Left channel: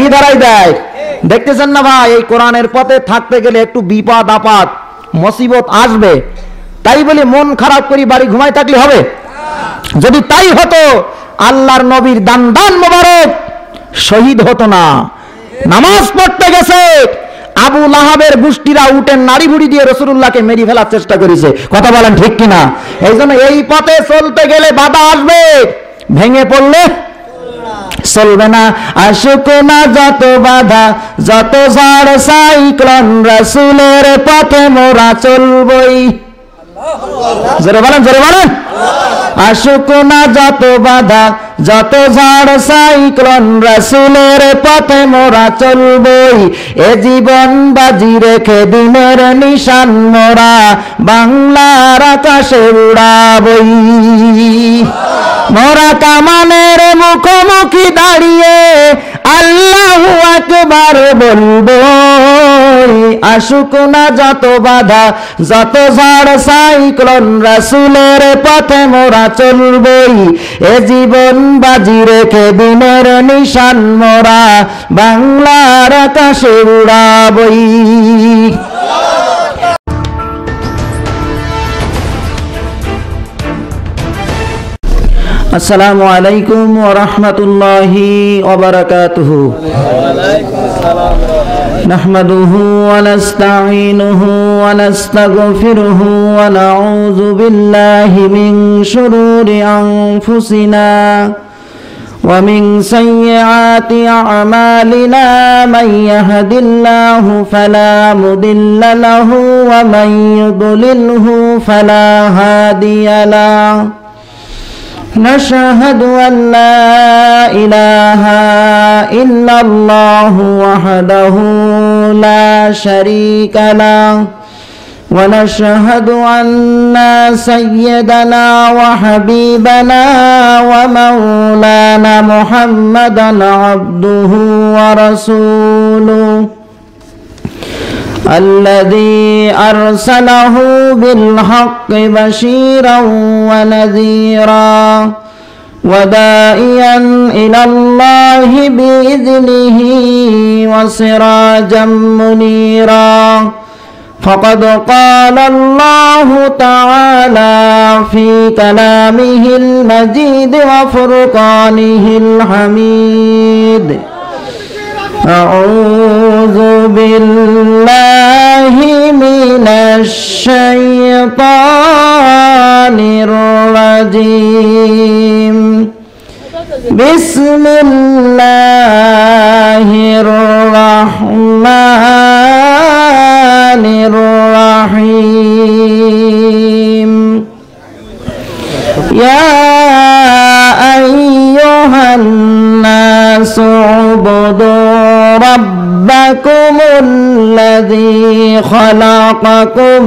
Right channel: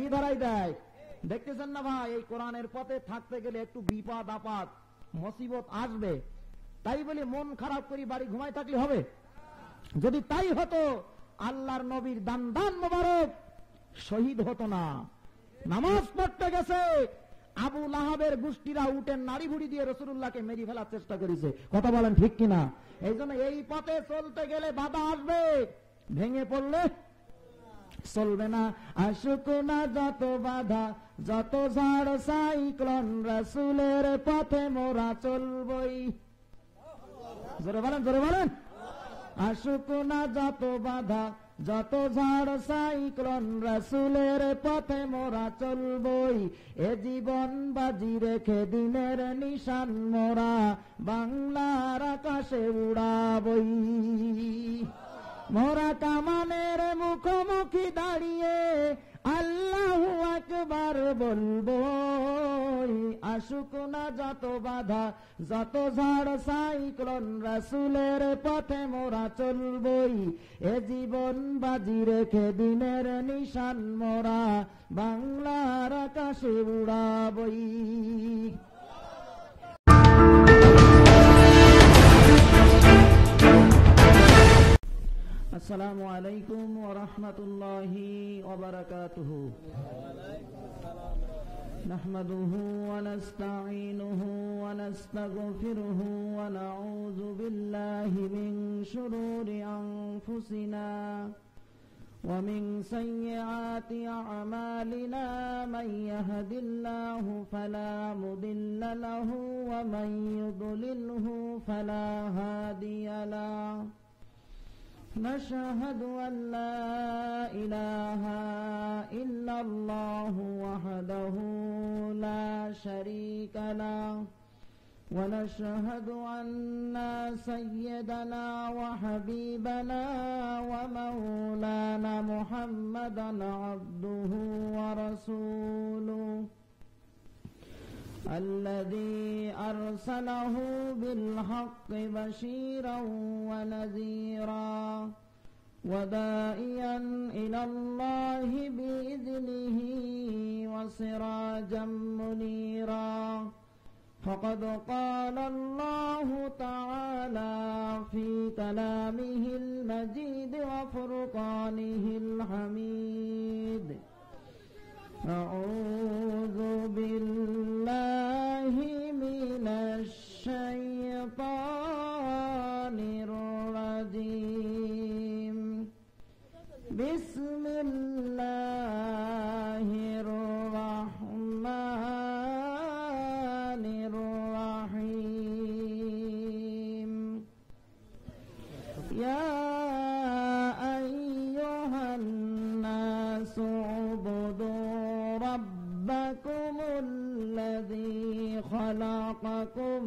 কি ধরাই দেয়। দেখতেছেন না ভাই, এই কোরআনের পথে থাকতে গেলে একটু বিপদ আপদ মুসিবত আসবে, তাই বলে মন খারাপ করে বাড়ি ঘুমাই থাকলে হবে? যদি তাই হতো আল্লাহর নবীর দান দান মোবারক শহীদ হতো না। নামাজ পড়তে গেছে, আবু লাহাবের গোষ্ঠীরা উটের নাড়ি ভুড়ি দিয়ে রাসূলুল্লাহকে মেরে ফেলার চেষ্টা করেছে। কথা বলেন ঠিক কিনা? এই জন্য এই পথে চলতে গেলে বাধা আসবে, ভেঙে পড়লে চলবে না। আশুক না যত বাধা, যত ঝড় সাইক্লোন, রাসূলের পথে মোরা চলবই। জোরে বলেন, জোরে বলেন। আশুক না যত বাধা, যত ঝড় সাইক্লোন, রাসূলের পথে মোরা চলবই। এ জীবন বাজি রেখে দিনের নিশান মোরা বাংলার আকাশে উড়াবই। মোরা কামানের মুখোমুখি দাঁড়িয়ে আল্লাহু আকবার বলবো। আশুক না যত বাধা, যত ঝড় সাইক্লোন, রাসূলের পথে মোরা চলবই। এ জীবন বাজি রেখে দিনের নিশান মোরা বাংলার আকাশে উড়াবই। আসসালামু আলাইকুম ওয়া রাহমাতুল্লাহি ওয়া বারাকাতুহু। নাহমাদুহু ওয়া নাস্তাঈনুহু ওয়া নাস্তাগফিরুহু ওয়া নাউযু বিল্লাহি মিন শুরুরি আনফুসিনা ওয়া মিন সাইয়্যাতি আ'মালিনা। মান ইয়াহদিল্লাহু ফালা মুদিল্লা লাহু ওয়া মান ইউদ্লিলহু ফালা হাদিয়া লাহু। نشهد أن لا إله إلا الله وحده لا شريك له ونشهد أن سيدنا وحبيبنا ومولانا محمدا عبده ورسوله الذي أرسله بالحق بشيرا ونذيرا وداعيا إلى الله بإذنه وسراجا منيرا. فقد قال الله تعالى في كلامه المجيد وفرقانه الحميد: أعوذ بالله من الشيطان الرجيم. بسم الله الرحمن الرحيم. يا أيها الناس اعبدوا ربكم الذي خلقكم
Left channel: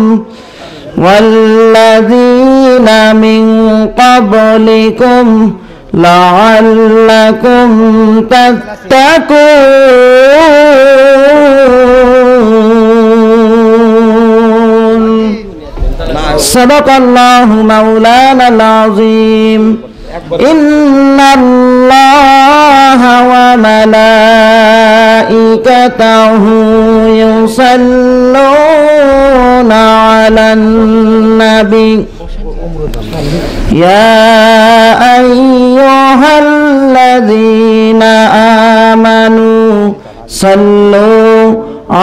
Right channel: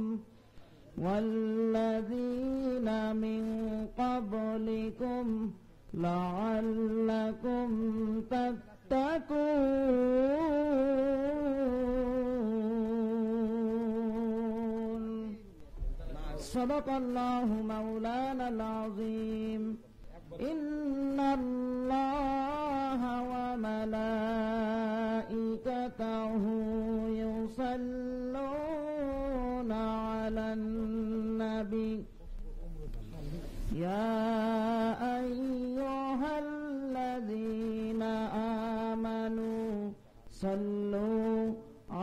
والذين من قبلكم لعلكم تتقون. صدق الله مولانا العظيم. إن الله وملائكته يصلون على النبي يا أيها الذين آمنوا صلوا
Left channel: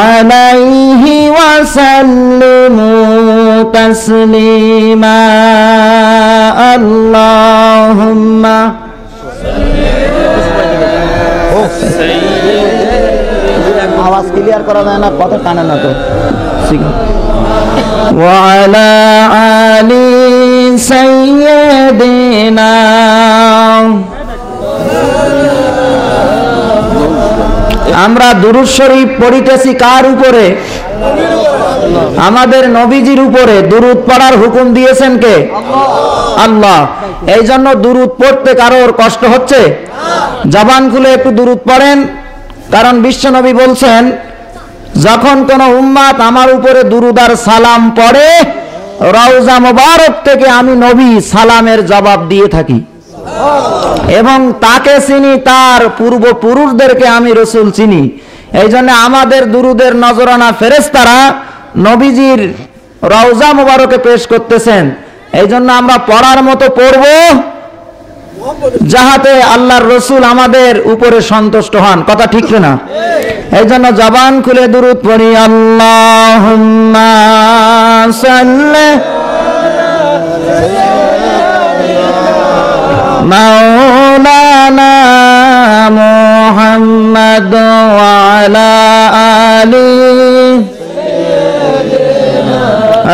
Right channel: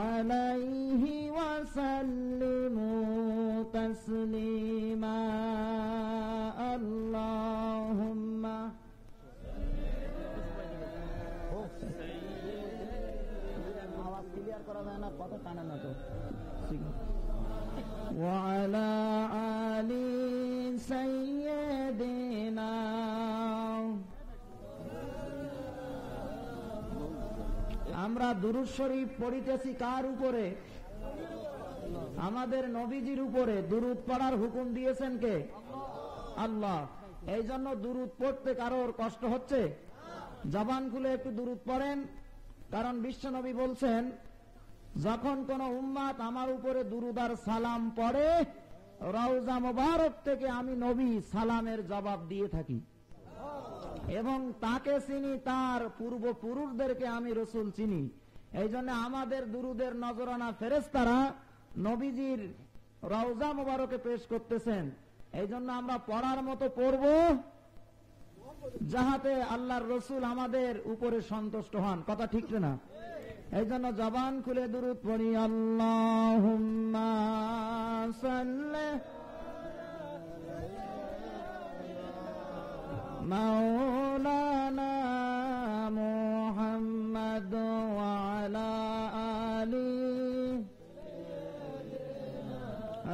عليه وسلموا تسليما. اللهم आवाज क्लियर करा जाए ना, कत काने ना तो وعلى آل سيدنا. আমরা দুরূদ শরীফ পড়িতেছি কার উপরে? আমাদের নবীজির উপরে। দুরূদ পড়ার হুকুম দিয়েছেন কে? আল্লাহ। এই জন্য দুরূদ পড়তে কারোর কষ্ট হচ্ছে? জবান খুলে একটু দুরূদ পড়েন, কারণ বিশ্বনবী বলছেন যখন কোন উম্মাত আমার উপরে দুরূদ আর সালাম পড়ে, রওজা মুবারক থেকে আমি নবী সালামের জবাব দিয়ে থাকি। এবং তাকে চিনি, তার পূর্বপুরুষদেরকে আমি রসুল চিনি। এই জন্য আমাদের দুরুদের নজরানা ফেরেশতারা নবীজির রওজা মুবারকে পেশ করতেছেন। এই জন্য আমরা পড়ার মতো পড়ব, যাহাতে আল্লাহর রসুল আমাদের উপরে সন্তুষ্ট হন। কথা ঠিক না? এই জন্য জবান খুলে দুরুদ পড়ি। আল্লাহুম্মা সাল্লি মাওলানা মুহাম্মদ ওয়া আলা আলি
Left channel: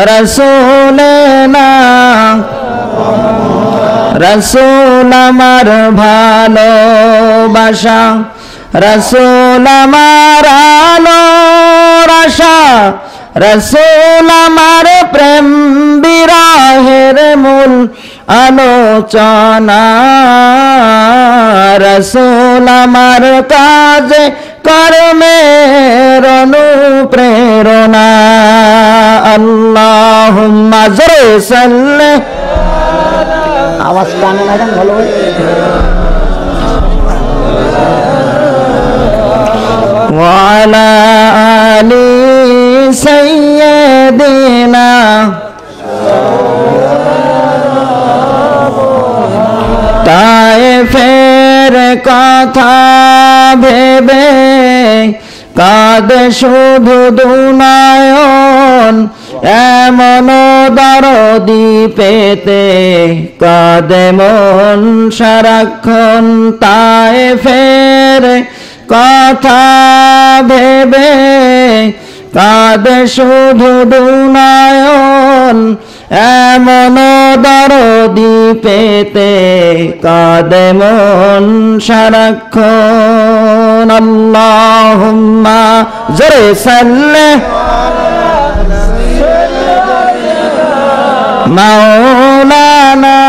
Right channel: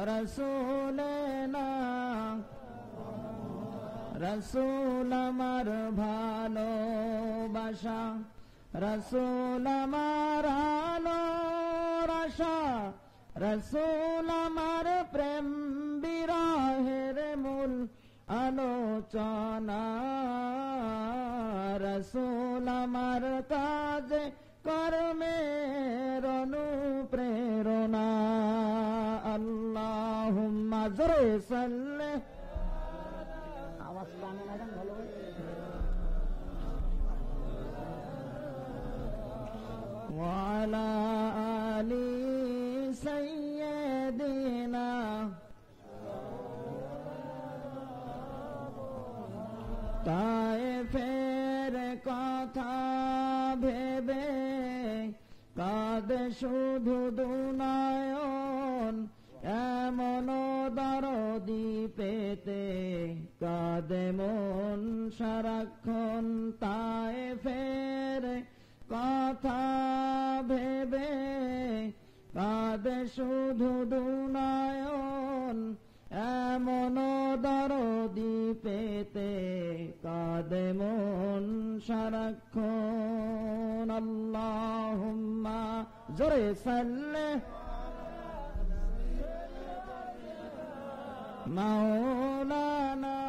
রাসূলিনা। রাসূল আমার ভালোবাসা, রাসূল আমার আলোর আশা, রাসূল আমার প্রেম বিরহের মূল আলোচনা, রাসূল আমার কাজে কর্মের অনুপ্রেরণা। আল্লাহুম্মা জোরে সাল্লি, আওয়াজ কানে না যান ভালো হয়। ওয়া আলা আলি সাইয়্যিদিনা। তায়েফের কথা ভেবে কাঁদে শুধু দুনয়ন, এমন দরদি পেতে কাঁদে মন সারাক্ষণ। তায়েফের কথা ভেবে কাঁদে শুধু দুনয়ন, এমন দরদি পেতে কাঁদে মন সারাক্ষণ। আল্লাহুম্মা জোরে সাল্লি মাওলানা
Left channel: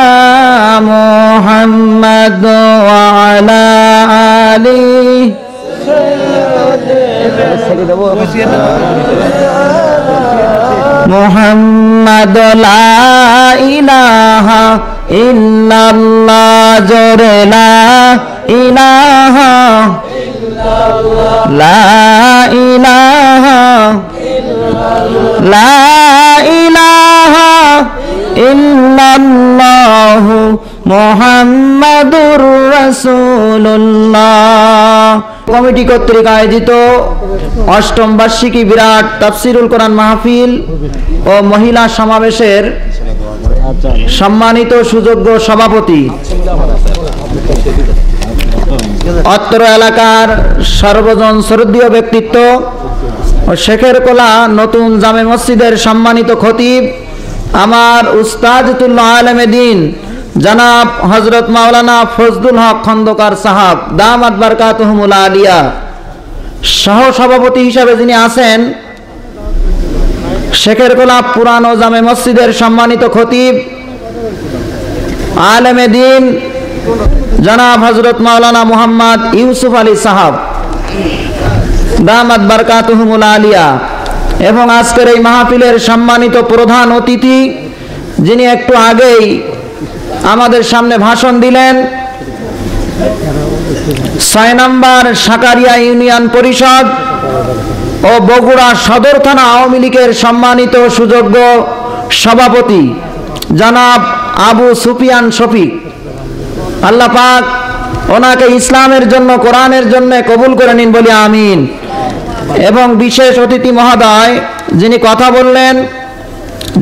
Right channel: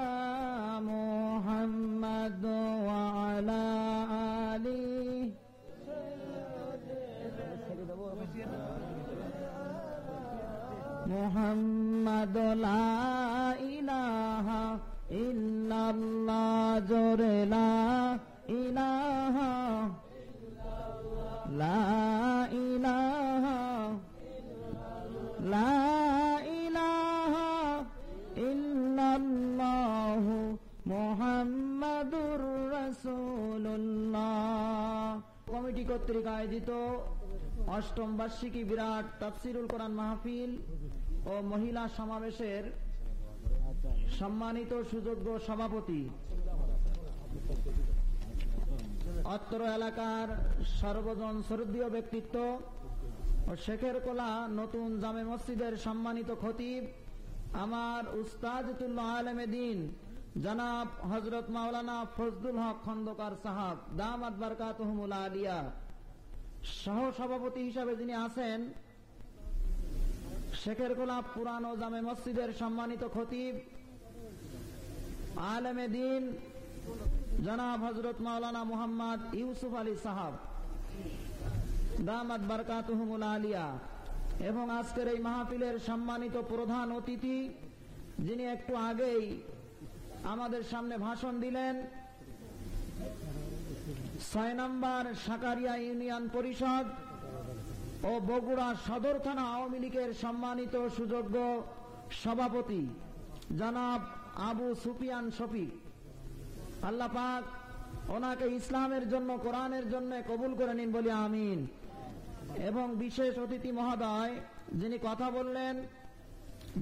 মুহাম্মদ ওয়া আলা আলি। মুহাম্মদ লা ইলাহা ইল্লাল্লাহ, জোরে লা ইলাহা লা ইলাহা লা ইলাহা ইল্লাল্লাহু মুহাম্মাদুর রাসূলুল্লাহ। কমিটি কর্তৃক আয়োজিত অষ্টম বার্ষিকী বিরাট তাফসিরুল কোরআন মাহফিল ও মহিলা সমাবেশের সম্মানিত সুযোগ্য সভাপতি, অত্র এলাকার সর্বজন শ্রদ্ধেয় ব্যক্তিত্ব ও শেখের কোলা নতুন জামে মসজিদের সম্মানিত খতিব, আমার উস্তাদুল্লাহ আলেমে দ্বীন জনাব হযরত মাওলানা ফজলুল হক খন্দকার সাহাব দামাত বারকাতুহুমুল আলিয়া, সহ সভাপতি হিসাবে যিনি আছেন শেখের কোলা পুরানো জামে মসজিদের সম্মানিত খতিব আলেমে দ্বীন জনাব হযরত মাওলানা মুহাম্মদ ইউসুফ আলী সাহাব দামাত বারকাতুহুমুল আলিয়া, এবং আজকের এই মাহফিলের সম্মানিত প্রধান অতিথি যিনি একটু আগেই আমাদের সামনে ভাষণ দিলেন, ৬ নম্বর সাকারিয়া ইউনিয়ন পরিষদ ও বগুড়া সদর থানা আওয়ামী লীগের সম্মানিত সুযোগ্য সভাপতি জনাব আবু সুফিয়ান শফিক। আল্লাহ পাক ওনাকে ইসলামের জন্য, কোরআনের জন্য কবুল করে নিন বলি আমিন। এবং বিশেষ অতিথি মহোদয় যিনি কথা বললেন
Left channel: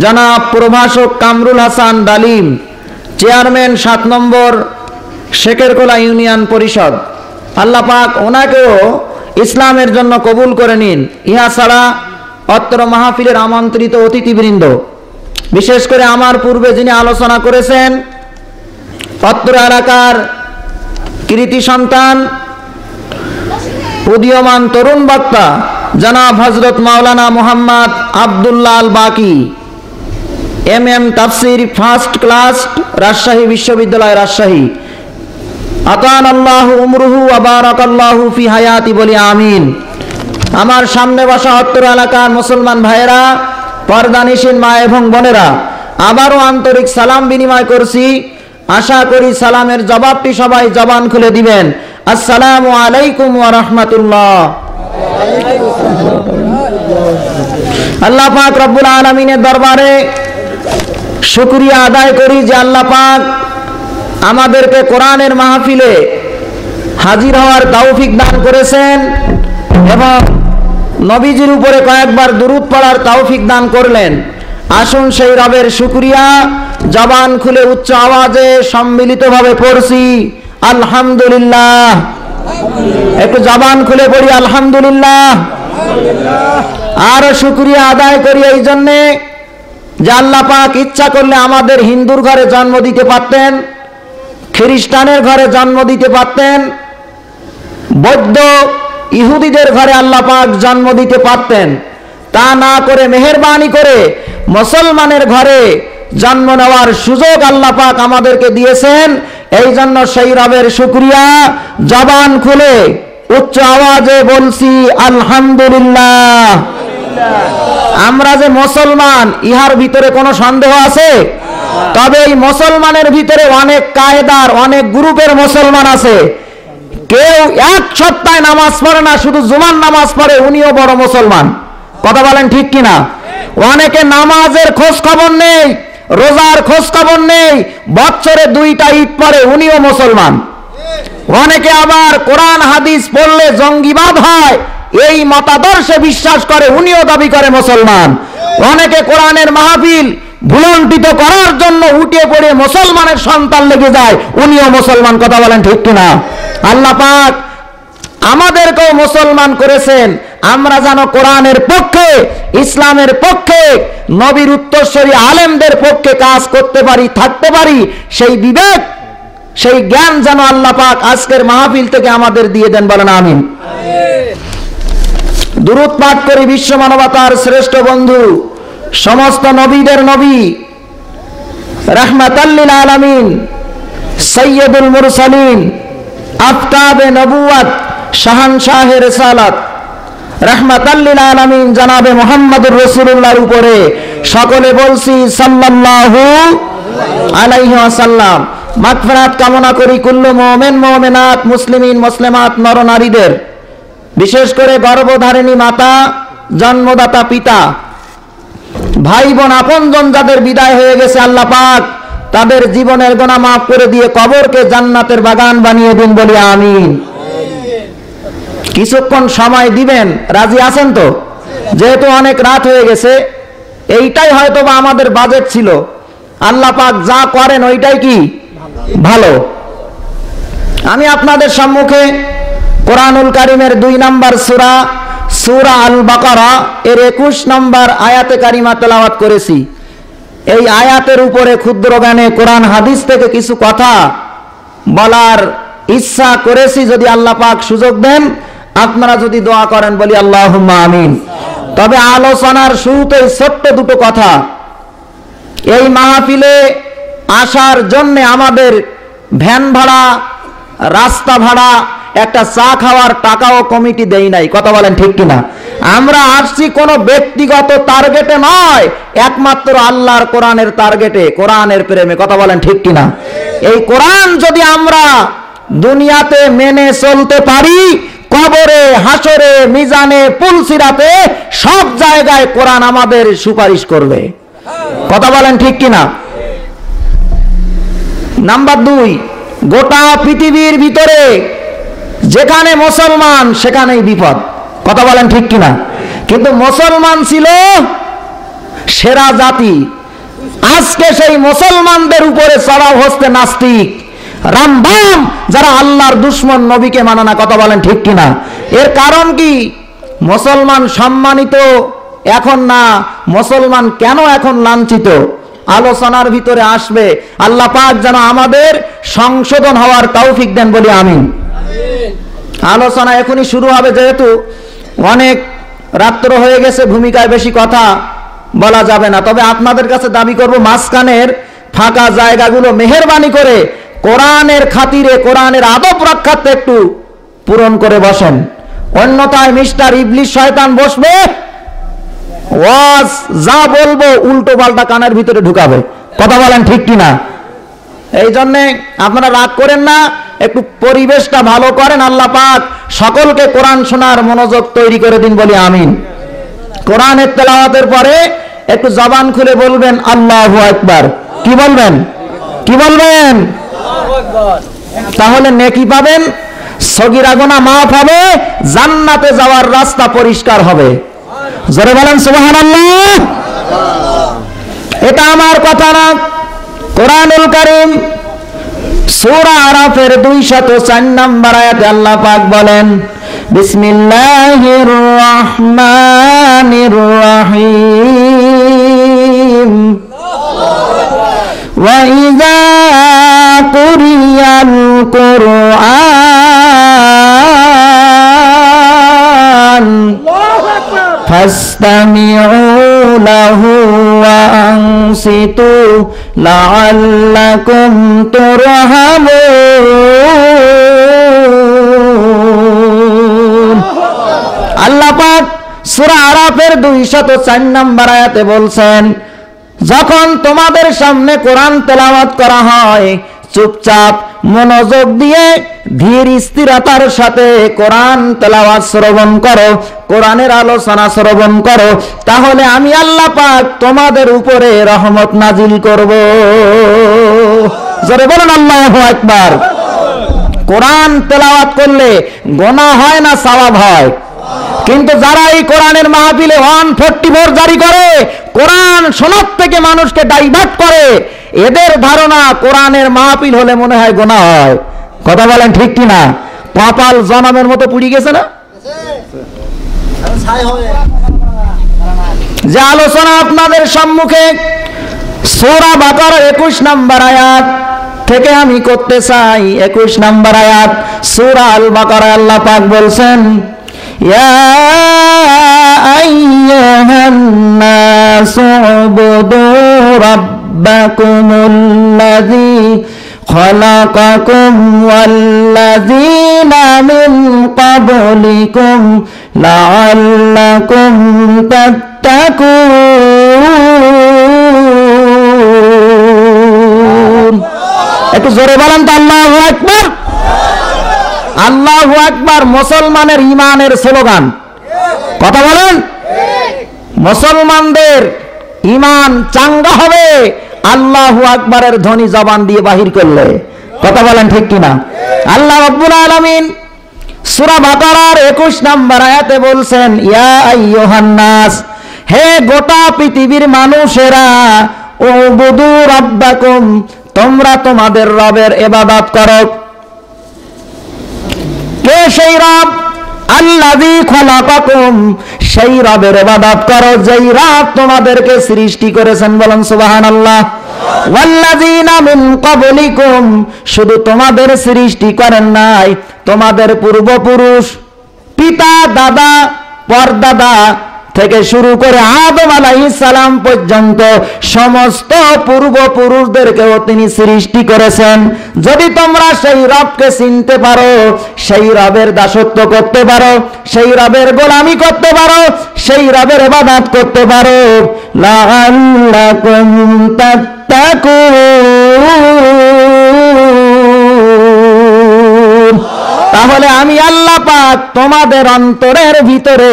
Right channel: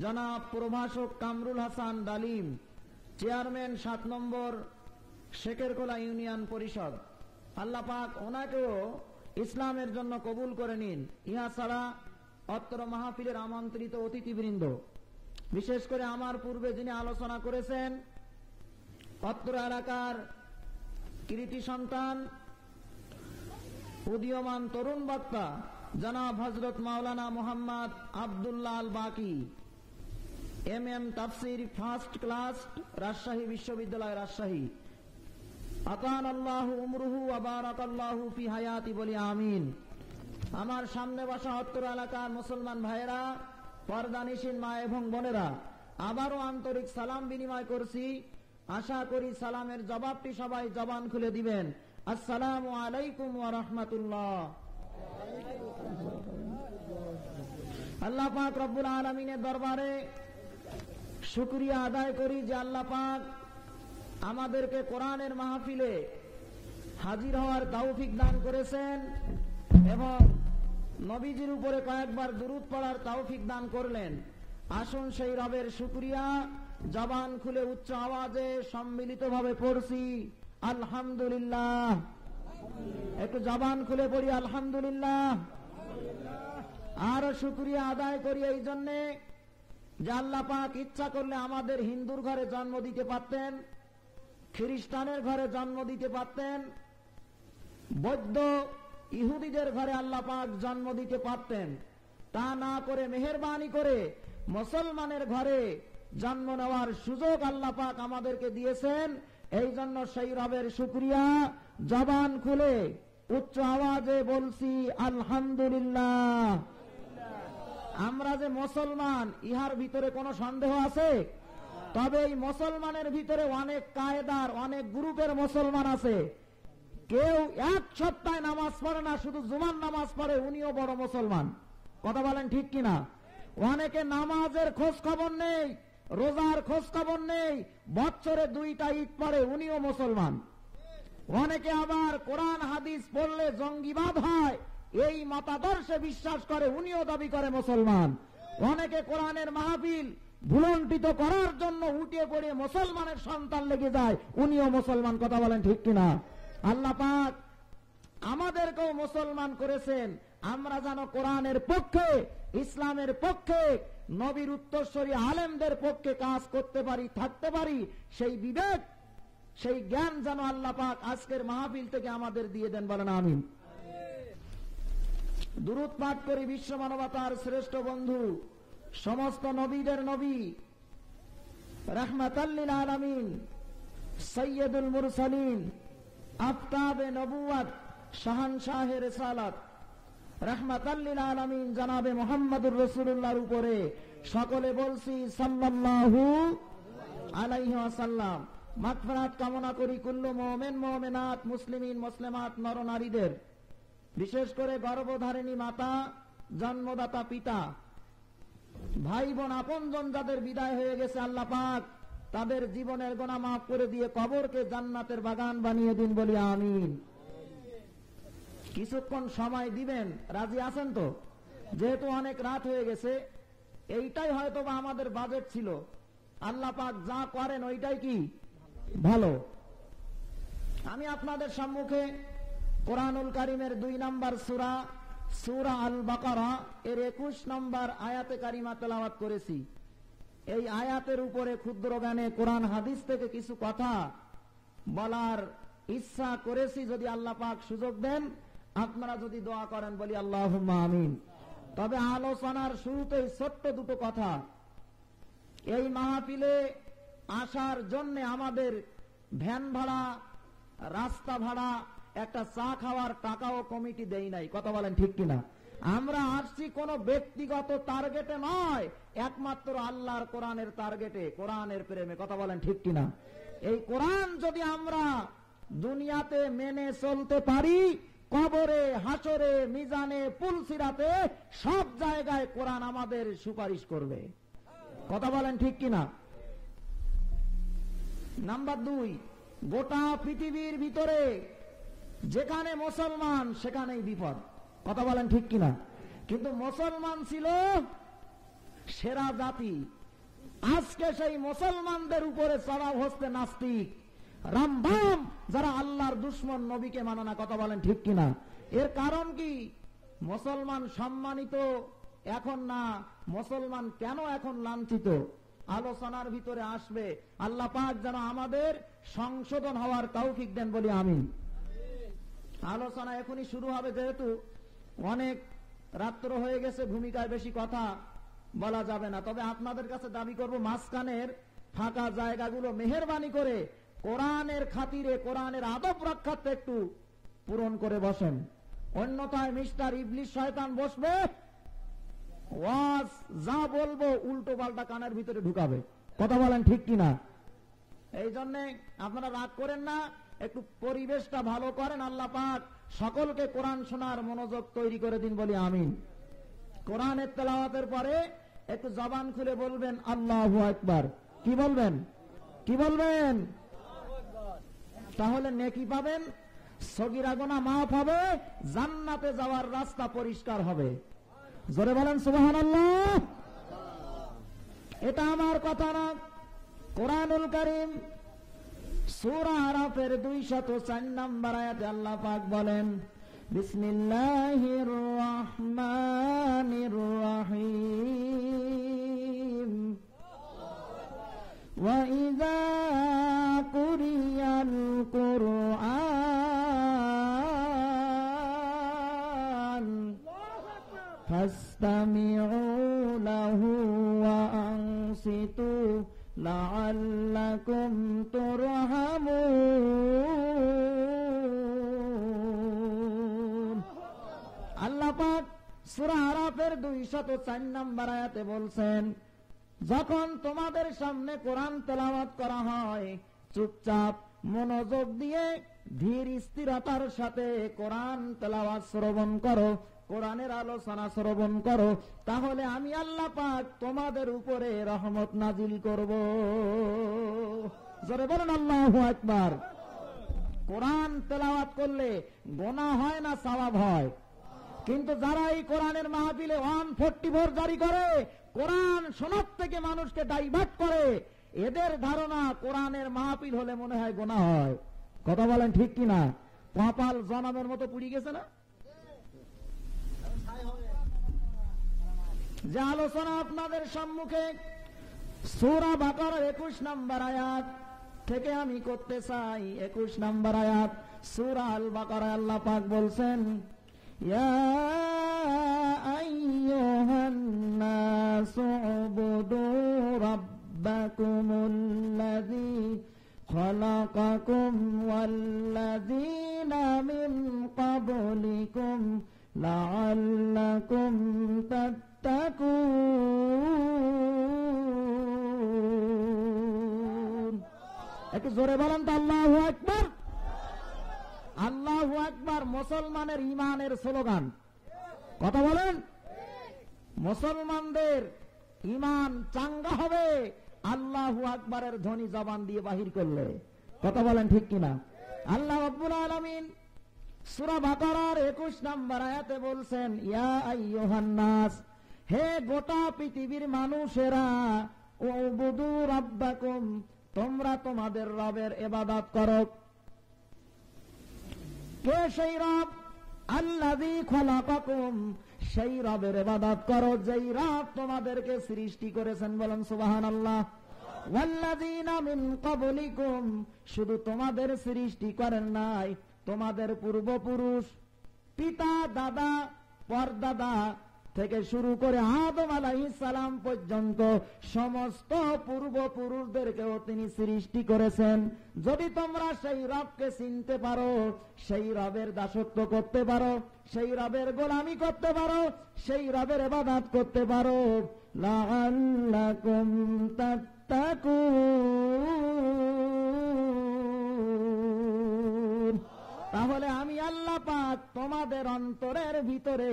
জনাব প্রভাষক কামরুল হাসান ডালিম, চেয়ারম্যান ৭ নম্বর শেখেরকোলা ইউনিয়ন পরিষদ। আল্লাহ পাক ওনাকেও ইসলামের জন্য কবুল করে নিন। ইহা ছাড়া অত্র মাহফিলের আমন্ত্রিত অতিথিবৃন্দ, বিশেষ করে আমার পূর্বে যিনি আলোচনা করেছেন অত্র এলাকার কৃতি সন্তান উদীয়মান তরুণ বক্তা জনাব হযরত মাওলানা মুহাম্মদ আব্দুল্লাহ আল বাকি, MM তাফসীর ফার্স্ট ক্লাস, রাজশাহী বিশ্ববিদ্যালয় রাজশাহী। আতানাল্লাহু উমরুহু ওয়া বারাকাল্লাহু ফি হায়াতি বলি আমিন। আমার সামনে বসা অত্র এলাকার মুসলমান ভাইয়েরা, পর্দানিশীন মা এবং বোনেরা, আবারও আন্তরিক সালাম বিনিময় করছি আশা করি সালামের জবাবটি সবাই জবান খুলে দিবেন। আসসালামু আলাইকুম ওয়া রাহমাতুল্লাহ। আল্লাহ পাক রব্বুল আলামিনের দরবারে শুকরিয়া আদায় করি যে আল্লাহ পাক আমাদেরকে কোরআনের মাহফিলে হাজির হওয়ার তৌফিক দান করেছেন এবং নবীজির উপরে কয়েকবার দুরূদ পড়ার তৌফিক দান করলেন। আসুন সেই রবের শুকরিয়া জবান খুলে উচ্চ আওয়াজে সম্মিলিতভাবে পড়ছি আলহামদুলিল্লাহ। একটু জবান খুলে পড়ি আলহামদুলিল্লাহ। আর শুকরিয়া আদায় করি এই জন্যে যে আল্লাহ পাক ইচ্ছা করলে আমাদের হিন্দুর ঘরে জন্ম দিতে পারতেন, খ্রিস্টানের ঘরে জন্ম দিতে পারতেন, বৌদ্ধ ইহুদিদের ঘরে আল্লাহ পাক জন্ম দিতে পারতেন। তা না করে মেহেরবানি করে মুসলমানের ঘরে জন্ম নেওয়ার সুযোগ আল্লাহ পাক আমাদেরকে দিয়েছেন। এই জন্য সেই রবের শুকরিয়া জবান খুলে উচ্চ আওয়াজে বলছি আলহামদুলিল্লাহ। আমরা যে মুসলমান ইহার ভিতরে কোনো সন্দেহ আছে? তবে এই মুসলমানের ভিতরে অনেক কায়দার অনেক গ্রুপের মুসলমান আছে। কেউ এক সপ্তাহে নামাজ পড়ে না, শুধু জুমার নামাজ পড়ে, উনিও বড় মুসলমান। কথা বলেন ঠিক কিনা? অনেকে নামাজের খোঁজ খবর নেই, রোজার খোঁজ খবর নেই, বছরে 2টা ঈদ পড়ে, উনিও মুসলমান। অনেকে আবার কোরআন হাদিস পড়লে জঙ্গিবাদ হয় এই মতাদর্শে বিশ্বাস করে, উনিও দাবি করে মুসলমান। অনেকে কোরআনের মাহফিল ভুলন্টিত করার জন্য উঠে পড়ে মুসলমানের সন্তান লেগে যায়, উনিও মুসলমান। কথা বলেন ঠিক কিনা? আল্লাহ পাক আমাদেরকেও মুসলমান করেছেন আমরা যেন কোরআনের পক্ষে, ইসলামের পক্ষে, নবীর উত্তরসূরি আলেমদের পক্ষে কাজ করতে পারি, থাকতে পারি। সেই বিবেক, সেই জ্ঞান যেন আল্লাহ পাক আজকের মাহফিল থেকে আমাদের দিয়ে দেন, বলেন আমিন। দুরূদ পাঠ করি বিশ্ব মানবতার শ্রেষ্ঠ বন্ধু, সমস্ত নবীদের নবী, রাহমাতাল লিল আলামিন, সাইয়্যিদুল মুরসালিন, আফতাবে নবুয়ত, শাহানশাহে রিসালাত, রাহমাতাল লিল আলামিন জনাবে মুহাম্মদুর রাসূলুল্লাহর উপরে সকলে বলছি সাল্লাল্লাহু আলাইহি ওয়াসাল্লাম। মাগফিরাত কামনা করি কুল্লু মুমিন মুমিনাত, মুসলিমিন মুসলিমাত, নর নারীদের, বিশেষ করে গর্ভধারিণী মাতা, জন্মদাতা পিতা, ভাই বোন, আপনজন যাদের বিদায় হয়ে গেছে আল্লাহ পাক তাদের জীবনের গুনাহ মাফ করে দিয়ে কবরকে জান্নাতের বাগান বানিয়ে দিন, বলি আমিন। কিছুক্ষণ সময় দিবেন, রাজি আছেন তো? যেহেতু অনেক রাত হয়ে গেছে, এইটাই হয়তো বা আমাদের বাজেট ছিল। আল্লাহ পাক যা করেন ওইটাই কি ভালো। আমি আপনাদের সম্মুখে কোরআনুল কারীমের 2 নম্বর সূরা, সূরা আল বাকারা এর 21 নম্বর আয়াতে কারিমা তেলাওয়াত করেছি। এই আয়াতের উপরে ক্ষুদ্র জ্ঞানে কোরআন হাদিস থেকে কিছু কথা বলার ইচ্ছা করেছি। যদি আল্লাহ পাক সুযোগ দেন, আপনারা যদি দোয়া করেন, বলি আল্লাহুম্মা আমিন। তবে আলোচনার শুরুতেই ছোট্ট দুটো কথা। এই মাহফিলে আসার জন্য আমাদের ভ্যান ভাড়া, রাস্তা ভাড়া, একটা চা খাওয়ার টাকাও কমিটি দেই নাই। কথা বলেন ঠিক কিনা? আমরা আসছি কোনো ব্যক্তিগত টার্গেটে নয়, একমাত্র আল্লাহর কোরআনের টার্গেটে, কোরআনের প্রেমে। কথা বলেন ঠিক কিনা? এই কোরআন যদি আমরা দুনিয়াতে মেনে চলতে পারি, কবরে, হাসরে, মিজানে, পুলসিরাতে সব জায়গায় কোরআন আমাদের সুপারিশ করবে। কথা বলেন ঠিক কিনা? নাম্বার 2, গোটা পৃথিবীর ভিতরে যেখানে মুসলমান সেখানেই বিপদ। কথা বলেন ঠিক কিনা? কিন্তু মুসলমান ছিল সেরা জাতি। আজকে সেই মুসলমানদের উপরে চড়াও হচ্ছে নাস্তিক, রামবাম, যারা আল্লাহর দুশ্মন, নবীকে মানে না। কথা বলেন ঠিক কিনা? এর কারণ কি? মুসলমান সম্মানিত এখন না, মুসলমান কেন এখন লাঞ্ছিত? আলোচনার ভিতরে আসবে। আল্লাহ পাক যেন আমাদের সংশোধন হওয়ার তৌফিক দেন, বলি আমিন। আলোচনা এখনই শুরু হবে, যেহেতু অনেক রাত্র হয়ে গেছে, ভূমিকায় বেশি কথা বলা যাবে না। তবে আপনাদের কাছে দাবি করব, মাঝখানের ফাঁকা জায়গাগুলো মেহেরবানি করে কোরআনের খাতিরে, কোরআনের আদব রক্ষার্থে একটু পূরণ করে বসেন। অন্যথায় মিস্টার ইবলিস শয়তান বসবে, ওয়াজ যা বলবো উল্টো পাল্টা কানের ভিতরে ঢুকাবে। কথা বলেন ঠিক কিনা? এই জন্যে আপনারা রাগ করেন না, একটু পরিবেশটা ভালো করেন। আল্লাহ পাক সকলকে কোরআন শোনার মনোযোগ তৈরি করে দিন, বলি আমিন। কোরআনের তেলাওয়াতের পরে একটু জবান খুলে বলবেন আল্লাহু আকবার। কি বলবেন? কি বলবেন? তাহলে নেকি পাবেন, সগীরা গুনাহ মাফ হবে, জান্নাতে যাওয়ার রাস্তা পরিষ্কার হবে। জোরে বলেন সুবহানাল্লাহ। এটা আমার কথা না, কোরআনুল কারীম সূরা আরাফের 204 নম্বর আয়াতে আল্লাহ পাক বলেন, বিসমিল্লাহির রহমানির রহিম, ওয়া ইযা কুরিয়াল কুরআন ফাসতামিউ লাহু ওয়া আনসিতু লাআল্লাকুম তুরহামুন। আল্লাহ পাক সূরা আরাফের 204 নম্বর আয়াতে বলছেন, যখন তোমাদের সামনে কোরআন তেলাওয়াত করা হয়, চুপচাপ মনোযোগ দিয়ে ধীর স্থিরতার সাথে কোরআন তেলাওয়াত শ্রবণ করো, কোরআনের আলোচনা শ্রবণ করো, তাহলে আমি আল্লাহ পাক তোমাদের উপরে রহমত নাজিল করব। জোরে বলুন আল্লাহু আকবার। কোরআন তেলাওয়াত করলে গুনাহ হয় না সওয়াব হয়? কিন্তু যারা এই কোরআনের মাহফিলে 144 জারি করে, কোরআন শোনার থেকে মানুষকে ডাইভার্ট করে, এদের ধারণা কোরআনের মাহফিল হলে মনে হয় গুনাহ হয়। কথা বলেন ঠিক কি না? কপাল জনমের মতো পুড়ে গেছে না? যে আলোচনা আপনাদের সম্মুখে সূরা বাকারার 21 নম্বর আয়াত থেকে আমি করতে চাই। 21 নম্বর আয়াত সূরা আল বাকারায় আল্লাহ পাক বলছেন, ইয়া আইয়ুহান নাসু উবুদু রাব্বাকুমুল্লাযী খালাকাকুম ওয়াল্লাযীনা মিন ক্বাবলিকুম লাআল্লাকুম তাত্তাকুন। একটু জোরে বলেন তো আল্লাহু আকবার। আল্লাহু আকবার মুসলমানের ঈমানের স্লোগান। কথা বলেন, মুসলমানদের ঈমান চাঙ্গা হবে আল্লাহু আকবারের ধ্বনি জবান দিয়ে বাহির করলে। কথা বলেন ঠিক কিনা? আল্লাহ রাব্বুল আলামিন সূরা বাকারার 21 নম্বর আয়াতে বলছেন, ইয়া আইয়ুহান নাস, হে গোটা পৃথিবীর মানুষেরা, উবুদু রাব্বাকুম, তোমরা তোমাদের রবের ইবাদত করো। কে সেই রব? আল্লাযী খালাকাকুম, সেই রবের ইবাদত করো যেই রব তোমাদেরকে সৃষ্টি করেছেন। বলেন সুবহানাল্লাহ। ওয়াল্লাযীনা মিন ক্বাবলিকুম, শুধু তোমাদের সৃষ্টি করেন নাই, তোমাদের পূর্বপুরুষ, পিতা দাদা পরদাদা থেকে শুরু করে আদম আলাইহিস সালাম পর্যন্ত সমস্ত পূর্বপুরুষদেরকেও তিনি সৃষ্টি করেছেন। যদি তোমরা সেই রবকে চিনতে পারো, সেই রবের দাসত্ব করতে পারো, সেই রবের গোলামি করতে পারো, সেই রবের ইবাদত করতে পারো, লাআল্লাকুম তাত্তাকুন, তাহলে আমি আল্লাহ পাক তোমাদের অন্তরের ভিতরে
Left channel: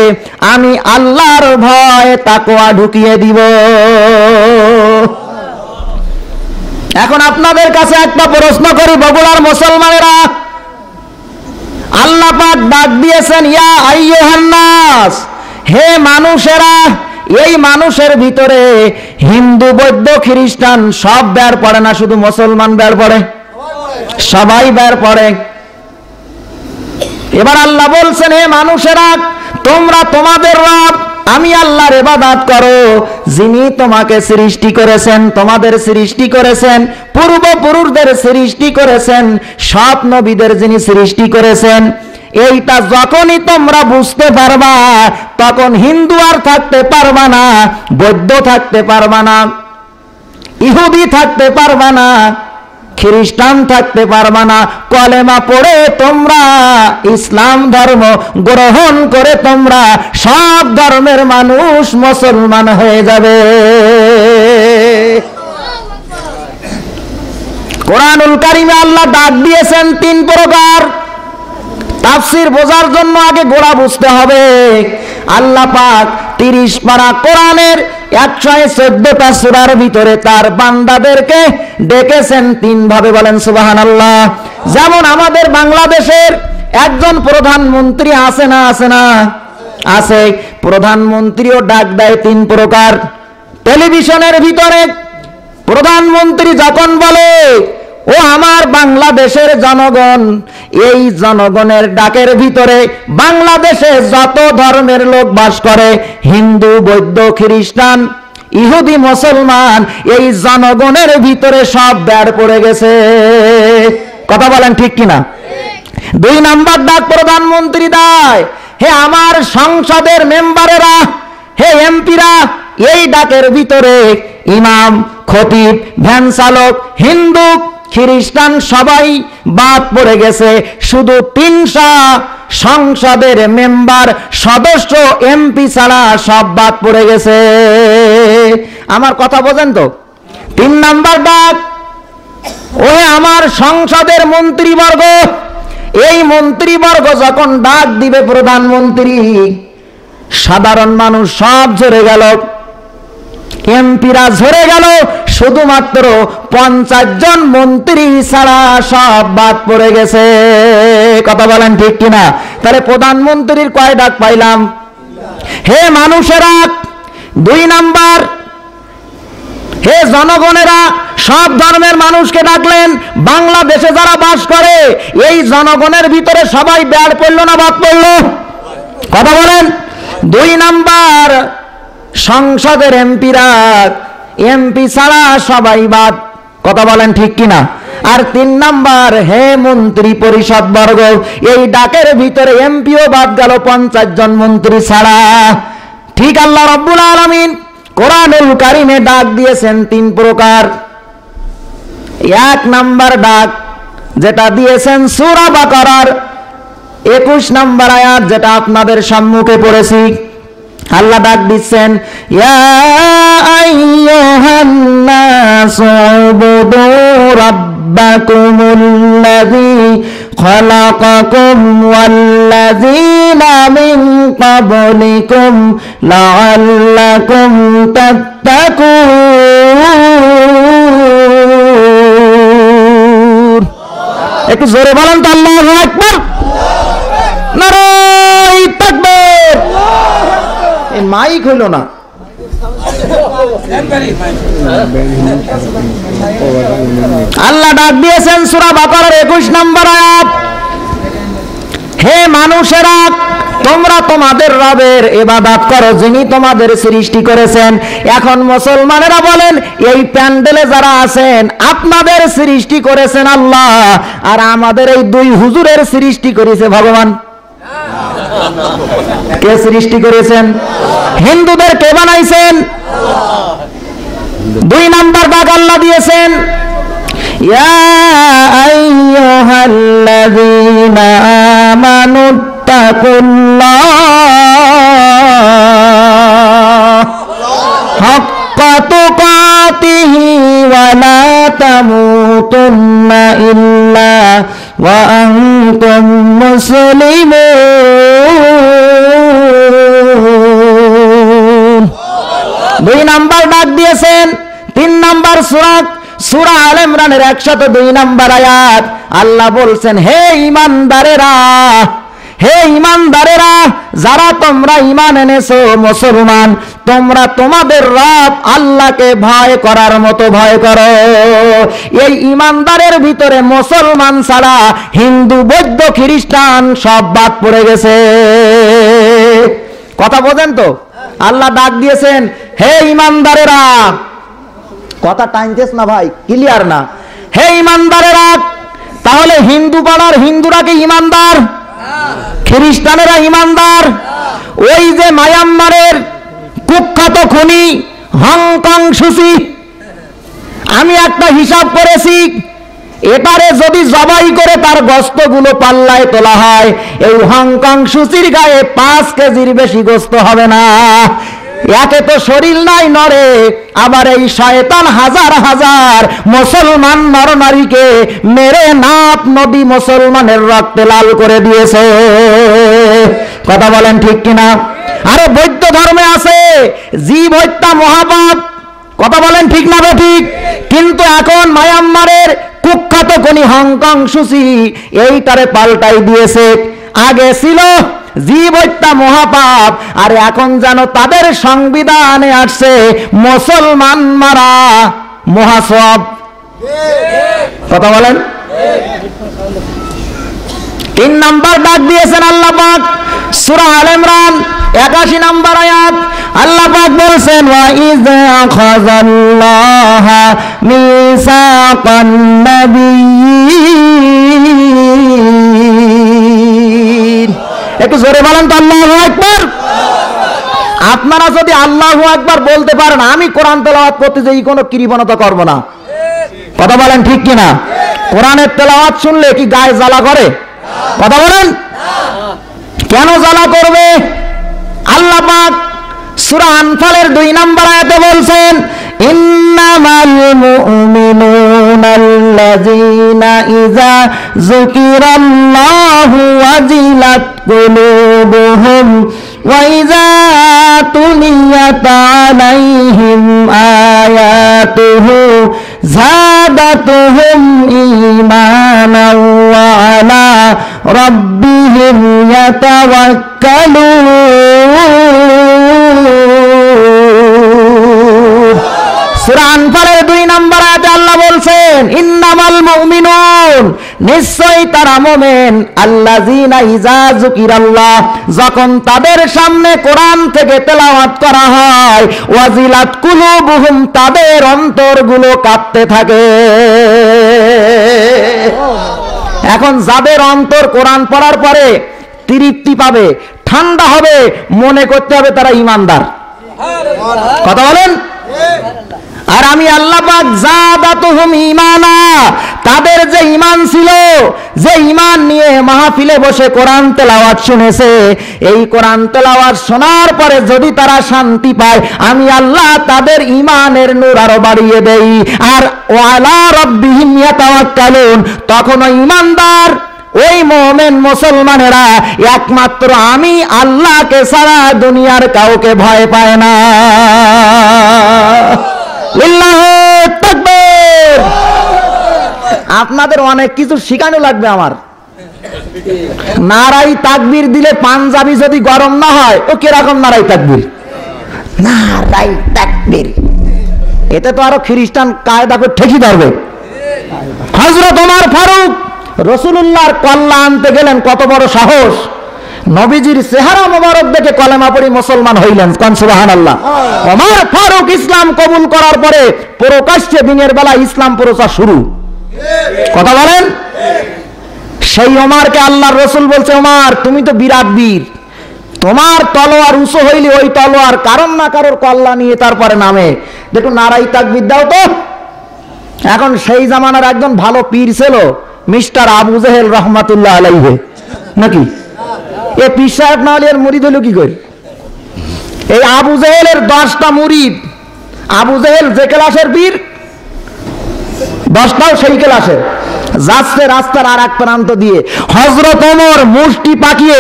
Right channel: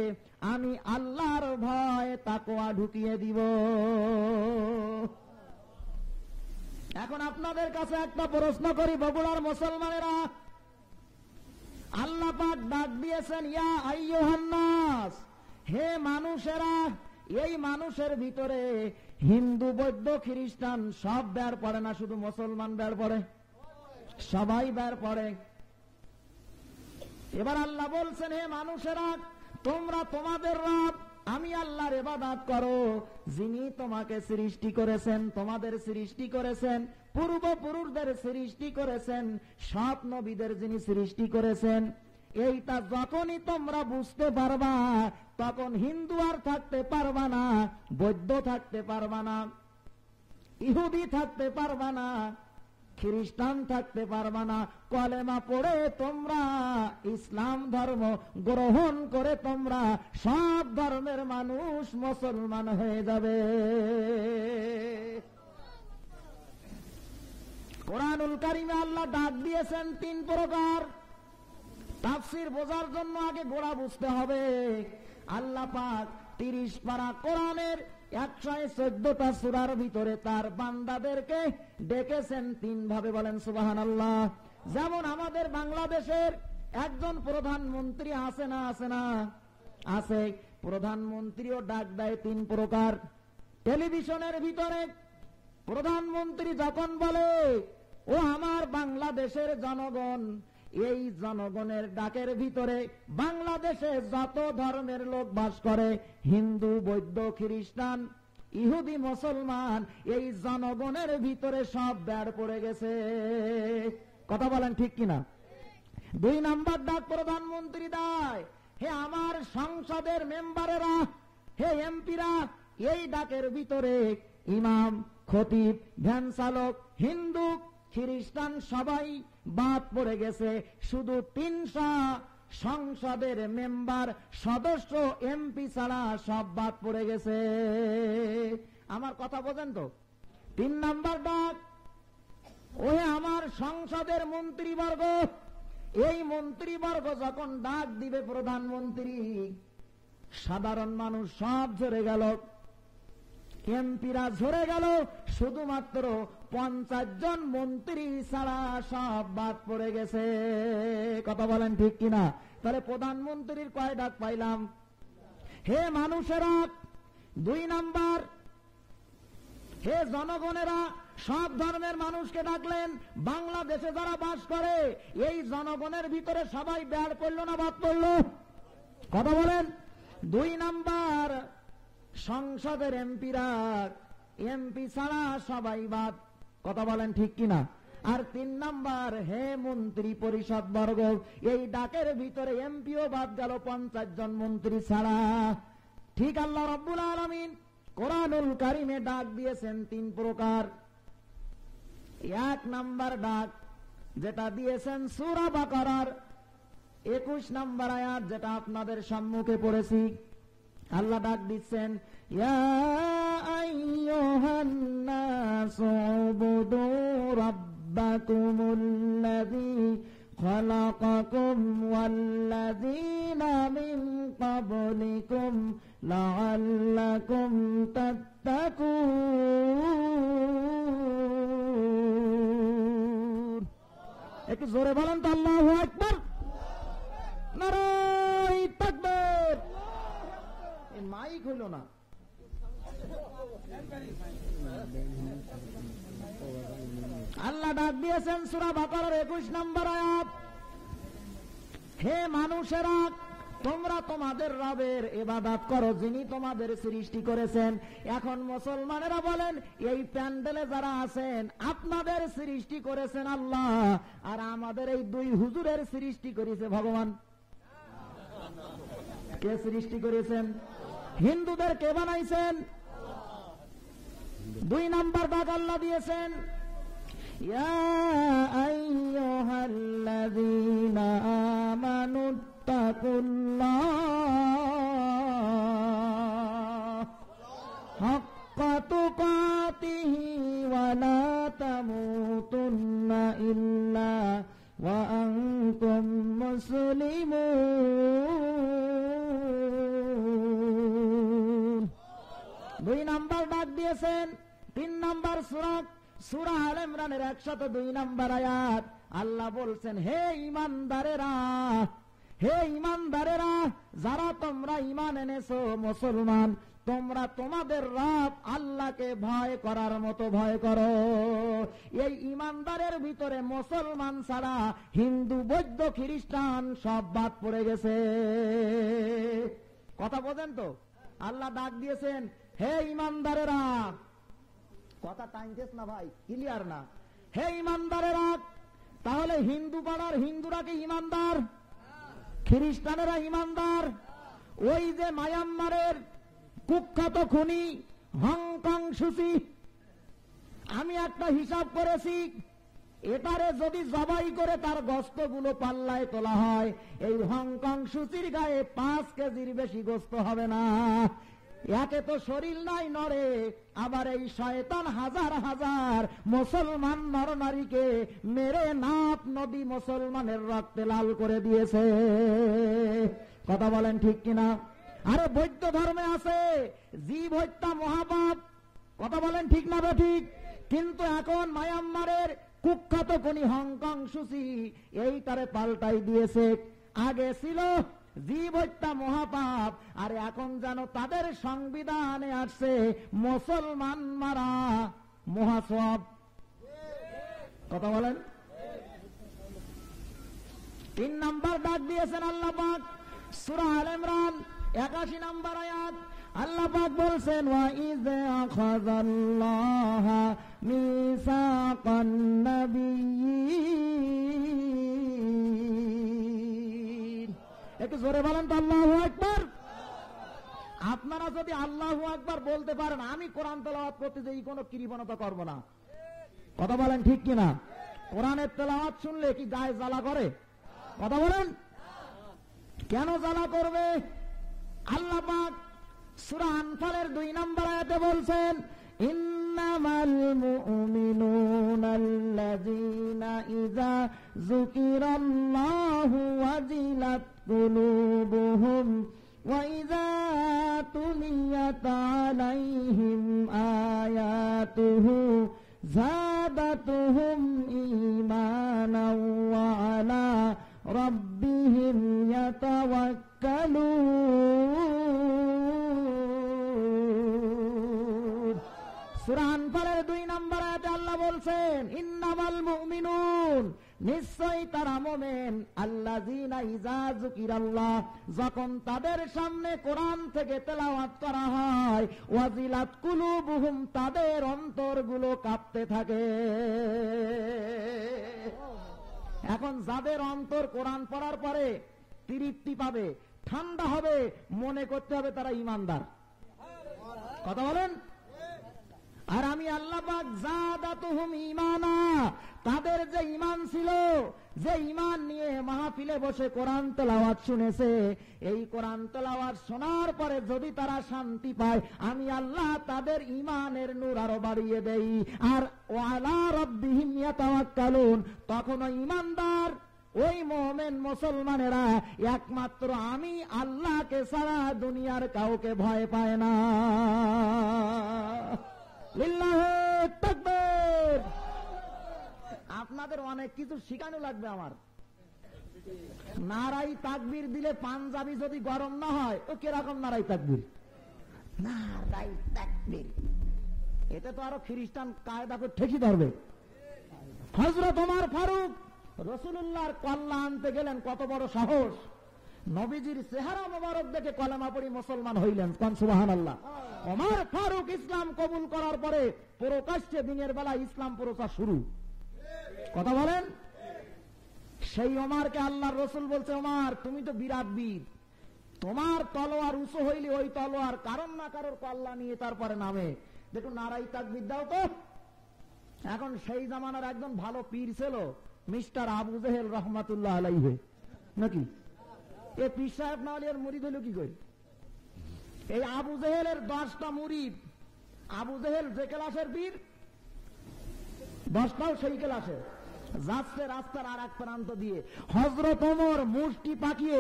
আমি আল্লাহর ভয় তাকওয়া ঢুকিয়ে দিব। এখন আপনাদের কাছে একটা প্রশ্ন করি, বগুড়ার মুসলমানেরা, আল্লাহ পাক ডাক দিয়েছেন ইয়া আইয়ুহান নাস, হে মানুষেরা। এই মানুষের ভিতরে হিন্দু বৌদ্ধ খ্রিস্টান সব বের পড়ে না, শুধু মুসলমান বের পড়ে? সবাই বের পড়ে। এবার আল্লাহ বলছেন, হে মানুষেরা, তোমরা তোমাদের রব আমি আল্লাহর ইবাদত করো, যিনি তোমাকে সৃষ্টি করেছেন, তোমাদের সৃষ্টি করেছেন, পূর্বপুরুষদের সৃষ্টি করেছেন, সব নবীদের যিনি সৃষ্টি করেছেন। এইটা যখনই তোমরা বুঝতে পারবা, তখন হিন্দু আর থাকতে পারবা না, বৌদ্ধ থাকতে পারবা না, ইহুদি থাকতে পারবা না, খ্রিস্টান থাকতে পারবা না। কলেমা পড়ে তোমরা ইসলাম ধর্ম গ্রহণ করে তোমরা সব ধর্মের মানুষ মুসলমান হয়ে যাবে। কোরআনুল কারিমে আল্লাহ ডাক দিয়েছেন 3 প্রকার। তাফসীর বোঝার জন্য আগে গোড়া বুঝতে হবে। আল্লাহ পাক 30 পারা কোরআনের 114টা সূরার ভিতরে তার বান্দাদেরকে ডেকেছেন 3 ভাবে, বলেন সুবহানাল্লাহ। যেমন আমাদের বাংলাদেশের একজন প্রধানমন্ত্রী আছে না, আছে না? আছে। প্রধানমন্ত্রীও ডাক দেয় 3 প্রকার। টেলিভিশনের ভিতরে প্রধানমন্ত্রী যখন বলে, ও আমার বাংলাদেশের জনগণ, এই জনগণের ডাকের ভিতরে বাংলাদেশে যত ধর্মের লোক বাস করে, হিন্দু, বৌদ্ধ, খ্রিস্টান, ইহুদি, মুসলমান, এই জনগণের ভিতরে সব ব্যাড পড়ে গেছে। কথা বলেন ঠিক কিনা? 2 নাম্বার ডাক প্রধানমন্ত্রী দেয়, হে আমার সংসদের মেম্বারেরা, হে এমপিরা, এই ডাকের ভিতরে ইমাম, খতিব, ভ্যান চালক, হিন্দু, খ্রিস্টান সবাই বাদ পড়ে গেছে। শুধু 300 সংসদের মেম্বার, সদস্য, এমপি ছাড়া সব বাদ পড়ে গেছে। আমার কথা বোঝেন তো? 3 নাম্বার ডাক, ওহে আমার সংসদের মন্ত্রীবর্গ, এই মন্ত্রীবর্গ যখন ডাক দিবে প্রধানমন্ত্রী, সাধারণ মানুষ সব ঝরে গেল, এমপিরা ঝরে গেল, শুধুমাত্র 50 জন মন্ত্রী ছাড়া সব বাদ পড়ে গেছে। কথা বলেন ঠিক কিনা? তাহলে প্রধানমন্ত্রীর কয় ডাক পাইলাম? হে মানুষেরা 2 নাম্বার, হে জনগণেরা, সব ধর্মের মানুষকে ডাকলেন। বাংলাদেশে যারা বাস করে এই জনগণের ভিতরে সবাই ব্যাড পড়ল না বাদ পড়ল? কথা বলেন। 2 নাম্বার, সংসদের এমপিরা, এমপি ছাড়া সবাই বাদ। কথা বলেন ঠিক কিনা? আর 3 নাম্বার, হে মন্ত্রী পরিষদ বর্গ, এই ডাকের ভিতরে এমপিও বাদ গেল 50 জন মন্ত্রী ছাড়া। ঠিক আল্লাহ রাব্বুল আলামিন কোরআনুল কারিমে ডাক দিয়েছেন 3 প্রকার। 1 নাম্বার ডাক যেটা দিয়েছেন সূরা বাকারার 21 নাম্বার আয়াত, যেটা আপনাদের সম্মুখে পড়েছি। আল্লাহ ডাক দিচ্ছেন, ইয়া আইয়ুহান নাসু উবুদু রাব্বাকুমুল্লাযী খালাকাকুম ওয়াল্লাযীনা মিন ক্বাবলিকুম লাআল্লাকুম তাত্তাকুন। একটু জোরে বলেন তো আল্লাহু আকবার। নারায়ে তাকবীর। এই মাইক হইল না। আল্লাহ ডাক দিয়েছেন সূরা বাকারার 21 নম্বর আয়াত, হে মানুষেরা, তোমরা তোমাদের রবের ইবাদত করো যিনি তোমাদের সৃষ্টি করেছেন। এখন মুসলমানেরা বলেন, এই প্যান্ডেলে যারা আছেন আপনাদের সৃষ্টি করেছেন আল্লাহ, আর আমাদের এই 2 হুজুরের সৃষ্টি করেছে ভগবান। কে সৃষ্টি করেছেন? হিন্দুদের কে বানাইছেন? 2 নাম্বার ডাক আল্লাহ দিয়েছেন, ইয়া আইয়ুহাল্লাযীনা আমানুত্তাকুল্লাহ হাক্কা তুকাতিহি ওয়া লা তামুতুন্না ইল্লা ওয়া আনতুম মুসলিমুন। 2 নাম্বার ডাক দিয়েছেন। 3 নাম্বার সূরা আলে ইমরানের 102 নাম্বার আয়াত, আল্লাহ বলছেন, হে ঈমানদারেরা, হে ঈমানদারেরা, যারা তোমরা ঈমান এনেছো, মুসলমান, তোমরা তোমাদের রব আল্লাহকে ভয় করার মতো ভয় করো। এই ঈমানদারের ভিতরে মুসলমান ছাড়া হিন্দু, বৌদ্ধ, খ্রিস্টান সব বাদ পড়ে গেছে। কথা বোঝেন তো? আল্লাহ ডাক দিয়েছেন, হে ঈমানদারেরা। কথা টাইনতেছ না ভাই, ক্লিয়ার না? হে ঈমানদারেরা। তাহলে হিন্দু পাড়ার হিন্দুরা কি ঈমানদার? খ্রিস্টানেরা ঈমানদার? ওই যে মায়ানমারের কুখ্যাত খুনি হংকং সুচি, আমি একটা হিসাব করেছি, এটারে যদি জবাই করে তার গোশতগুলো পাল্লায় তোলা হয়, এই হংকং সুচির গায়ে 5 কেজির বেশি গোশত হবে না। একে তো শরীর নাই নড়ে, আবার এই শয়তান হাজার হাজার মুসলমান নর নারীকে মেরে নাপ নদী মুসলমানের রক্তে লাল করে দিয়েছে। কথা বলেন ঠিক কিনা? আরে বৌদ্ধ ধর্মে আছে জীব হত্যা মহাপাপ। কথা বলেন ঠিক না ঠিক? কিন্তু এখন মায়ানমারের কুখ্যাত কোনি হংকং সুচি এইটারে পাল্টাই দিয়েছে। আগে ছিল জীব হত্যা মহাপাপ, আর এখন যেন তাদের সংবিধানে আসছে মুসলমান মারা মহাসব। কথা বলেন। 3 নাম্বার ডাক দিয়েছেন আল্লাহ পাক সূরা আল ইমরান 81 নাম্বার আয়াত। আল্লাহ পাক বলেন ওয়া ইযা আখাযাল্লাহু মিসাকান নাবিয়্যিন। একটু জোরে বলেন তো আল্লাহু আকবার। আপনারা যদি আল্লাহু আকবার বলতে পারেন, আমি কোরআন তেলাওয়াত করতে যাই কোনো কৃপণতা করব না। কথা বলেন ঠিক কিনা? কোরআনের তেলাওয়াত শুনলে কি গায়ে জ্বালা করে? কথা বলেন। কেন জ্বালা করবে? আল্লাহ পাক সূরা আনফালের 2 নম্বর আয়াতে বলছেন ইন্নামাল মুমিনুনাল্লাযীনা ইযা যুকিরাল্লাহু ওয়াজিলাত কুলুবুহুম ওয়া ইযা তুলিয়াত আলাইহিম আয়াতুহু যাদাতুহুম ঈমানান ওয়া আলা রাব্বিহিম ইয়াতাওয়াক্কালুন। সূরা আনফালের 2 নম্বর আয়াতে আল্লাহ বলছেন ইন্নামাল মুমিনুন, নিশ্চয়ই তারা মুমিন, আল্লাযীনা ইযা যুকিরাল্লাহ, যখন তাদের সামনে কোরআন থেকে তেলাওয়াত করা হয়, ওয়াজিলাত কুলুবুহুম, তাদের অন্তরগুলো কাঁপতে থাকে। এখন যাদের অন্তর কোরআন পড়ার পরে তৃপ্তি পাবে, ঠান্ডা হবে, মনে করতে হবে তারা ঈমানদার। কথা বলেন। আর আমি আল্লাহ পাক যাদাতুহুম ঈমানা, তাদের যে ঈমান ছিল, যে ঈমান নিয়ে মাহফিলে বসে কোরআন তেলাওয়াত শুনেছে, এই কোরআন তেলাওয়াত শোনার পরে যদি তারা শান্তি পায়, আমি আল্লাহ তাদের ঈমানের নূর আরো বাড়িয়ে দেই। আর ওয়ালা রাব্বিহিম ইয়াতাওয়াক্কালুন, তখন ওই ঈমানদার, ওই মুমিন মুসলমানেরা একমাত্র আমি আল্লাহকে ছাড়া দুনিয়ার কাউকে ভয় পায় না। লিল্লাহু তাকবীর। আপনাদের অনেক কিছু শিখানো লাগবে আমার। নারাই তাকবীর দিলে পাঞ্জাবি যদি গরম না হয়, ও কিরকম নারাই তাকবীর? নারাই তাকবীর, এতে তো আরো খ্রিস্টান কায়দা করে ঠেকি ধরবে। হযরত ওমর ফারুক রাসূলুল্লাহর কল্লা আনতে গেলেন, কত বড় সাহস! নবীজির চেহারা মোবারক দেখে কলেমা পড়ে মুসলমান হইলেন। কোন সুবহানাল্লাহ। ওমর ফারুক ইসলাম কবুল করার পরে প্রকাশ্যে দিনের বেলা ইসলাম প্রচার শুরু। কথা বলেন। সেই ওমরকে আল্লাহর রাসূল বলছে, ওমর তুমি তো বিরাট বীর, তোমার তলোয়ার উঁচু হইলে ওই তলোয়ার কারণ না কারোর কল্লা নিয়ে তারপরে নামে, দেখো নারাই তাকবীর দাও তো। এখন সেই জামানার একজন ভালো পীর ছিল, মিস্টার আবু জেহেল রহমাতুল্লাহ আলাইহি, নাকি? এ পীর সাহেব না হলে এর মুরিদ হলো কি করে? এই আবু জেহেলের 10টা মুরিদ। আবু জেহেল যে ক্লাসের পীর, 10টাও সেই ক্লাসের। যাচ্ছে রাস্তার আর এক প্রান্ত দিয়ে, হযরত ওমর মুষ্টি পাকিয়ে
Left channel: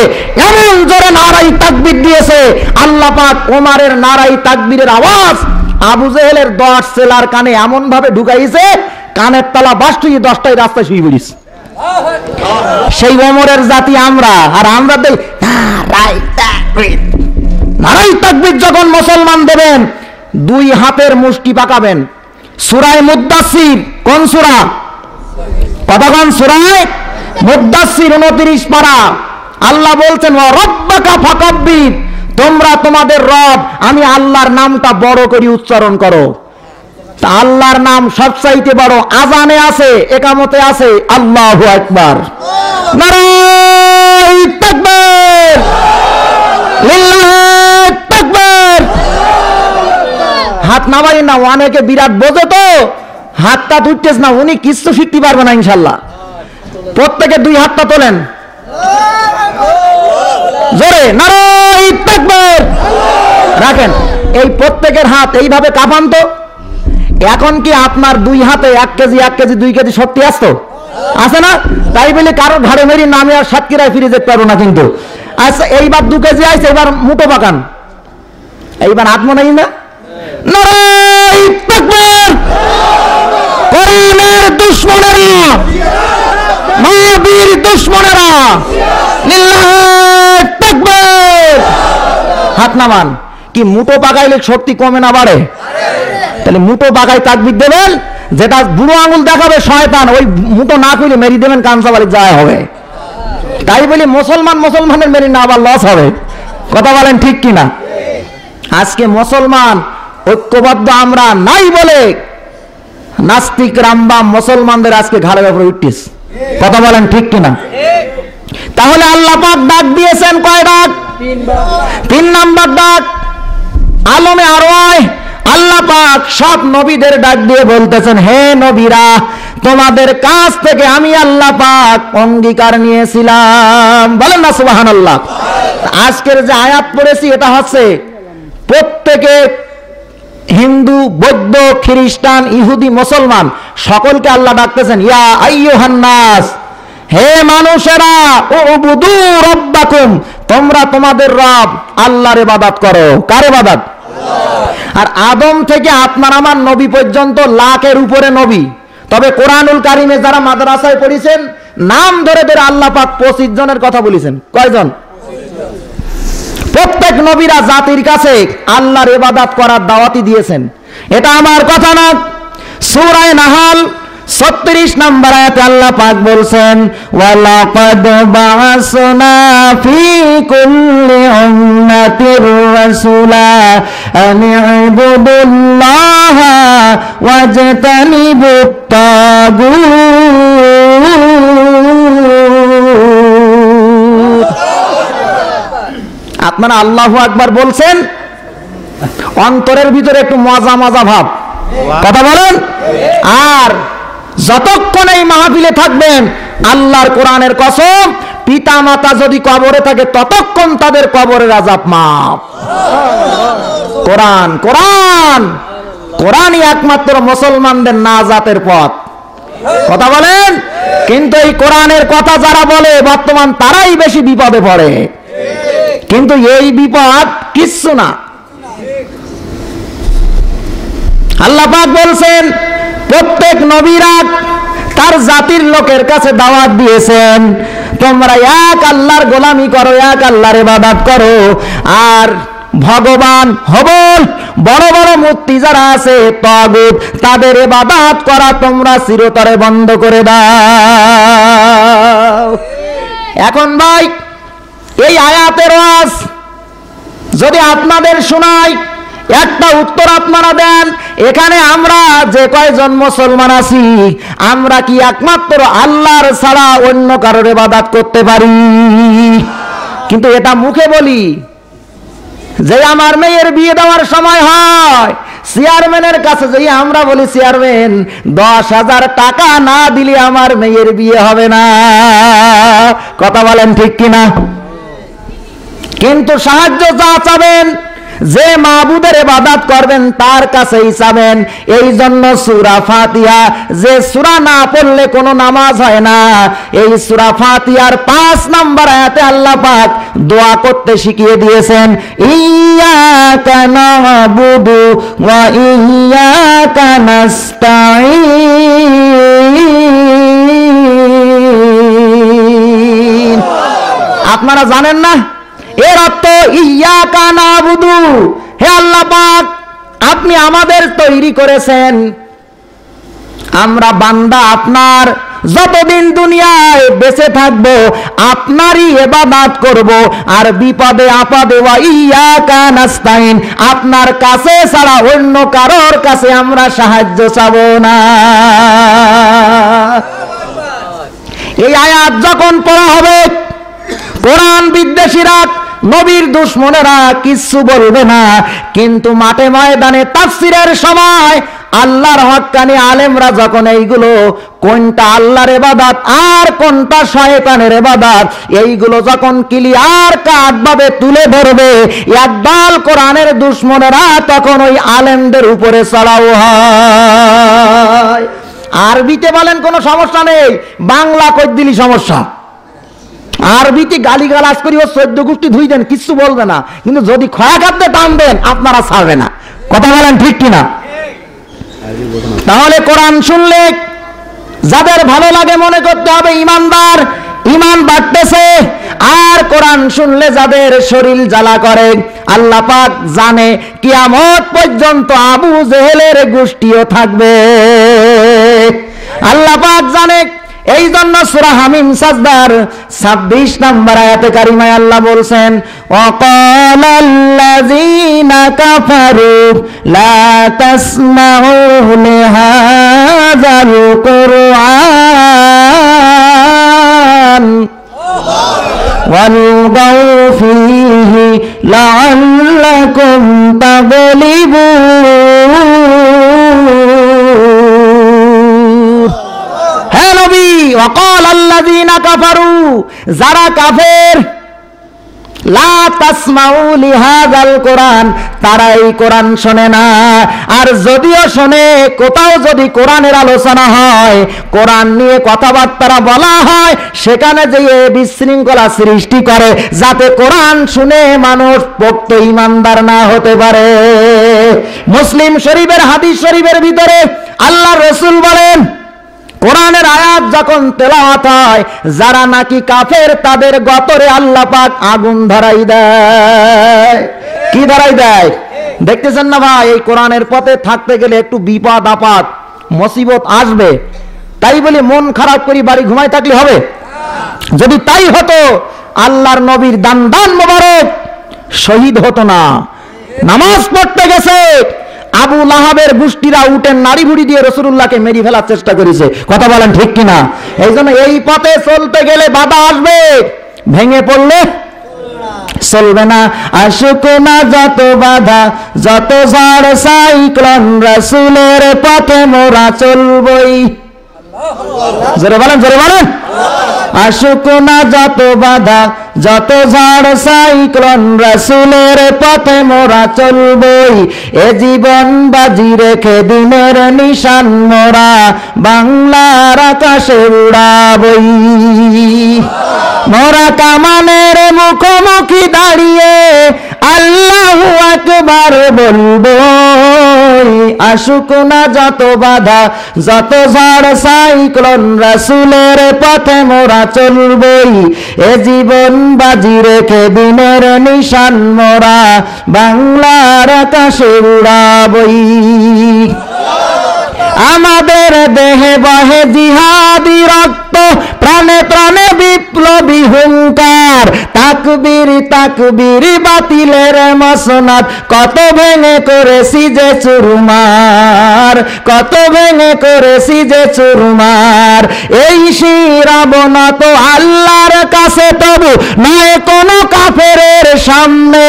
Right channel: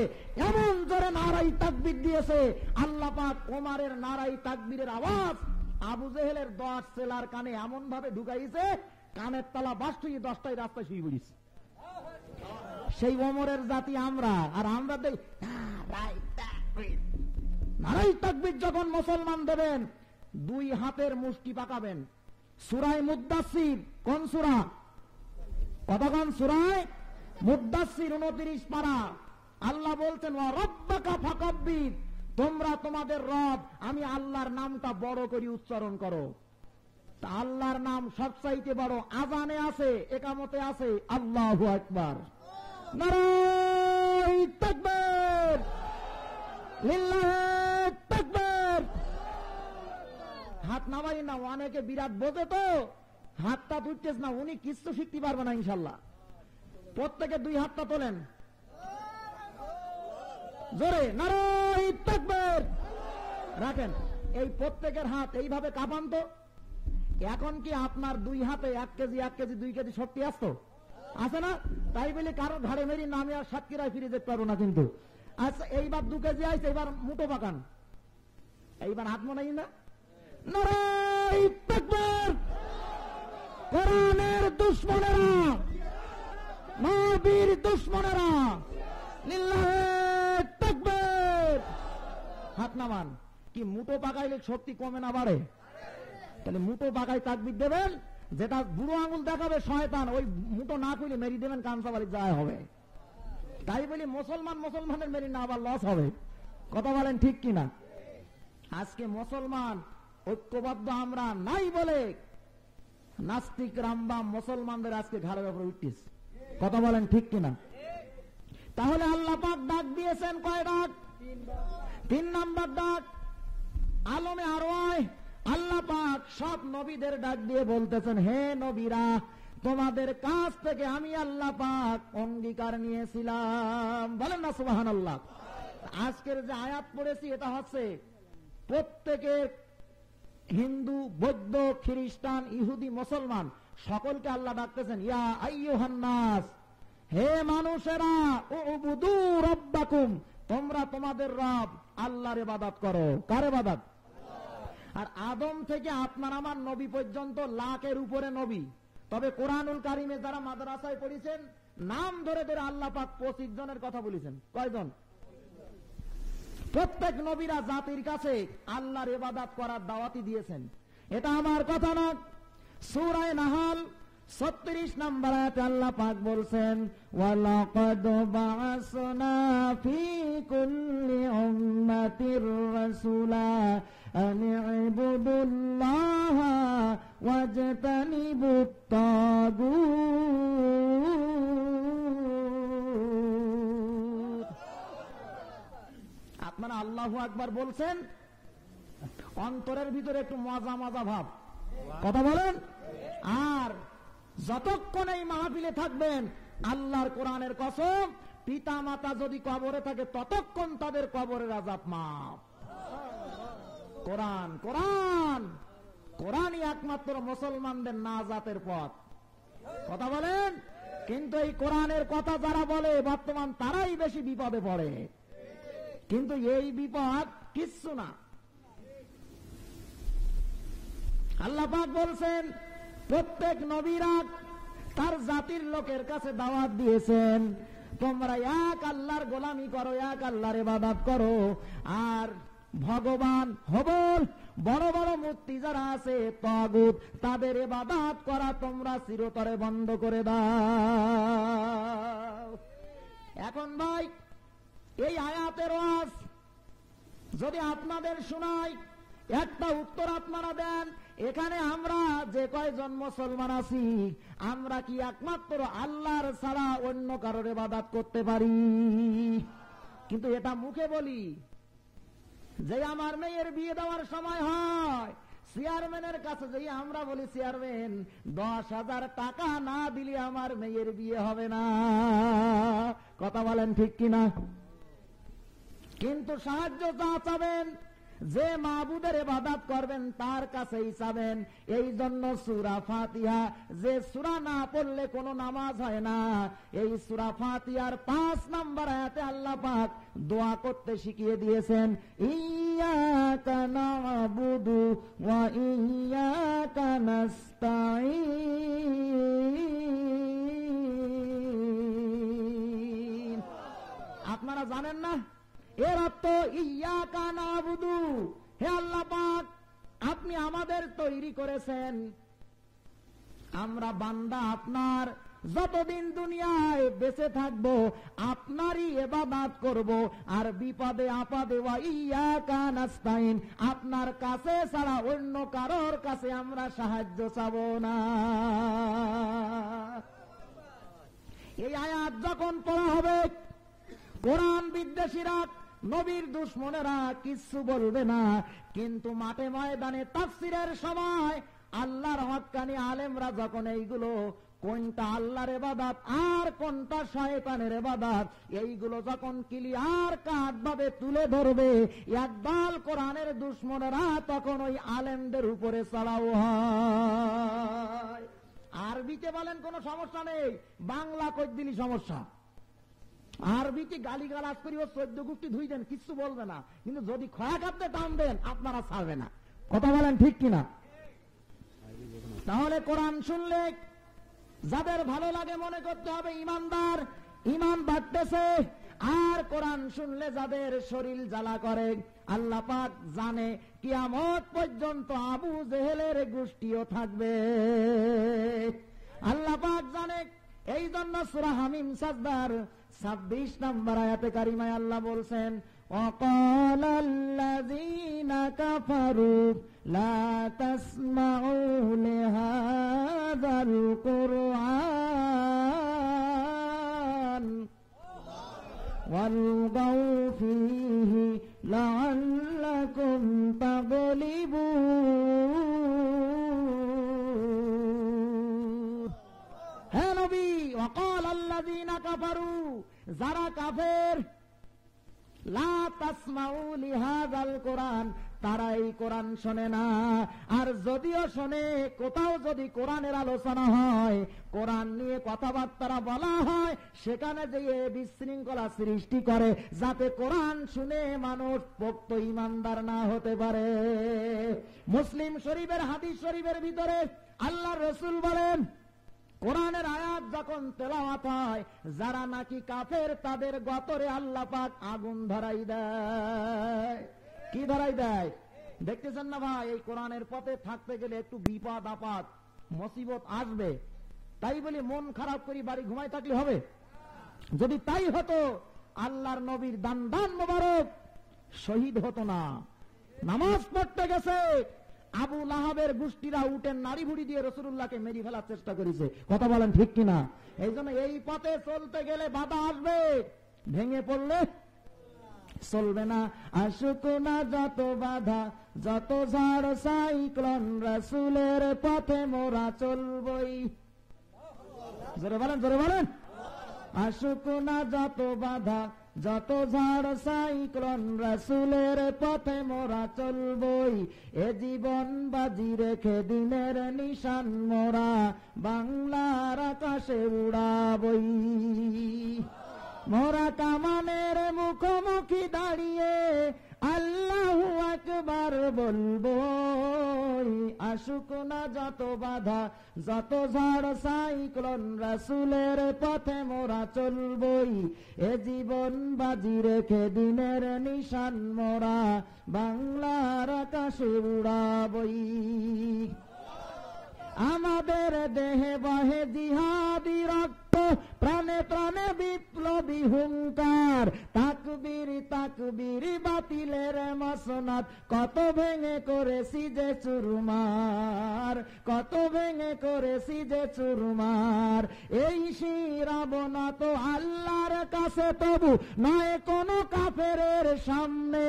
এমন জোরে নারাই তাকবীর দিয়েছে, আল্লাহ পাক ওমরের নারাই তাকবীরের আওয়াজ আবু জেহেলের 10 ছেলার কানে এমন ভাবে ঢুকাইছে, কানের তলা বাস্তুই 10টাই রাস্তায় শুয়ে পড়িস। সেই ওমরের জাতি আমরা, আর আমরা দেই নারাই তাকবীর। নারাই তাকবীর যখন মুসলমান দেবেন, 2 হাতের মুষ্টি পাকাবেন। সূরা মুদ্দাসসির, কোন সূরা? কতক্ষণ? সূরা মুদ্দাসসির 29 পারা। আল্লাহ বলছেন ওয়া রাব্বাকা ফাকাব্বির, তোমরা তোমাদের রব আমি আল্লাহর নামটা বড় করে উচ্চারণ করো। তা আল্লাহর নাম সবচাইতে বড়। আজানে আছে, একামতে আছে আল্লাহু আকবার, নারাই তাকবীর, লিল্লাহু তাকবীর। হাত নামাই না, অনেকে বিরাট বোঝে তো হাতটা তুলতেছ না, উনি কিছু শিখতে পারবে না ইনশাল্লাহ। প্রত্যেকে 2 হাতটা তোলেন জোরে, নারাই তাকবীর রাখেন। এই প্রত্যেকের হাত এইভাবে কাঁপান তো। এখন কি আপনার দুই হাতে 1 কেজি 1 কেজি 2 কেজি শক্তি আসতো? আছে না? তাই বলে কারো ঘাড়ে মেরি নামে আর সাতক্ষীরায় ফিরে যেতে পারবো না কিন্তু। আচ্ছা এইবার 2 কেজি আইছে, এবার মুঠো পাকান, এইবার হাত মনে না। নারায়ে তাকবীর! কোরআনের দুশমনেরা, নবীর দুশমনেরা, লিল্লাহি তাকবীর! হাত নামান। কি মুঠো পাকাইলে শক্তি কমে না বাড়ে? তাহলে মুঠো পাকাই তাকবীর দেবেন, যেটা বুড়ো আঙুল দেখাবে শয়তান, ওই মুঠো না কইলে মেরি দেবেন, কানসাবাড়ি যায় হবে। তাই বলি মুসলমানের মেরি না আবার লস হবে। কথা বলেন ঠিক কিনা? আজকে মুসলমান ঐক্যবদ্ধ আমরা নাই বলে নাস্তিক রামবাম মুসলমানদের আজকে ঘাড়ের উপরে উঠতিস। কথা বলেন ঠিক কিনা? তাহলে আল্লাহ পাক ডাক দিয়েছেন কয় ডাক? 3 নাম্বার ডাক। আলমে আরওয়াহ আল্লাহ পাক সব নবীদের ডাক দিয়ে বলতেছেন, হে নবীরা, তোমাদের কাছ থেকে আমি আল্লাহ পাক অঙ্গীকার নিয়েছিলাম। বলেন না সুবহানাল্লাহ। আজকের যে আয়াত পড়েছি এটা হচ্ছে প্রত্যেকে হিন্দু, বৌদ্ধ, খ্রিস্টান, ইহুদি, মুসলমান সকলকে আল্লাহ ডাকতেছেন, ইয়া আইয়ুহান নাস, হে মানুষেরা, উবুদু রাব্বাকুম, তোমরা তোমাদের রব আল্লাহর ইবাদত করো। কার ইবাদত? আর আদম থেকে আপনার আমার নবী পর্যন্ত লাখের উপরে নবী। তবে কোরআনুল কারিমে যারা মাদ্রাসায় পড়েছেন নাম ধরে ধরে আল্লাহ পাক 25 জনের কথা বলেছেন। কয়জন? প্রত্যেক নবীরা জাতির কাছে আল্লাহর ইবাদত করার দাওয়াতি দিয়েছেন। এটা আমার কথা না। সূরা নাহাল 36 নম্বর আয়াতে আল্লাহ পাক বলছেন, ওয়ালাকাদ বা'আসনা ফি কুল্লি উম্মাতির রাসূলা আন ইবুদুল্লাহা ওয়াজতানিবুত তাগুত। আপনারা আল্লাহু আকবার বলছেন, অন্তরের ভিতরে একটু মজা মজা ভাব। কথা বলেন। আর যতক্ষণ এই মাহফিলে থাকবেন, আল্লাহর কোরআনের কসম, পিতা মাতা যদি কবরে থাকে ততক্ষণ তাদের কবরের আযাব মাফ। কোরআন কোরআন কোরআনই একমাত্র মুসলমানদের নাজাতের পথ। কথা বলেন। কিন্তু এই কোরআনের কথা যারা বলে বর্তমান তারাই বেশি বিপদে পড়ে। কিন্তু এই বিপদ কিচ্ছু না। আল্লাহ পাক বলছেন, প্রত্যেক নবীরা তার জাতির লোকের কাছে দাওয়াত দিয়েছেন, তোমরা এক আল্লাহর গোলামি করো, এক আল্লাহর ইবাদত করো। আর ভগবান হবল বড় বড় মূর্তি যারা আছে তাগুত, তাদের ইবাদত করা তোমরা চিরতরে বন্ধ করে দাও। এখন ভাই, এই আয়াতের ওয়াজ যদি আপনাদের শোনাই, একটা উত্তর আপনারা দেন, এখানে আমরা যে কয়জন মুসলমান আছি, আমরা কি একমাত্র আল্লাহর ছাড়া অন্য কারোর ইবাদত করতে পারি? কিন্তু এটা মুখে বলি। যে আমার মেয়ের বিয়ে দেওয়ার সময় হয়, চেয়ারম্যানের কাছে যাই আমরা বলি, চেয়ারম্যান 10,000 টাকা না দিলে আমার মেয়ের বিয়ে হবে না। কথা বলেন ঠিক কিনা? কিন্তু সাহায্য যা চাবেন, যে মাবুদের ইবাদত করবেন তার কাছেই চাবেন। এই জন্য সূরা ফাতিহা, যে সূরা না পড়লে কোনো নামাজ হয় না, এই সূরা ফাতিহার 5 নম্বর আয়াতে আল্লাহ পাক দোয়া করতে শিখিয়ে দিয়েছেন, ইয়্যাকা না'বুদু ওয়া ইয়্যাকা নাস্তাঈন। আপনারা জানেন না এর অর্থ? ইয়্যাকা না'বুদু, হে আল্লাহ পাক, আপনি আমাদের তৈরি করেছেন, আমরা বান্দা আপনার, যতদিন দুনিয়ায় বেঁচে থাকবো আপনারই ইবাদত করব। আর বিপদে আপদে ওয়া ইয়্যাকা নাস্তাঈন, আপনার কাছে ছাড়া অন্য কারোর কাছে আমরা সাহায্য চাবো না। এই আয়াত যখন পড়া হবে, কোরআন বিদ্বেষীরা, নবীর দুশমনেরা কিচ্ছু বলবে না। কিন্তু মাঠে ময়দানে তাফসীরের সময় আল্লাহর হক্কানি আলেমরা যখন এইগুলো কোনটা আল্লাহর ইবাদত আর কোনটা শয়তানের ইবাদত এইগুলো যখন ক্লিয়ার কাট ভাবে তুলে ধরবে, একদল কোরআনের দুশমনেরা তখন ওই আলেমদের উপরে চড়াও হয়। আরবিতে বলেন কোনো সমস্যা নেই, বাংলা কই দিলি সমস্যা। আরবিতে গালিগালাজ করি ও 14 গোষ্ঠী ধুই দেন, কিচ্ছু বলবে না, কিন্তু যদি খয়া খাদ্যে টান দেন আপনারা ছাড়বে না। কথা বলেন ঠিক কিনা? তাহলে কোরআন শুনলে যাদের ভালো লাগে মনে করতে হবে ইমানদার, ইমান বাড়তেছে। আর কোরআন শুনলে যাদের শরীর জ্বালা করে, আল্লাহ পাক জানে কিয়ামত পর্যন্ত আবু জেহেলের গোষ্ঠীও থাকবে, আল্লাহ পাক জানে। এই জন্য সূরা হামিম সাজদার 26 নম্বর আয়াতে কারিমায় আল্লাহ বলছেন, ওয়াকালাল্লাযীনা কাফারু লা তাসমাউ লিহাযাল কুরআন ওয়ালগাউ ফীহি লাআল্লাকুম তাগলিবুন। হে নবী, ওয়াকালাল্লাযীনা কাফারু, যারা কাফের, লা তাসমাউ লিহাযাল কোরআন, তারা এই কোরআন শোনে না। আর যদিও শোনে, কোথাও যদি কোরআনের আলোচনা হয়, কোরআন নিয়ে কথাবার্তা বলা হয়, সেখানে যে বিশৃঙ্খলা সৃষ্টি করে যাতে কোরআন শুনে মানুষ পোক্ত ইমানদার না হতে পারে। মুসলিম শরীফের হাদিস শরীফের ভিতরে আল্লাহর রাসূল বলেন, কোরআনের আয়াত যখন তেলাওয়াত হয়, যারা নাকি কাফের তাদের গতরে আল্লাহ পাক আগুন ধরাই দেয়। কি ধরাই দেয়? দেখতেছেন না ভাই, এই কোরআনের পথে থাকতে গেলে একটু বিপদ আপদ মুসিবত আসবে, তাই বলে মন খারাপ করে বাড়ি ঘুমাই থাকলে হবে? যদি তাই হতো আল্লাহর নবীর দান দান মোবারক শহীদ হতো না। নামাজ পড়তে গেছে, আবু লাহাবের গোষ্ঠীরা উটের নাড়ি ভুড়ি দিয়ে রাসূলুল্লাহকে মেরে ফেলার চেষ্টা করেছে। কথা বলেন ঠিক কিনা? এই জন্য এই পথে চলতে গেলে বাধা আসবে, ভেঙে পড়লে চলবে না। আসুক না যত বাধা, যত ঝড় সাইক্লোন, রাসূলের পথে মোরা চলবই। জোরে বলেন, জোরে বলেন। আসুক না যত বাধা, যত ঝড় সাইক্লোন, রাসূলের পথে মোরা চলবই। এ জীবন বাজি রেখে দিনের নিশান মোরা বাংলার আকাশে উড়াবই। মোরা কামানের মুখোমুখি দাঁড়িয়ে আল্লাহু আকবার বলবো। আসুক না যত বাধা, যত ঝড় সাইক্লোন, রাসূলের পথে মোরা চলবই। এ জীবন বাজি রেখে দিনের নিশান মোরা বাংলার আকাশে উড়াবই। আমাদের দেহে বহে জিহাদি রক্ত, প্রাণে প্রাণে বিপ্লবী হুঙ্কার। তাকবীর তাকবীর বাতিলের মসনদ, কত ভেঙে করেছি যে চুরমার, কত ভেঙে করেছি যে চুরমার। এই শিরাবনা তো আল্লাহর কাছে, তবু নয় কোনো কাফেরের সামনে।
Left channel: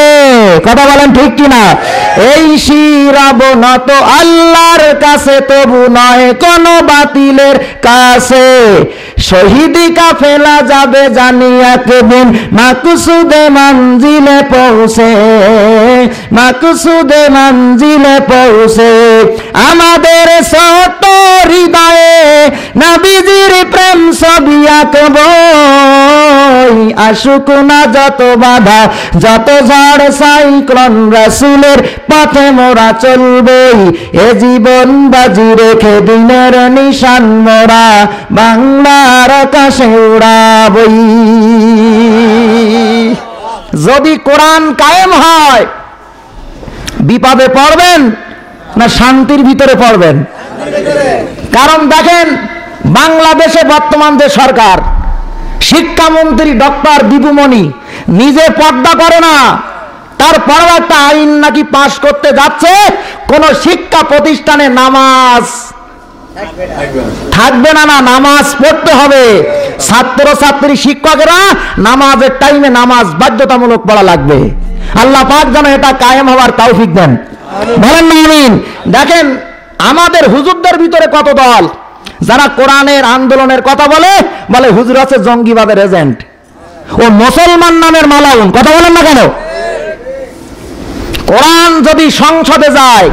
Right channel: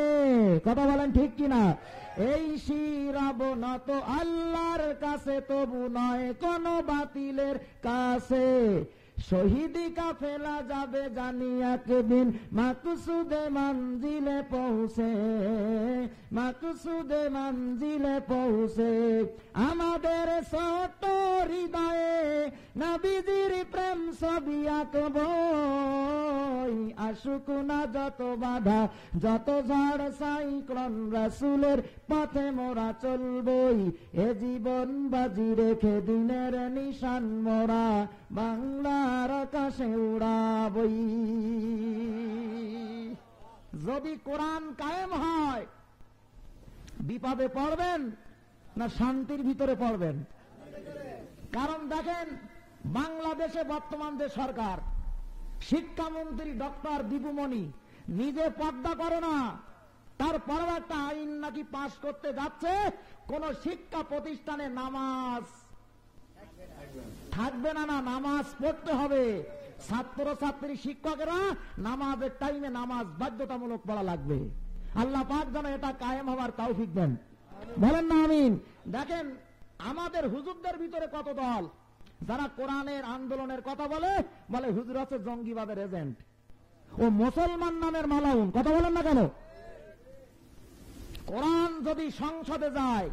কথা বলেন ঠিক কিনা? এই শিরাবনা তো আল্লাহর কাছে, তবু নয় কোনো বাতিলের কাছে। শহীদি কাফেলা যাবে জানি একদিন মাকসুদে মঞ্জিলে পৌঁছে, মাকসুদে মঞ্জিলে পৌঁছে। আমাদের ছোট হৃদয়ে নবীজির প্রেম ছবি আঁকবো। আসুক না যত বাধা, যত ঝড় সাইক্লোন, রাসূলের পথে মোরা চলবই। এ জীবন বাজি রেখে দিনের নিশান মোরা বাংলার আকাশে উড়াবই। যদি কোরআন কায়েম হয়, বিপদে পড়বেন না শান্তির ভিতরে পড়বেন? কারণ দেখেন, বাংলাদেশে বর্তমান যে সরকার, শিক্ষামন্ত্রী ডক্টর দীপুমণি নিজে পর্দা করে না, তারপরেও একটা আইন নাকি পাশ করতে যাচ্ছে, কোন শিক্ষা প্রতিষ্ঠানে নামাজ থাকবে না, না নামাজ পড়তে হবে। ছাত্র ছাত্রী শিক্ষকেরা নামাজের টাইমে নামাজ বাধ্যতামূলক পড়া লাগবে। আল্লাহ পাক যেন এটা কায়েম হওয়ার তৌফিক দেন, বলেন না আমিন। দেখেন, আমাদের হুজুরদের ভিতরে কত দল যারা কোরআনের আন্দোলনের কথা বলে, বলে হুজুর আছে জঙ্গিবাদের এজেন্ট, ও মুসলমান নামের মালাউন। কথা বলেন না কেন? কোরআন যদি সংসদে যায়,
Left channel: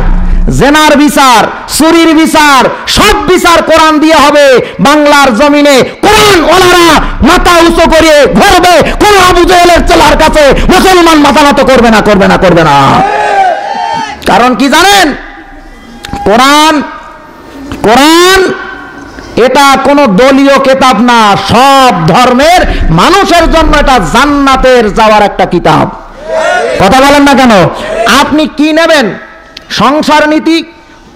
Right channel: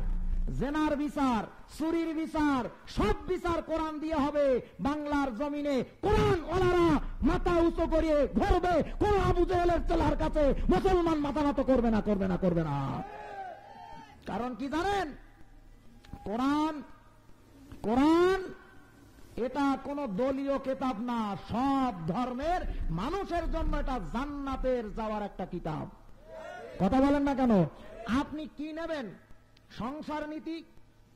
জেনার বিচার, চুরির বিচার, সব বিচার কোরআন দিয়ে হবে। বাংলার জমিনে কোরআন ওলারা মাথা উঁচু করে ঘুরবে, কোন আবু জেহেলের চেলার কাছে মুসলমান মাথা নত করবে না, করবে না, করবে না। কারণ কি জানেন? কোরআন এটা কোন দলীয় কিতাব না, সব ধর্মের মানুষের জন্য এটা জান্নাতের যাওয়ার একটা কিতাব। কথা বলেন না কেন? আপনি কি নেবেন? সংসার নীতি,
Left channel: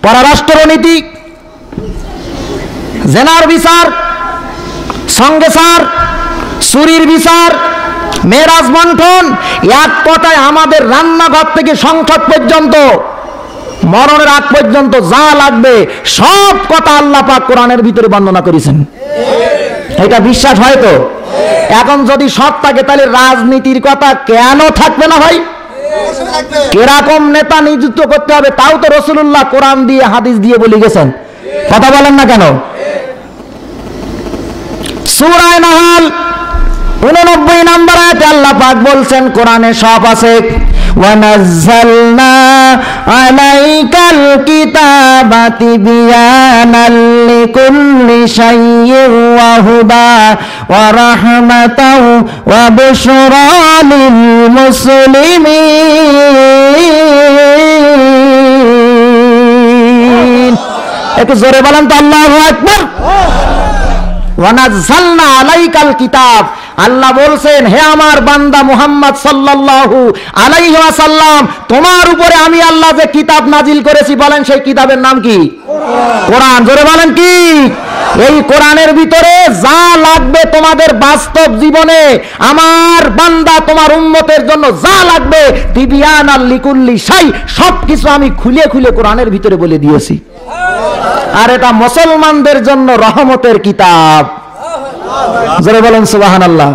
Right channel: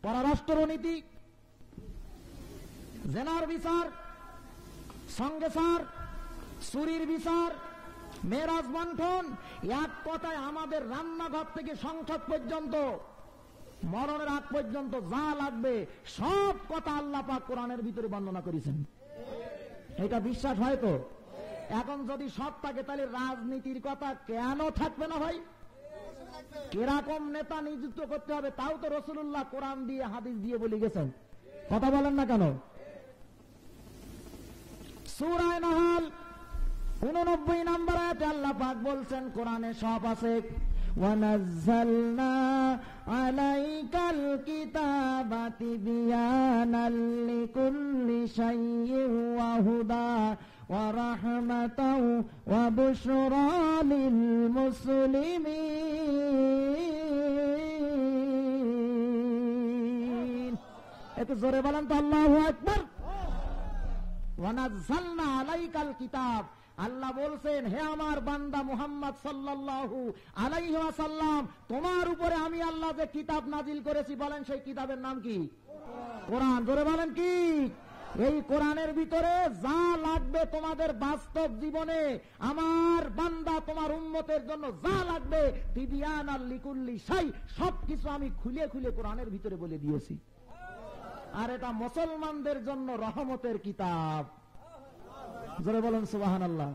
পররাষ্ট্র নীতি, জেনার বিচার, সংগেসার, চুরির বিচার, মেরাজ বন্টন, এক কথায় আমাদের রান্নাঘর থেকে সংসদ পর্যন্ত, মরণের আগ পর্যন্ত যা লাগবে সব কথা আল্লাহ পাক কোরআনের ভিতরে বর্ণনা করেছেন। এটা বিশ্বাস হয় তো? এখন যদি সব থাকে তাহলে রাজনীতির কথা কেন থাকবে না ভাই? কিরকম নেতা নিযুক্ত করতে হবে তাও তো রাসূলুল্লাহ কোরআন দিয়ে হাদিস দিয়ে বলে গেছেন। কথা বলেন না কেন? সূরা নাহল 89 নম্বর আয়াতে আল্লাহ পাক বলছেন, কোরআনে সব আছে, ওয়ানাজ্জালনা আলাইকাল কিতাবা তিবয়ানাল লিকুল্লি শাইইন ওয়া হুদা ওয়া রাহমাতাও ওয়া বুশরা লিল মুসলিমিন। একটু জোরে বলেন তো আল্লাহু আকবার। ওয়ানাজ্জালনা আলাইকাল কিতাব, আল্লাহ বলছেন, হে আমার বান্দা মুহাম্মদ সাল্লাল্লাহু আলাইহি ওয়াসাল্লাম, তোমার উপরে আমি আল্লাহ যে কিতাব নাজিল করেছি, বলেন সেই কিতাবের নাম কি? কোরআন। জোরে বলেন কি? এই কোরআনের ভিতরে যা লাগবে তোমাদের বাস্তব জীবনে, আমার বান্দা তোমার উম্মতের জন্য যা লাগবে, তিবিয়ানাল লিকুল্লি শাই, সবকিছু আমি খুলে খুলে কোরআনের ভিতরে বলে দিয়েছি। আর এটা মুসলমানদের জন্য রহমতের কিতাব। জোরে বলেন সুবহানাল্লাহ।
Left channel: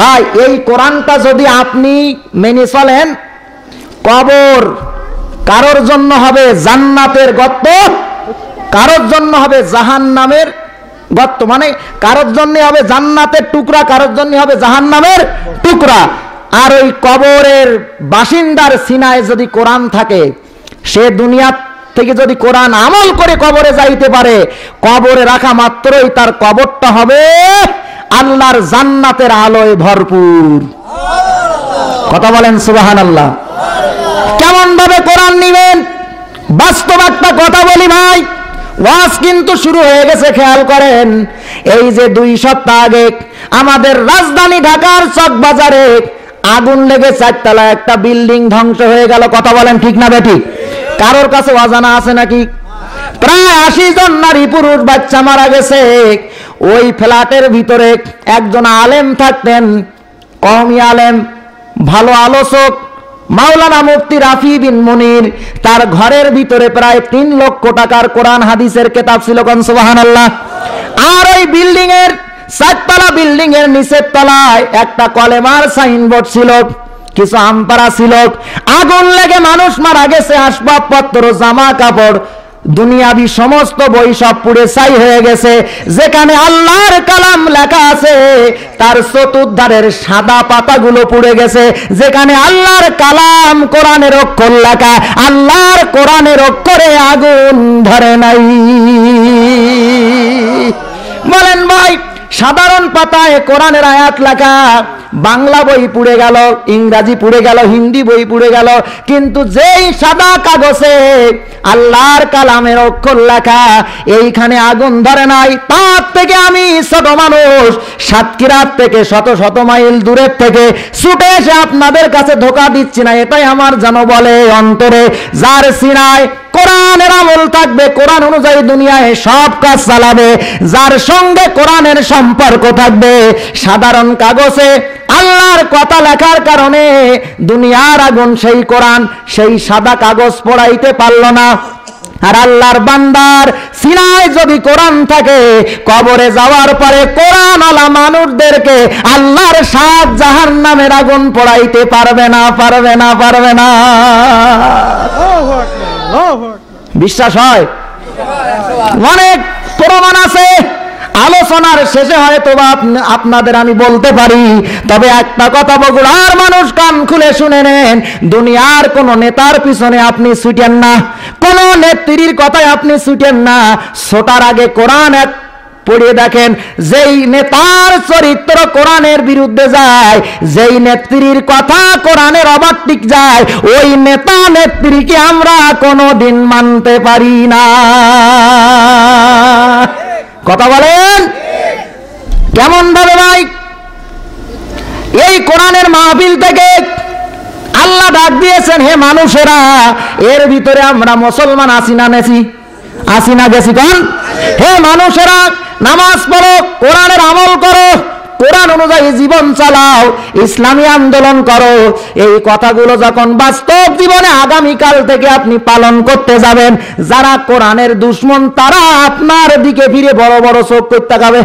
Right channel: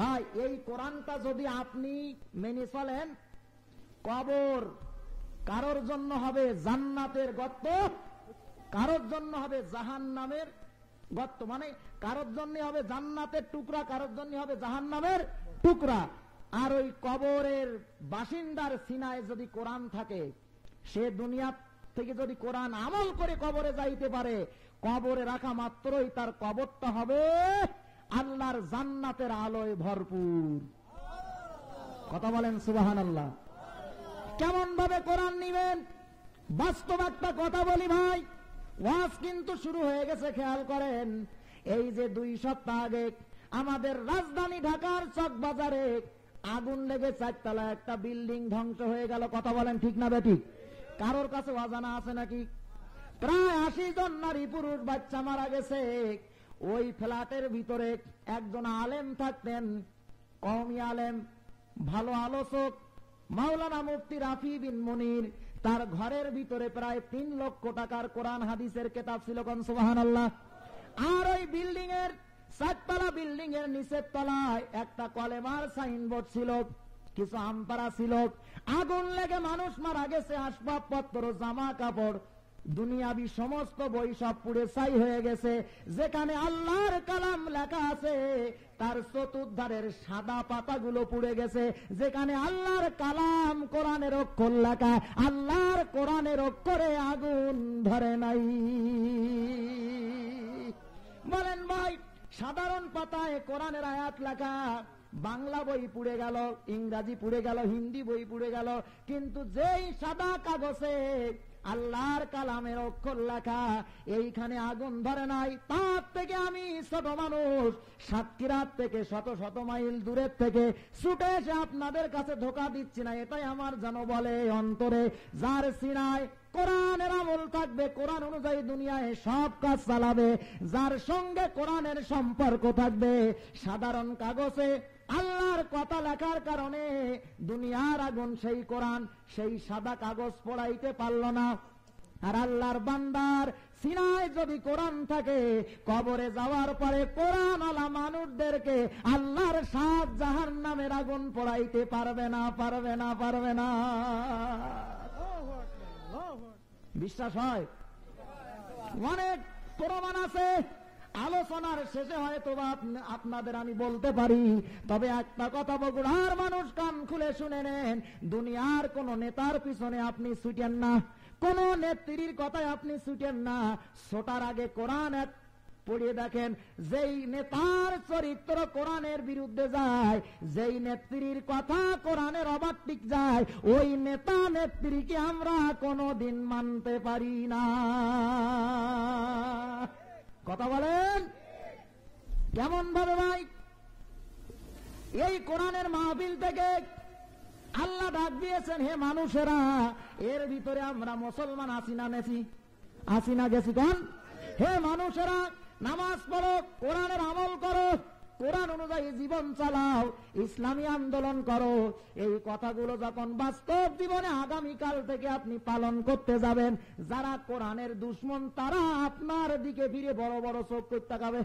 ভাই, এই কোরআনটা যদি আপনি মেনে চলেন, কবর কারোর জন্য হবে জান্নাতের গর্ত, কারোর জন্য হবে জাহান্নামের গর্ত। মানে কারোর জন্য হবে জান্নাতের টুকরা, কারোর জন্য হবে জাহান্নামের টুকরা। আর ওই কবরের বাসিন্দার সিনায় যদি কোরআন থাকে, সে দুনিয়া থেকে যদি কোরআন আমল করে কবরে যাইতে পারে, কবরে রাখা মাত্রই তার কবরটা হবে আল্লাহর জান্নাতের আলোয় ভরপুর। কথা বলেন সুবহানাল্লাহ। কেমন ভাবে কোরআন নিবেন? বাস্তব একটা কথা বলি ভাই, ওয়াজ কিন্তু শুরু হয়ে গেছে, খেয়াল করেন। এই যে 2 সপ্তাহ আগে আমাদের রাজধানী ঢাকার চকবাজারে আগুন লেগে 4 তলা একটা বিল্ডিং ধ্বংস হয়ে গেল। কথা বলেন ঠিক না বেঠিক? কারোর কাছে অজানা আছে নাকি? প্রায় 80 জন নারী পুরুষ বাচ্চা মারা গেছে। ওই ফ্ল্যাটের ভিতরে একজন আলেম থাকতেন, কওমি আলেম, ভালো আলোচক, মাওলানা মুফতি রাফি বিন মুনির। তার ঘরের ভিতরে প্রায় 3 লক্ষ টাকার কোরআন হাদিসের কিতাব ছিল। কোন সুবহানাল্লাহ। আর ওই বিল্ডিং এর 4 তলা বিল্ডিং এর নিচের তলায় একটা কলেমার সাইনবোর্ড ছিল, কিছু আমপারা ছিল। আগুন লেগে মানুষ মারা গেছে, আসবাবপত্র, জামা কাপড়, দুনিয়াবি সমস্ত বই সব পুড়ে ছাই হয়ে গেছে। যেখানে আল্লাহর কালাম লেখা আছে তার চতুর্ধারের সাদা পাতাগুলো পুড়ে গেছে। যেখানে আল্লাহর কালাম কোরআনের অক্ষর লেখা, আল্লাহর কোরআনের অক্ষরে আগুন ধরে নাই। বলেন ভাই, সাধারণ পাতায় কোরআনের আয়াত লেখা, বাংলা বই পুড়ে গেল, ইংরেজি পুড়ে গেল, হিন্দি বই পুড়ে গেল, কিন্তু যেই সাদা কাগজে আল্লাহর কালামের অক্ষর লেখা, এইখানে আগুন ধরে নাই। তার থেকে আমি ছোট মানুষ সাতক্ষীরা থেকে শত শত মাইল দূরের থেকে ছুটে এসে আপনাদের কাছে ধোঁকা দিচ্ছি না, এটাই আমার যেন বলে অন্তরে। যার সিনায় কোরআনের আমল থাকবে, কোরআন অনুযায়ী দুনিয়ায় সব কাজ চালাবে, যার সঙ্গে কোরআনের সম্পর্ক থাকবে, সাধারণ কাগজে আল্লাহর কথা লেখার কারণে দুনিয়ার আগুন সেই কোরআন, সেই সাদা কাগজ পোড়াইতে পারল না। আর আল্লাহর বান্দার সিনায় যদি কোরআন থাকে, কবরে যাওয়ার পরে কোরআন আলা মানুষদেরকে আল্লাহর 7 জাহান্নামের আগুন পোড়াইতে পারবে না, পারবে না, পারবে না। বিশ্বাস হয়? অনেক প্রমাণ আছে, আলোচনার শেষে হয়তো আপনাদের আমি বলতে পারি। তবে একটা কথা বগুড়ার মানুষ কান খুলে শুনে নেন, দুনিয়ার কোন নেতার পিছনে আপনি ছুটেন না, কোন নেত্রীর কথায় আপনি ছুটেন না। ছোটার আগে কোরআন এক পড়িয়ে দেখেন, যেই নেতার চরিত্র কোরআনের বিরুদ্ধে যায়, যেই নেত্রীর কথা কোরআনের অবাত্যিক যায়, ওই নেতা নেত্রীকে আমরা কোনোদিন মানতে পারি না। কথা বলেন কেমন ভাবে ভাই? এই কোরআনের মাহফিল থেকে আল্লাহ ডাক দিয়েছেন, হে মানুষেরা, এর ভিতরে আমরা মুসলমান আছি না নেছি, আসি না গেছি কোন? হে মানুষেরা, নামাজ পড়ো, কোরআনের আমল করো, কোরআন অনুযায়ী জীবন চালাও, ইসলামী আন্দোলন করো। এই কথাগুলো যখন বাস্তব জীবনে আগামীকাল থেকে আপনি পালন করতে যাবেন, যারা কোরআনের দুশমন তারা আপনার দিকে ফিরে বড় বড় চোখ করতে তাকাবে।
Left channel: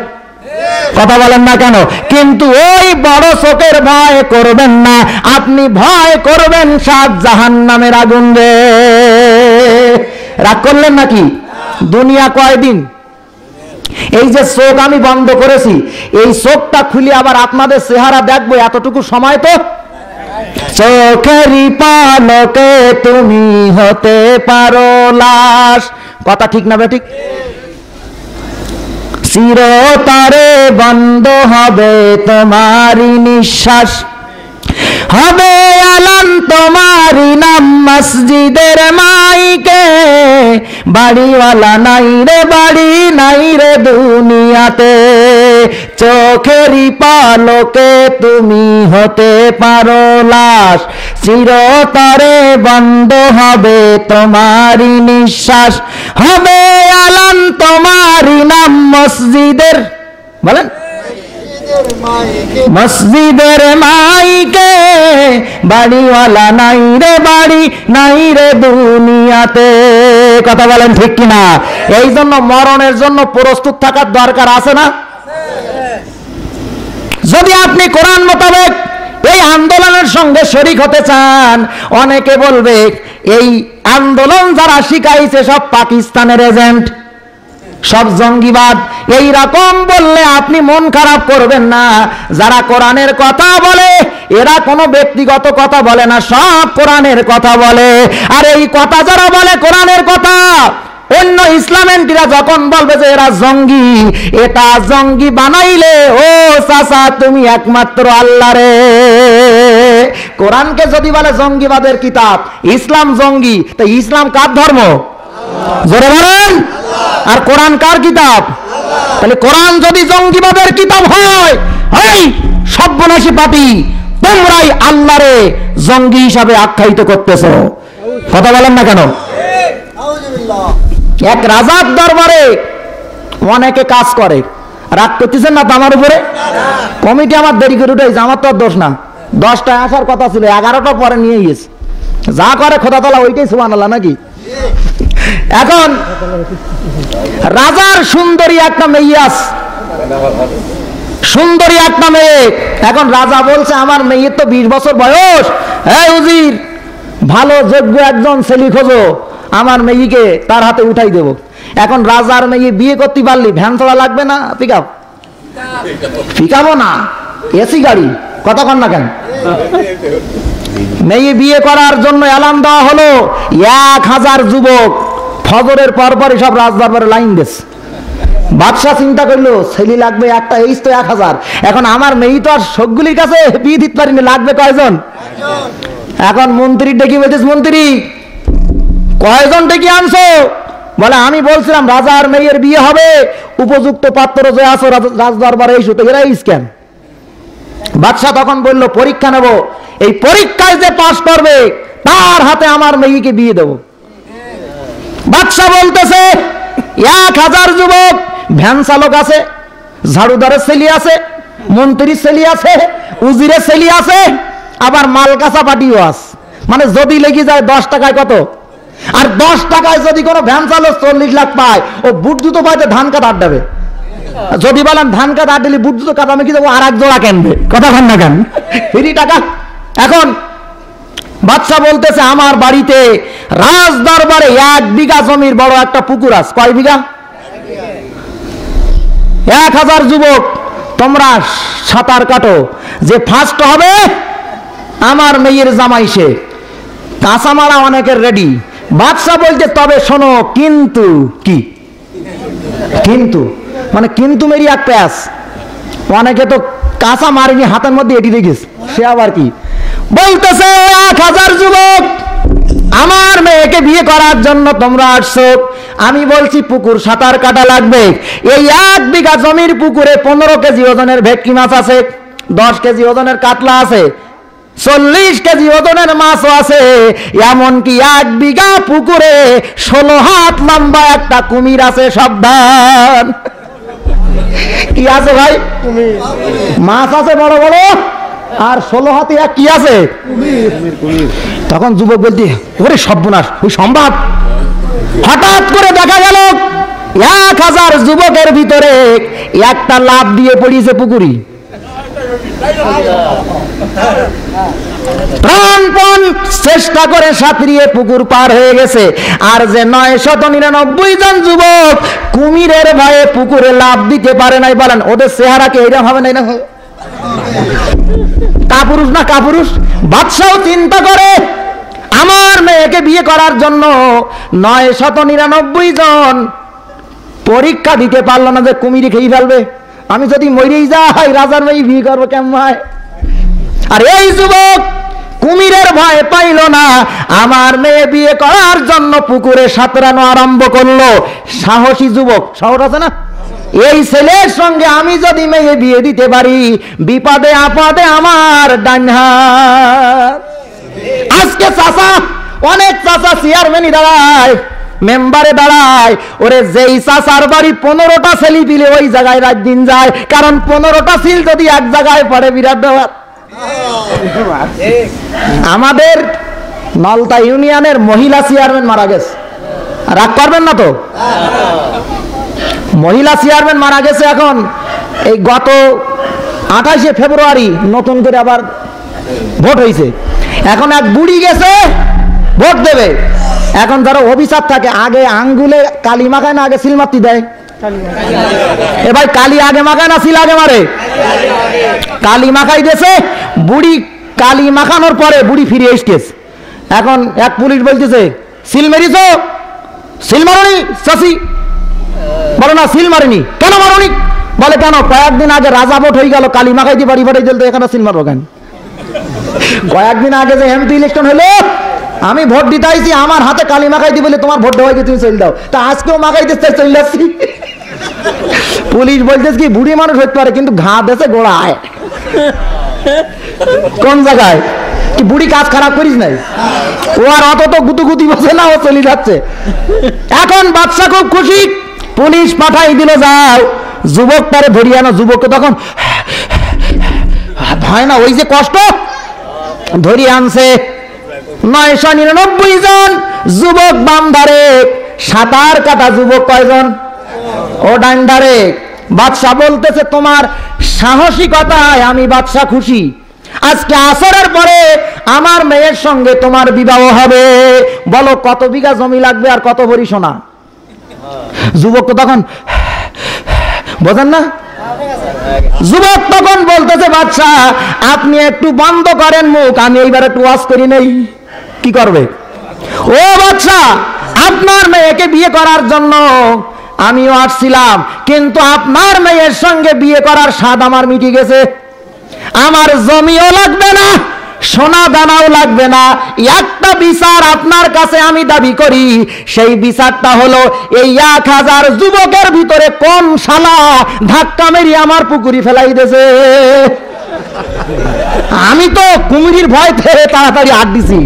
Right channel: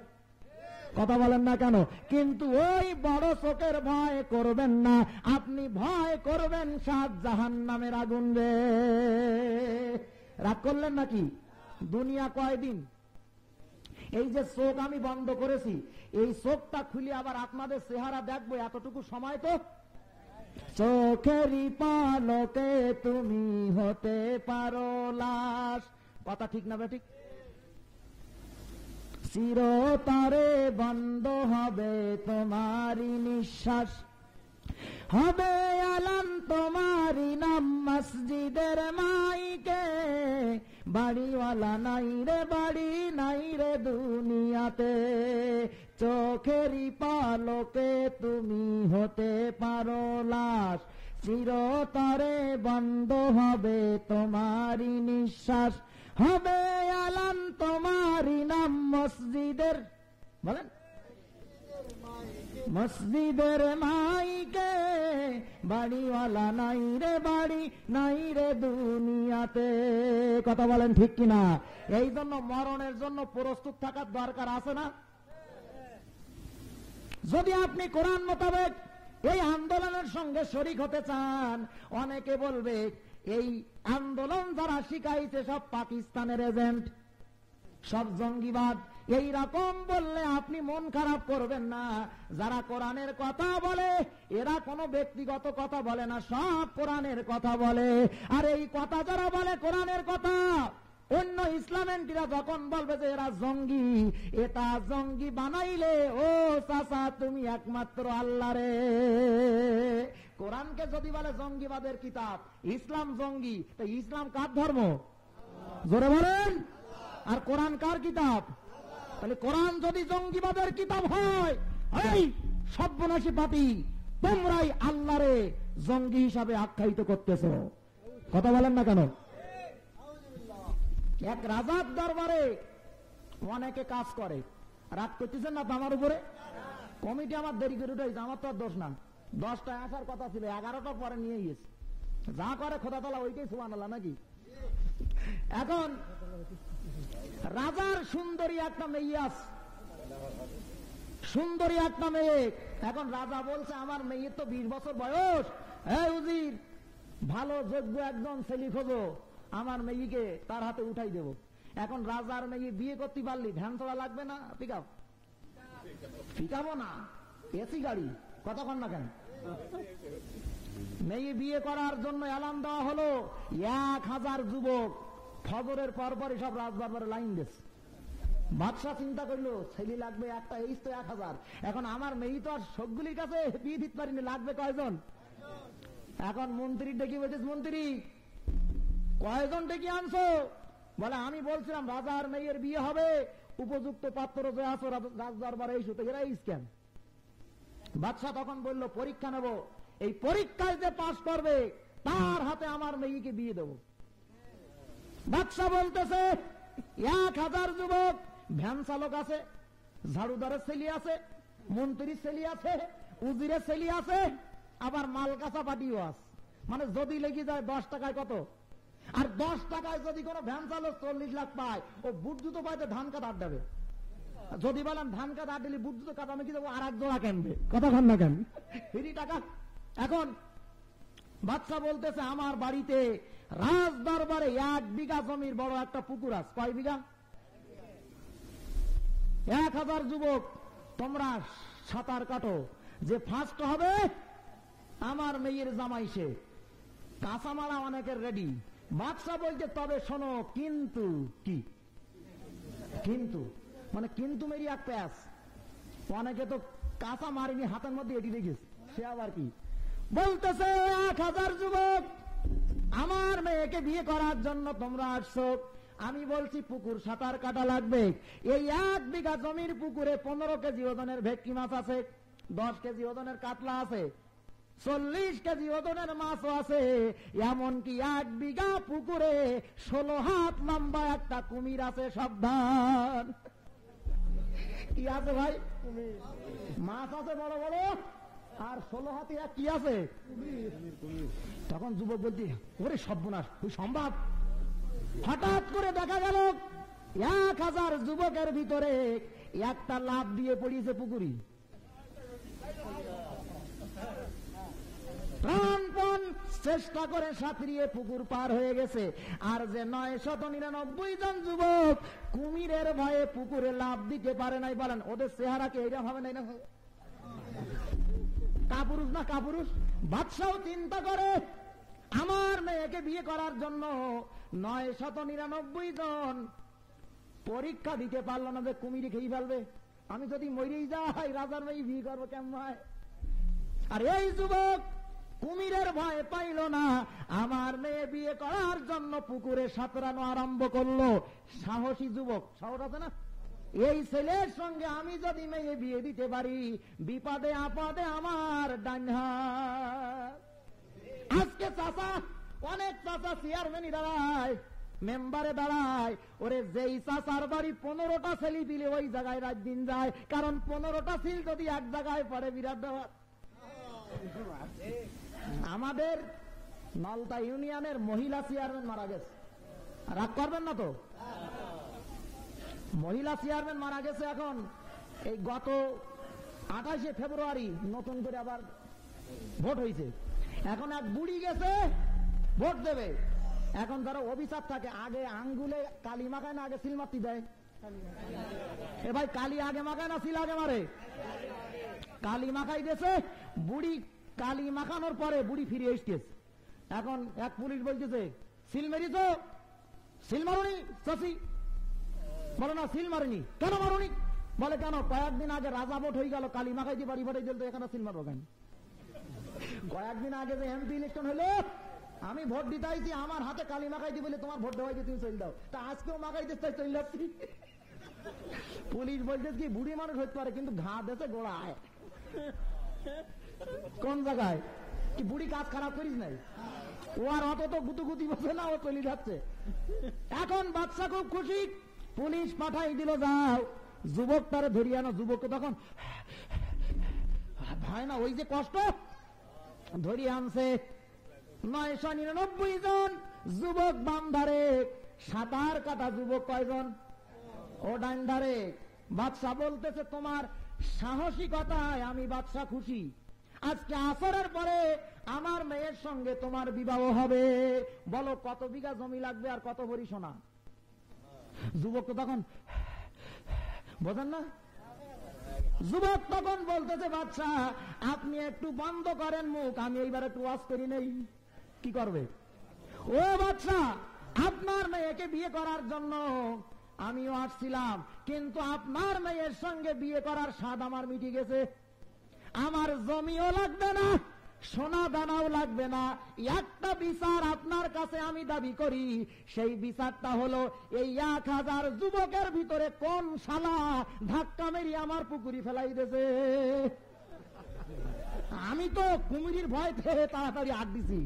কথা বলেন না কেন? কিন্তু ওই বড় চোখের ভয় করবেন না, আপনি ভয় করবেন 7 জাহান্নামের আগুন রে। রাগ করলেন নাকি? দুনিয়া কয়দিন? এই যে চোখ আমি বন্ধ করেছি, এই চোখটা খুলে আবার আপনাদের চেহারা দেখবো, এতটুকু সময় তো। চোখেরই পালকে তুমি হতে পারো লাশ। কথা ঠিক না বেঠিক? চিরতরে বন্ধ হবে তোমারই নিঃশ্বাস, হবে আলান তোমারই নাম মসজিদের মাইকে। বাড়িওয়ালা নাই রে বাড়ি, নাই রে দুনিয়াতে, চোখেরই পালকে তুমি হতে পারো লাশ, চিরতরে বন্ধ হবে তোমারই নিঃশ্বাস, হবে আলান তোমারই নাম মসজিদের, বলেন, মসজিদের মাইকে। বাড়িওয়ালা নাই রে বাড়ি, নাই রে দুনিয়াতে। কথা বলেন ঠিক কিনা? এই জন্য মরণের জন্য প্রস্তুত থাকার দরকার আছে না? যদি আপনি কোরআন মোতাবেক এই আন্দোলনের সঙ্গে শরীক হতে চান, অনেকে বলবে এই আন্দোলন যারা শিখাইছে সব পাকিস্তানের এজেন্ট, সব জঙ্গিবাদ। এই রকম বললে আপনি মন খারাপ করবেন না। যারা কোরআনের কথা বলে এরা কোনো ব্যক্তিগত কথা বলে না, সব কোরআনের কথা বলে। আর এই কথা যারা বলে কোরআনের কথা, অন্য ইসলামেন্টিরা যখন বলবে যে এরা জঙ্গি, এটা জঙ্গি বানাইলে ও চাচা তুমি একমাত্র আল্লাহ রে। কোরআনকে যদি বলে জঙ্গিবাদের কিতাব, ইসলাম জঙ্গি, তো ইসলাম কার ধর্ম? জোরে বলেন। আর কোরআন কার কিতাব? তাহলে কোরআন যদি জঙ্গিবাদের কিতাব হয়, এই সর্বনাশী পাপী, তোমরাই আল্লাহরে জঙ্গি হিসাবে আখ্যায়িত করতেছো। কথা বলেন না কেন? এক রাজার দরবারে অনেকে কাজ করে, রাগ করতেছেন না তো আমার উপরে? কমিটি আমার দেরি করে উঠেছে, আমার তো দোষ না। 10টায় আসার কথা ছিল, 11টা পরে নিয়ে গেছে। যা করে খোদা তাআলা ওইটাই সুবহানাল্লাহ নাকি? এখন রাজার সুন্দরী একটা মেয়ে আছে, সুন্দরী একটা মেয়ে। এখন রাজা বলছে আমার মেয়ের তো 20 বছর বয়স, এই উজির ভালো যোগ্য একজন ছেলে খোঁজো, আমার মেয়েকে তার হাতে উঠাই দেব। এখন রাজার মেয়ে বিয়ে করতে পারলি ভ্যান ছাড়া লাগবে না পিকআপ? পিকআপও না, এসি গাড়ি। কথা কন না কেন? মেয়ে বিয়ে করার জন্য এলান দেওয়া হলো, 1000 যুবক ফজরের পরপরই সব রাজদরবারে লাইন দিয়েছে। বাদশাহ চিন্তা করলো ছেলে লাগবে একটা, এই তো 1000। এখন আমার মেয়ে তো আর সবগুলির কাছে বিয়ে দিতে পারিনি, লাগবে কয়জন? এখন মন্ত্রী ডেকে বলছিস, মন্ত্রী কয়জন ডেকে আনছো? বলে আমি বলছিলাম রাজার মেয়ের বিয়ে হবে, উপযুক্ত পাত্র যে আছো রাজদরবারে এই সুতো এরাই স্ক্যান। বাদশাহ তখন বলল পরীক্ষা নেব, এই পরীক্ষায় যে পাশ করবে তার হাতে আমার মেয়েকে বিয়ে দেব। বাদশাহ বলতেছে 1000 যুবক, ভ্যান চালক আছে, ঝাড়ুদারের ছেলে আছে, মন্ত্রীর ছেলে আছে, উজিরের ছেলে আছে, আবার মাল কাঁচা পাটিও আছে। মানে যদি লেগে যায় 10 টাকায় কত? আর 10 টাকায় যদি কোনো ভ্যান চালক 40 লাখ পায়, ও বুট জুতো পাইতে ধান কাটা আড্ডাবে। যদি বলেন ধান কাটা আড্ডালি বুট জুতো কাটা আমি কি দেবো, আর এক জোড়া কিনবে। কথা বল না কেন? ফ্রি টাকা। এখন বাদশা বলতেছে আমার বাড়িতে রাজ দরবারে 1 বিঘা জমির বড় একটা পুকুর আছে। কয় বিঘা? 1000 যুবক তোমরা সাঁতার কাটো, যে ফার্স্ট হবে আমার মেয়ের জামাই সে। কাঁচামারা অনেকের রেডি। বাদশা বলছে তবে শোনো, কিন্তু কি? কিন্তু মানে কিন্তু মেরি এক প্যাস। অনেকে তো কাঁচা মারিনি, হাতের মধ্যে এটি দেখিস, সে আবার কি বলতেছে 1000 যুবক আমার মেয়েকে বিয়ে করার জন্য তোমরা আসছো। আমি বলছি পুকুর সাঁতার কাটা লাগবে। এই 1 বিঘা জমির পুকুরে 15 কেজি ওজনের ভেটকি মাছ আছে, 10 কেজি ওজনের কাতলা আছে, 40 কেজি ওজনের মাছও আছে, এমনকি 1 বিঘা পুকুরে 16 হাত লম্বা একটা কুমির আছে। সাবধান! কি আছে ভাই? মাছ আছে বড় বড়, আর 16 হাতে কি আছে? তখন যুবক বলতে ওরে সর্বনাশ, ওই সম্ভব? হঠাৎ করে দেখা গেল 1000 যুবকের ভিতরে একটা লাফ দিয়ে পড়িয়েছে পুকুরি। প্রাণপণ চেষ্টা করে সাঁতরিয়ে পুকুর পার হয়ে গেছে। আর যে 999 জন যুবক কুমিরের ভয়ে পুকুরে লাফ দিতে পারে নাই, বলেন ওদের চেহারা কি এরকম হবে? নাই না কাপুরুষ না কাপুরুষ? বাদশাও চিন্তা করে আমার মেয়েকে বিয়ে করার জন্য 999 জন পরীক্ষা দিতে পারলো না যে কুমিরে খেয়ে ফেলবে। আমি যদি মরেই যাই, রাজার মেয়ে বিয়ে করবো কেমন হয়? আর এই যুবক কুমিরের ভয় পাইল না, আমার মেয়ে বিয়ে করার জন্য পুকুরে সাঁতরানো আরম্ভ করলো। সাহসী যুবক, সাহস আছে না? এই ছেলের সঙ্গে আমি যদি মেয়ে বিয়ে দিতে পারি, বিপদে আপদে আমার ডান হাত। আজকে চাচা, অনেক চাচা চেয়ারম্যানই দাঁড়ায়, মেম্বারে দাঁড়ায়। ওরে যেই চাচার বাড়ি 15টা ছেলে পিলে ওই জায়গায় রাত দিন যায়, কারণ 15টা ছিল যদি এক জায়গায় পড়ে বিরাট ব্যাপার। আমাদের নলতা ইউনিয়নের মহিলা চেয়ারম্যান মারা গেছে, রাগ করবেন না তো? মহিলা চেয়ারম্যান মারা গেছে। এখন এই গত 28শে ফেব্রুয়ারি নতুন করে আবার ভোট হয়েছে। এখন এক বুড়ি গেছে ভোট দেবে। এখন যারা অফিসার থাকে, আগে আঙ্গুলে কালি মাখায় না আগে সিল মারতে দেয়? এ ভাই, কালি আগে মাখায় না সিল আগে মারে? কালি মাখাই দিয়েছে। বুড়ি কালি মাখানোর পরে বুড়ি ফিরে এসেছে। এখন এক পুলিশ বলতেছে সিল মেরিছ? সিল মারনি চাষি? বলো না সিল মারিনি। কেন মারনি? বলে কেন, কয়েকদিন আগে রাজা ভোট হয়ে গেল, কালি মাখাই দিয়ে বাড়ি বাড়ি দিল, তো এখানে সিল মারবো কেন? কয়েকদিন আগে যে এমপি ইলেকশন হলো, আমি ভোট দিতে আইছি, আমার হাতে কালি মাখাই দি বলে তোমার ভোট দেওয়াই তুমি চলে দাও, তা আজকেও মাখাই দিতে চলে যাচ্ছি। পুলিশ বলতেছে কি বুড়ি মানুষ হতে পারে, কিন্তু ঘা দেশে গোড়ায়। কোন জায়গায় কি বুড়ি কাজ খারাপ করিস নাই? ও আর অত তো গুতুগুতি বসে না, ও চলে যাচ্ছে। এখন বাদশা খুব খুশি, পুলিশ পাঠাই দিল, যাও যুবক তারে ধরিয়ে আনো। যুবককে তখন ভয় না, ওই যে কষ্ট, ধরিয়ে আনছে। 999 জন যুবক বাম ধারে, সাঁতার কাটা যুবক কয়জন? ও ডান ধারে। বাদশা বলতেছে তোমার সাহসিকতায় আমি বাদশা খুশি। আজকে আসরের পরে আমার মেয়ের সঙ্গে তোমার বিবাহ হবে। বলো কত বিঘা জমি লাগবে আর কত ভরি সোনা? যুবক তখন বোঝেন না? যুবক তখন বলতেছে বাদশা আপনি একটু বন্ধ করেন মুখ, আমি এইবার একটু ওয়াজ করি নেই। কি করবে? ও বাদশা, আপনার মেয়েকে বিয়ে করার জন্য আমিও আসছিলাম, কিন্তু আপনার মেয়ের সঙ্গে বিয়ে করার স্বাদ আমার মিটে গেছে। আমার জমিও লাগবে না, সোনা দানাও লাগবে না। একটা বিচার আপনার কাছে আমি দাবি করি, সেই বিচারটা হলো এই 1000 যুবকের ভিতরে কোন শালা ধাক্কা মেরি আমার পুকুরি ফেলাই দিয়েছে। আমি তো কুমিরির ভয় থেকে তাড়াতাড়ি হাত দিছি।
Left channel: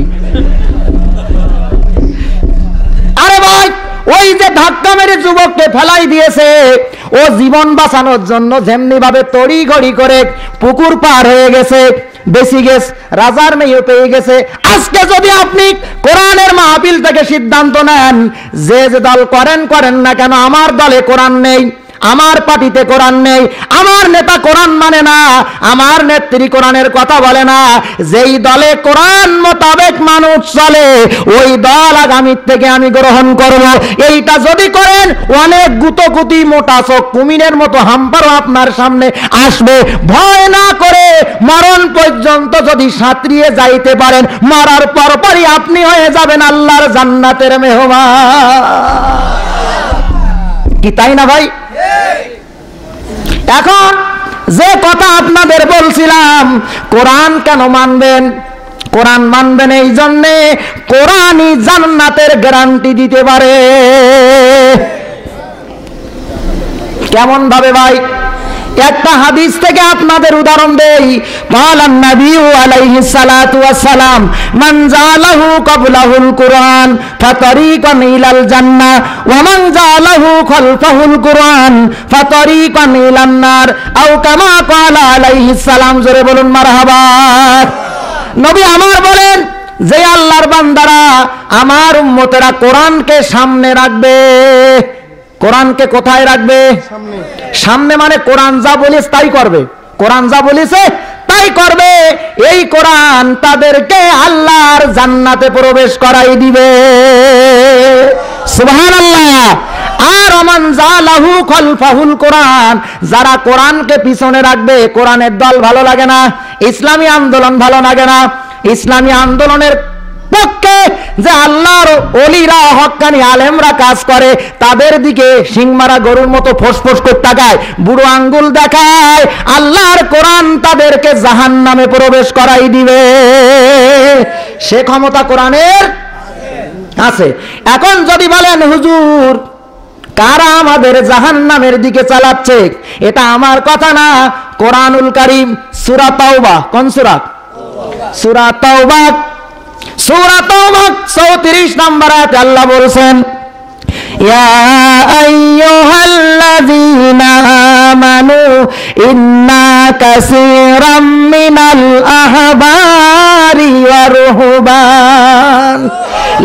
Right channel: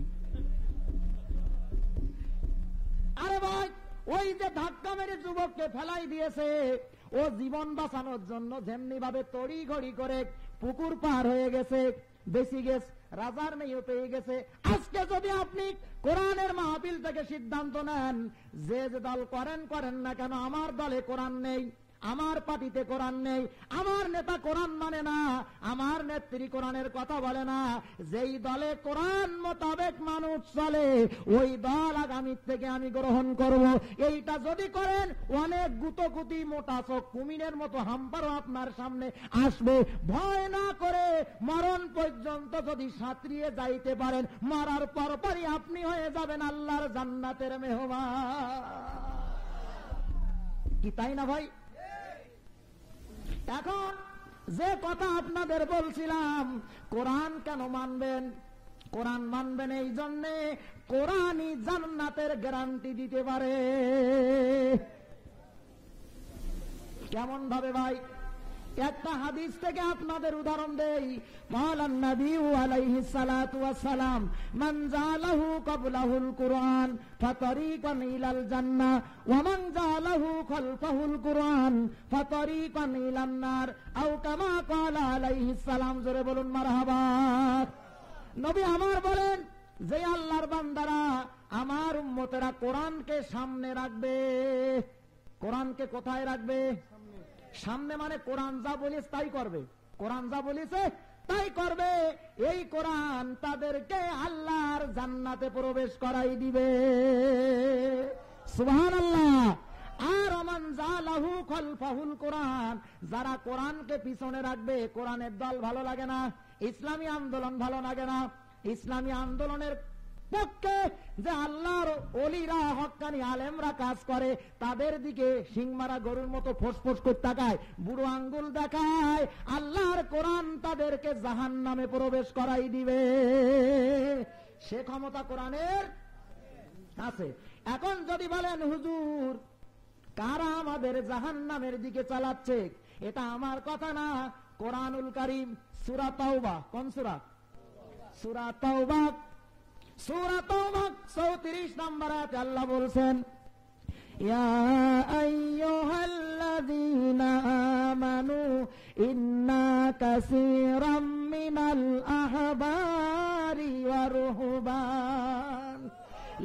আরে ভাই, ওই যে ধাক্কা মেরে যুবককে ফেলাই দিয়েছে, ও জীবন বাঁচানোর জন্য যেমনি ভাবে তড়ি ঘড়ি করে পুকুর পার হয়ে গেছে, বেশি গেছ, রাজার মেয়ে পেয়ে গেছে। আজকে যদি আপনি কোরআনের মাহফিল থেকে সিদ্ধান্ত নেন, যে যে দল করেন করেন না কেন, আমার দলে কোরআন নেই, আমার পার্টিতে কোরআন নেই, আমার নেতা কোরআন মানে না, আমার নেত্রী কোরআনের কথা বলে না, যেই দলে কোরআন মোতাবেক মানুষ চলে ওই দল আগামীর থেকে আমি গ্রহণ করব। এইটা যদি করেন অনেক গুতগুতি মোটা চোখ কুমিরের মতো হাম্পারও আপনার সামনে আসবে। ভয় না করে মরণ পর্যন্ত যদি সাঁতরিয়ে যাইতে পারেন, মরার পরপরই আপনি হয়ে যাবেন আল্লাহর জান্নাতের মেহমান। কি তাই না ভাই? এখন যে কথা আপনাদের বলছিলাম, কোরআন কেন মানবেন? কোরআন মানবেন এই জন্যে কোরআনই জান্নাতের গ্যারান্টি দিতে পারে। কেমন ভাবে ভাই? একটা হাদিস থেকে আপনাদের উদাহরণ দেই। বলেন নবী আলাইহিস সালাতু ওয়াস সালাম, মান জালাহু ক্বাবলাহুল কুরআন ফাতারিকান ইলাল জান্নাহ ওয়া মান জালাহু খালফাহুল কুরআন ফাতারিকান ইলান নার আও কামা ক্বালা আলাইহিস সালাম। জোরে বলুন মারহাবা। নবী আমার বলেন, যে আল্লাহর বান্দারা আমার উম্মতেরা কোরআনকে সামনে রাখবে। কোরআনকে কোথায় রাখবে? সামনে মানে কোরআন যা বলিস তাই করবে, কোরআন যা বলিছে তাই করবে। এই কোরআন তাদেরকে আল্লাহর জান্নাতে প্রবেশ করাই দিবে। সুবহানাল্লাহ। আর ওমান জালাহু খালফাহুল কোরআন, যারা কোরআনকে পিছনে রাখবে, কোরআনের দল ভালো লাগে না, ইসলামী আন্দোলন ভালো লাগে না, ইসলামী আন্দোলনের পক্ষে যে আল্লাহর ওলিরা হক্কানি আলেমরা কাজ করে তাদের দিকে সিংমারা গরুর মতো ফোসফোস করে তাকায়, বুড়ো আঙ্গুল দেখায়, আল্লাহর কোরআন তাদেরকে জাহান্নামে প্রবেশ করাই দিবে। সে ক্ষমতা কোরআনের আছে। এখন যদি বলেন হুজুর কারা আমাদের জাহান্নামের দিকে চালাচ্ছে, এটা আমার কথা না, কোরআনুল কারীম সূরা তাওবা, কোন সূরা? সূরা তাওবা, সূরা তাওবা 34 নম্বর আয়াতে আল্লাহ বলেন, ইয়া আইয়ুহাল্লাযীনা আমানু ইন্না কাসীরাম মিনাল আহবারি ওয়ার রুহবান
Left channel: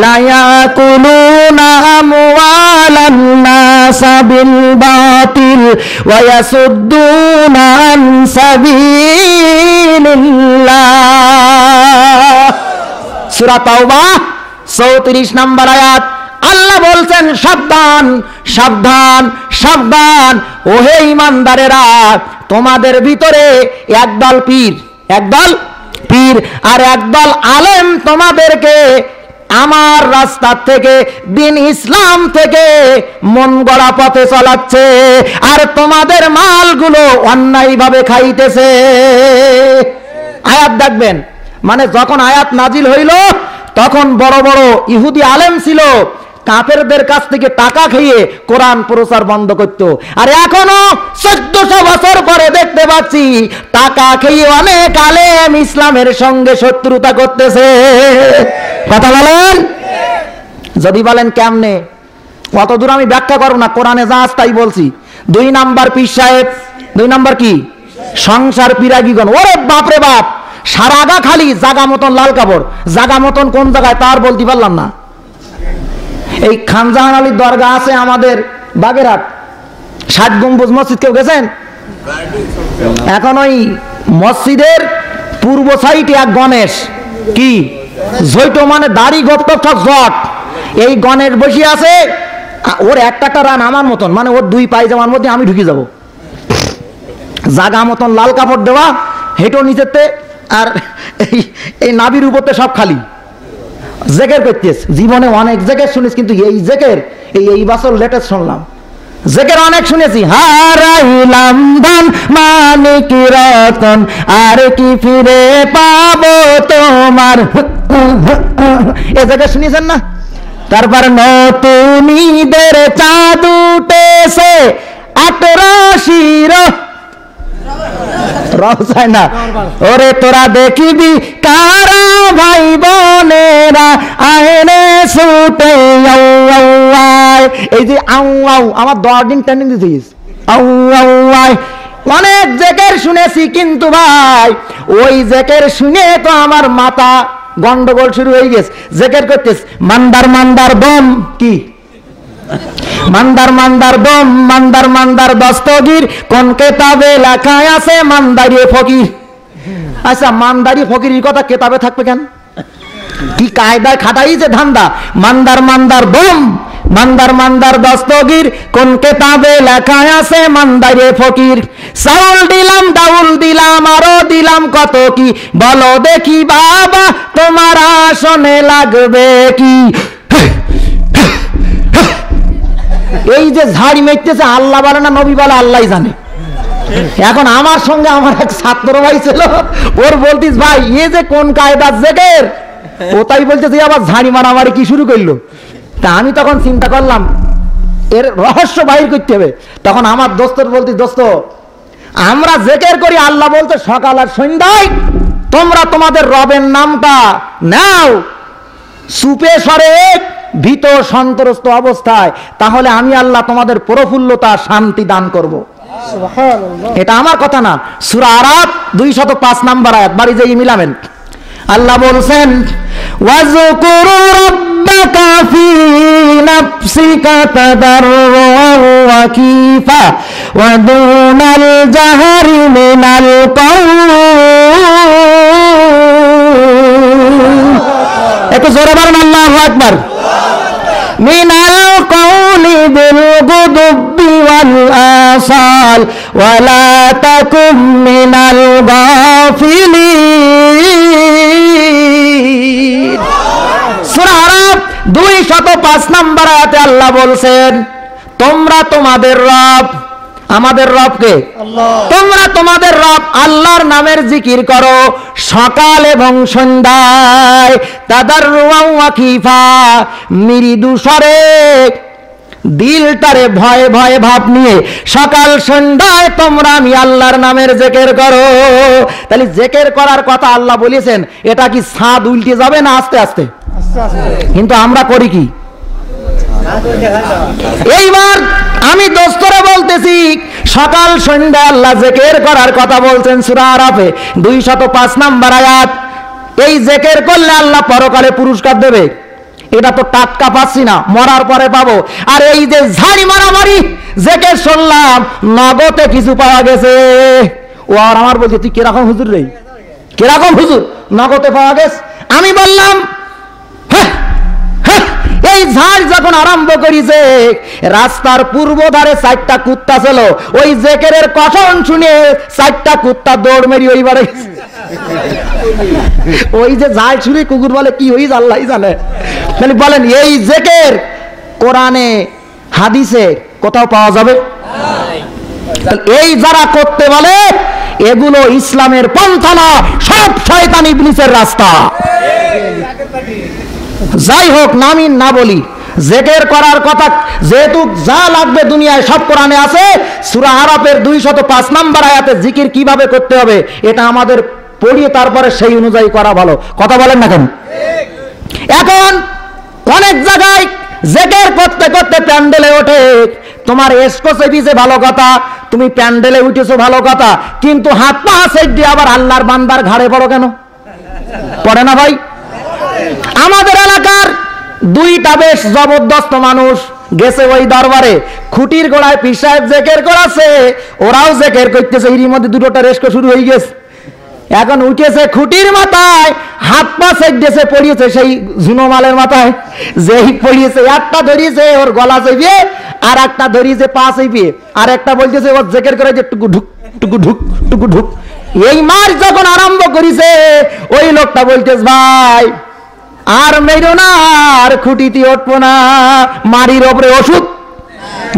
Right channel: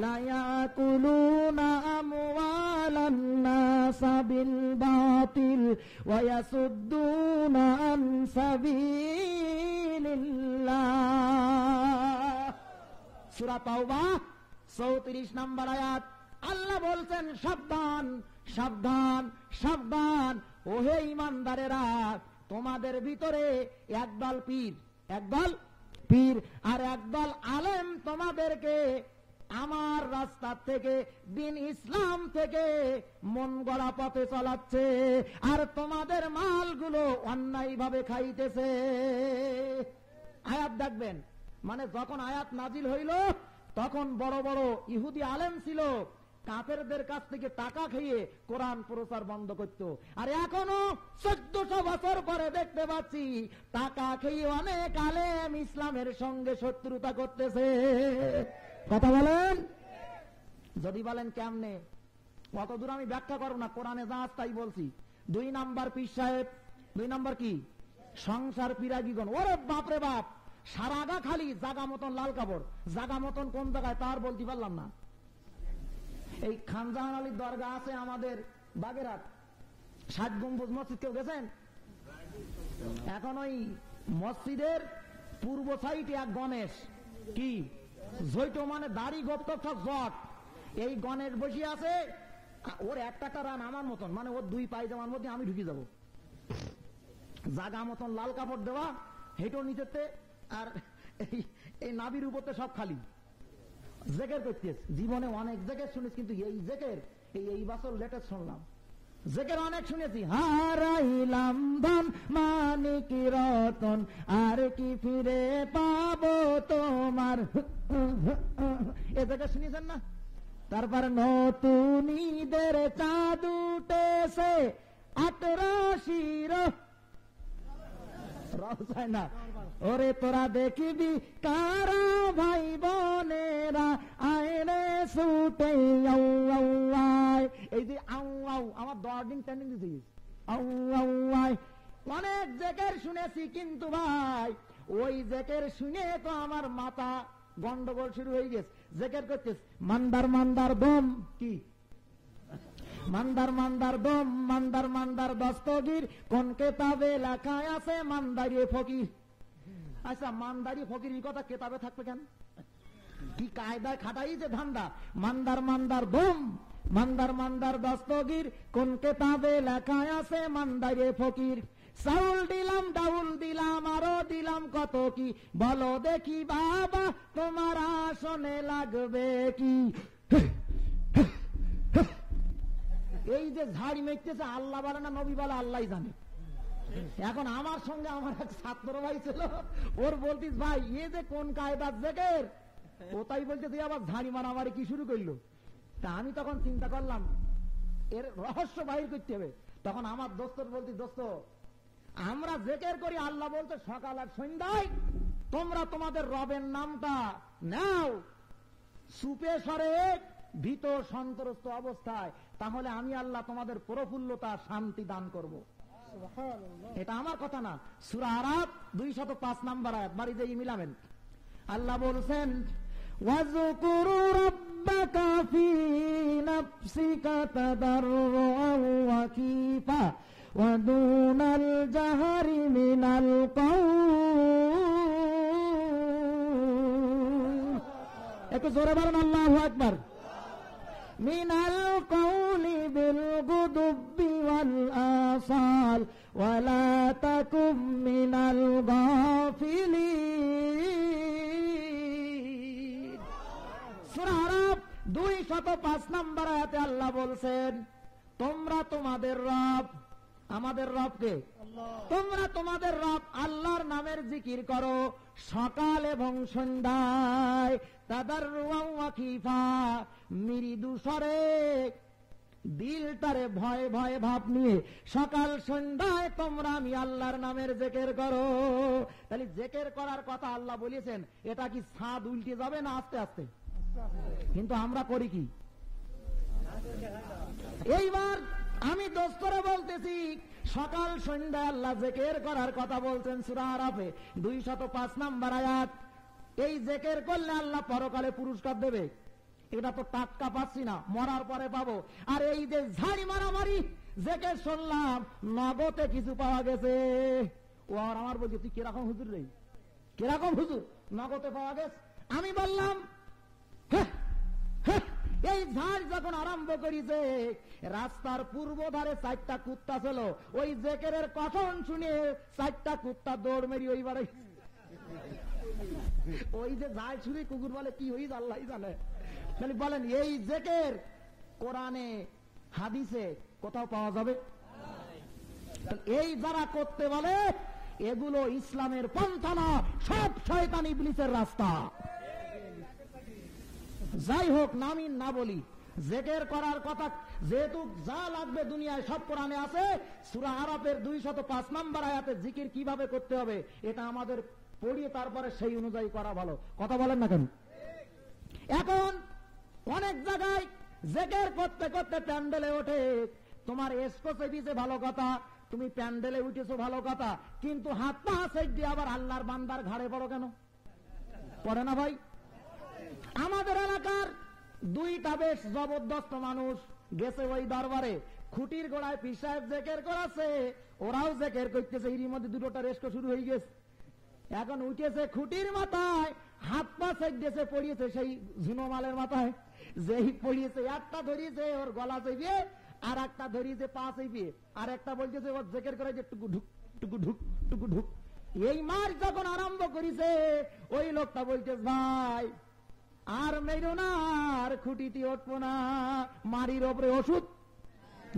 লা ইয়াকুলুনা আমওয়ালান নাস বিল বাতিল ওয়া ইয়াসুদ্দুনা আন সাবিলিল্লাহ। সূরা তাওবা 34 নম্বর আয়াত। আল্লাহ বলছেন, সাবধান সাবধান সাবধান, ওহে ঈমানদারেরা, তোমাদের ভিতরে একদল পীর, একদল পীর আর একদল আলেম তোমাদেরকে আমার রাস্তা থেকে, দিন ইসলাম থেকে মন গড়া পথে চালাচ্ছে, আর তোমাদের মালগুলো অন্যায়ভাবে খাইতেছে। আয়াত দেখবেন, মানে যখন আয়াত নাজিল হইল তখন বড় বড় ইহুদি আলেম ছিল, কাফেরদের কাছ থেকে টাকা খেয়ে কোরআন প্রচার বন্ধ করত। আর এখনো 1400 বছর পরে দেখতে পাচ্ছি টাকা খেয়ে অনেক আলেম ইসলামের সঙ্গে শত্রুতা করতেছে। কথা বলেন। যদি বলেন কেমনে, কত দূর আমি ব্যাখ্যা করব না, কোরআনে যা আছে তাই বলছি। 2 নাম্বার পীর সাহেব, 2 নাম্বার কি সংসার পিরাগিগণ, ওরে বাপ রে বাপ, সারা গা খালি জাগা মতন লাল কাপড়, জাগা মতন কোন জায়গায় তার বলতে পারলাম না। এই খানজাহান আলীর দরগা আছে আমাদের বাগেরহাট, 60 গম্বুজ মসজিদ, কেউ গেছেন? এখন ওই মসজিদের পূর্ব সাইডে এক গণেশ, কি জৈট মানে দাড়ি গপ্প জট, এই গণেশ বসে আছে, ওর একটা রান আমার মতন, মানে ওর 2 পায়জামার মধ্যে আমি ঢুকে যাব, জাগা মতন লাল কাপড় দেওয়া, হেঁটো নিচেতে, আর এই নাবির উপরতে সব খালি জেকের করতেছ। জীবনে অনেক জেকের শুনিস, কিন্তু এই জেকের এই বছর লেটেস্ট শুনলাম। জেকের অনেক শুনেছি, হারাইলাম ধন মানিক রতন আর কি ফিরে পাবো তোমার, এ জেকের শুনেছেন না? তারপর নতুন ঈদের চাঁদ উঠেছে 18 রওসায় না, ওরে তোরা দেখিবি কারা ভাই বোনেরা আয়নে ছুটে আউ আউ আয়। এই যে আউ আউ আমার 10 দিন ট্রেনিং দিয়েছিস, আউ আউ আয়। অনেক জেকের শুনেছি, কিন্তু ভাই ওই জেকের শুনে তো আমার মাথা গন্ডগোল শুরু হয়ে গেছে। জেকের করতেছ মান্দার মান্দার বম, কি মান্দার মান্দার দম, মান্দার মান্দার দস্তগীর, কোন কেতাবে লেখা আছে মান্দারি ফকির। আচ্ছা, মান্দারি ফকিরের কথা কেতাবে থাকবে কেন? কি কায়দায় খাটাই যে ধান্দা। মান্দার মান্দার দম, মান্দার মান্দার দস্তগীর, কোন কেতাবে লেখা আছে মান্দারে ফকির। চাউল দিলাম, ডাউল দিলাম, আরো দিলাম কত কি, বলো দেখি বাবা তোমার আসনে লাগবে কি। এই যে ঝাড়ি মেটতেছে, আল্লাহ বলে না নবী বলে, আল্লাহ জানে। এখন আমার সঙ্গে আমার এক ছাত্র ভাই ছিল, ওর বলতিস ভাই এ যে কোন কায়দার জেকের, ও তাই বলতেছে আবার ঝাড়ি মারামারি কি শুরু করলো। তা আমি তখন চিন্তা করলাম এর রহস্য বাহির করতে হবে। তখন আমার দোস্তর বলতি, দোস্ত আমরা জেকের করি, আল্লাহ বলতে সকাল আর সন্ধ্যায় তোমরা তোমাদের রবের নামটা নাও সুপে সরে ভীত সন্ত্রস্ত অবস্থায়, তাহলে আমি আল্লাহ তোমাদের প্রফুল্লতা শান্তি দান করব। এটা আমার কথা না, সূরা আরাফ 205 নম্বর আয়াত, বাড়ি যেয়ে মিলাবেন। আল্লাহ বলছেন ওয়াজকুরু রাব্বাকা ফি নাফসিকা তাদাররুআন ওয়া কিফা ওয়া দুনাল জাহরি মিনাল কাওল। একটু জোরে বলেন আল্লাহু আকবার। মিনাল কাওলি বিল গুদুবি ওয়াল আসাল ওয়া লা তাকুম মিনাল গাফিলিন। সূরা আরাফ 205 নম্বর আয়াতে আল্লাহ বলছেন তোমরা তোমাদের রব, আমাদের রবকে তোমরা তোমাদের রব আল্লাহর নামের জিকির করো সকাল এবং সন্ধ্যায়, তাদাররুআন ওয়া খিফা, মৃদু স্বরে দিলটারে ভয়ে ভয়ে ভাব নিয়ে সকাল সন্ধ্যায় তোমরা আমি আল্লাহর নামের জিকির করো। তাহলে জিকির করার কথা আল্লাহ বলেছেন, এটা কি ছাদ উল্টে যাবে না আস্তে আস্তে? কিন্তু আমরা করি কি? এইবার আমি দোস্তরে বলতেছি সকাল সন্ধ্যা আল্লাহ জিকির করার কথা বলছেন সূরা আরাফে 205 নম্বর আয়াত। এই জিকির করলে আল্লাহ পরকালে পুরস্কার দেবে, এটা তো টাটকা পাচ্ছি না, মরার পরে পাবো। আর এই যে ঝাড়ি মারামারি জিকির শুনলাম নগদে কিছু পাওয়া গেছে, ও আর আমার বলছে তুই কিরকম হুজুর রে, কিরকম হুজুর, নগদে পাওয়া গেছে। আমি বললাম এই ঝাড় যখন আরম্ভ করেছে, রাস্তার পূর্ব ধারে 4টা কুত্তা ছিল, ওই জিকিরের কথন শুনে 4টা কুত্তা দৌড় মেরি ওই বারে। ওই যে ঝাড় শুনে কুকুর বলে কি হই আল্লাহই জানে। তাহলে বলেন এই জিকির কোরআনে হাদিসে কোথাও পাওয়া যাবে? এই যারা করতে বলে এগুলো ইসলামের পন্থা না, সব শয়তান ইবলিসের রাস্তা। যাই হোক, নামিন না বলি, জিকির করার কথা যেহেতু যা লাগবে দুনিয়ায় সব কোরআনে আছে। সূরা আরাফের 205 নম্বর আয়াতে জিকির কিভাবে করতে হবে এটা আমাদের পড়িয়ে তারপরে সেই অনুযায়ী করা ভালো। কথা বলেন না কেন? এখন অনেক জায়গায় জিকির করতে করতে প্যান্ডেলে ওঠে, তোমার এসকোসে দিছে ভালো কথা, তুমি প্যান্ডেলে উঠেছো ভালো কথা, কিন্তু হাত পা সেট দিয়ে আবার আল্লাহর বান্দার ঘাড়ে পড়ো কেন? পড়ে না ভাই? আমাদের এলাকার 2টা বেশ জবরদস্ত মানুষ গেছে ওই দরবারে, খুঁটির গোড়ায় পীর সাহেব জিকির করাছে, ওরাও জিকির করতেছে, এর মধ্যে 2টা রেস্কো শুরু হয়ে গেছে। এখন উঠেছে খুঁটির মাথায়, হাত পা সেট দিয়েছে, পড়িয়েছে সেই ঝুনোমালের মাথায়, যেই পড়িয়েছে একটা ধরিয়েছে ওর গলা চেপিয়ে, আর একটা ধরিয়েছে পা চেপিয়ে, আর একটা বলতেছে ওর জিকির করে যে টুকু ঢুক টুকু ঢুক টুকু ঢুক। এই মার যখন আরম্ভ করেছে, ওই লোকটা বলতেছে ভাই আর মেরো না, আর খুঁটিতে উঠবো না, মারির ওপরে ওষুধ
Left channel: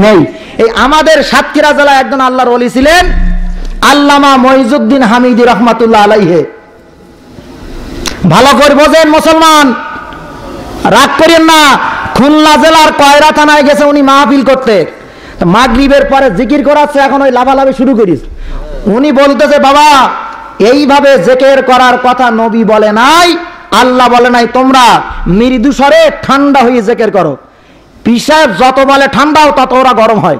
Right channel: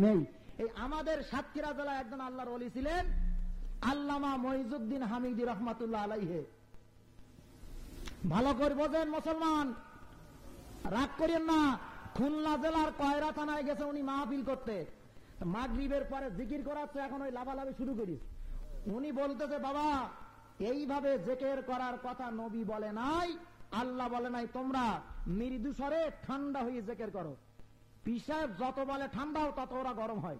নেই। এই আমাদের সাতক্ষীরা জেলায় একজন আল্লাহর ওলি ছিলেন, আল্লামা মইজুদ্দিন হামিদি রহমাতুল্লাহ আলাইহি। ভালো করে বোঝেন মুসলমান, রাগ করেন না। খুলনা জেলার কয়রা থানায় গেছে উনি মাহফিল করতে, মাগরিবের পরে জিকির করাচ্ছে, এখন ওই লাভালাভি শুরু করিস। উনি বলতেছে বাবা এইভাবে জিকির করার কথা নবী বলে নাই, আল্লাহ বলে নাই, তোমরা মৃদু স্বরে ঠান্ডা হয়ে জিকির করো। পীর সাহেব যত বলে ঠান্ডাও তত ওরা গরম হয়।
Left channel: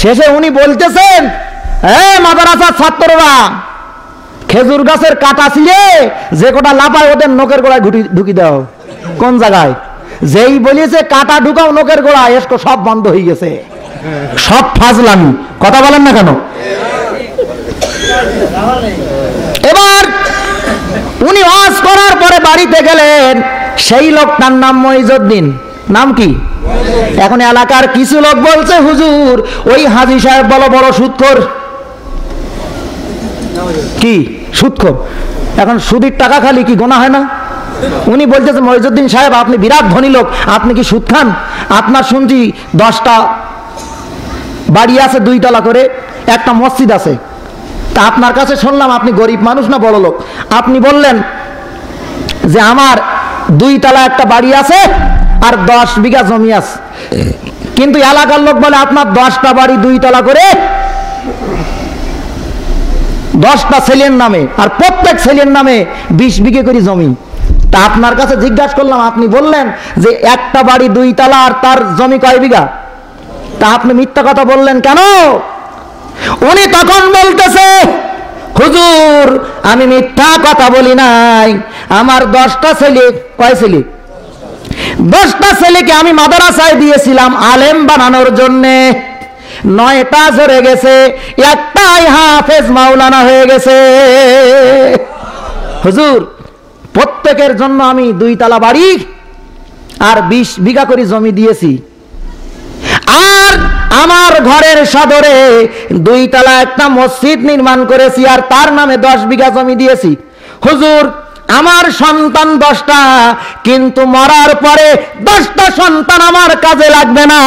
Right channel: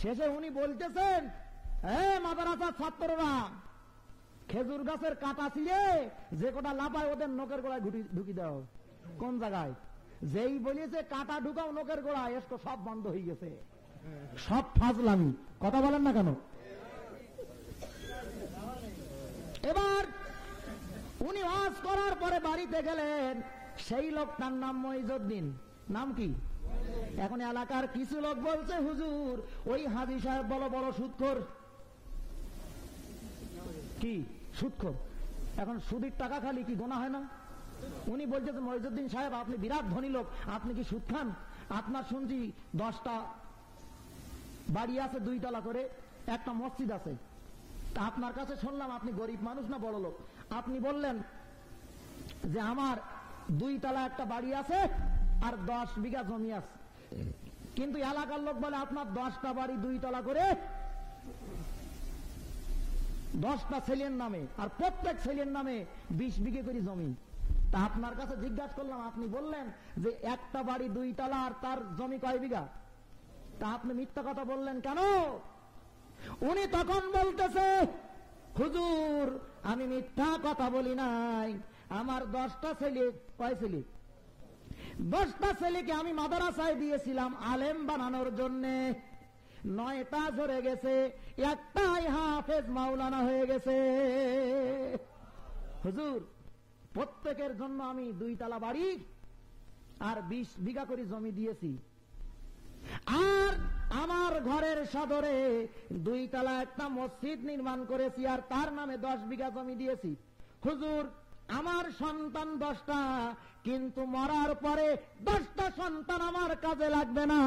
শেষে উনি বলতেছেন মাদ্রাসার ছাত্ররা খেজুর গাছের কাটা ছিলে যে কোটা লাফায় ওদের নখের গোড়ায় ঢুকি দাও। কোন জায়গায়? যেই বলেছে কাটা ঢুকাও নোকের গোড়া, এসকো সব বন্ধ হয়ে গেছে, সব ফাজলামি। কথা বলেন না কেন? এবার উনি ওয়াজ করার পরে বাড়িতে গেলেন, সেই লোকটার নাম মইজউদ্দিন। নাম কি? এখন এলাকার কিছু লোক বলছে হুজুর ওই হাজী সাহেব বড় বড় সুদখোর। কি সুদখোর? এখন সুদের টাকা খালি কি গোনা হয় না? উনি বলতেছে মইজউদ্দিন সাহেব আপনি বিরাট ধনী লোক, আপনি কি সুদ খান? আপনার শুনছি 10টা বাড়ি আছে 2 তলা করে, একটা মসজিদ আছে, তা আপনার কাছে শুনলাম আপনি গরিব মানুষ না বড় লোক। আপনি বললেন যে আমার 2 তলা একটা বাড়ি আছে আর 10 বিঘা জমি আছে, কিন্তু এলাকার লোক বলে আপনার 10টা বাড়ি 2 তলা করে, 10টা ছেলের নামে, আর প্রত্যেক ছেলের নামে 20 বিঘে করে জমি। তা আপনার কাছে জিজ্ঞাসা করলাম, আপনি বললেন যে একটা বাড়ি 2 তলা আর তার জমি কয় বিঘা, তা আপনি মিথ্যা কথা বললেন কেন? উনি তখন বলতেছে হুজুর আমি মিথ্যা কথা বলি নাই, আমার 10টা ছেলে, কয় ছেলে? 10টা ছেলেকে আমি মাদ্রাসায় দিয়েছিলাম আলেম বানানোর জন্যে, 9টা ঝরে গেছে, একটাই হাফেজ মাওলানা হয়ে গেছে। হুজুর প্রত্যেকের জন্য আমি 2 তলা বাড়ি আর 20 বিঘা করে জমি দিয়েছি, আর আমার ঘরের সদরে 2 তলা একটা মসজিদ নির্মাণ করেছি আর তার নামে 10 বিঘা জমি দিয়েছি। হুজুর আমার সন্তান 10টা, কিন্তু মরার পরে 10টা সন্তান আমার কাজে লাগবে না,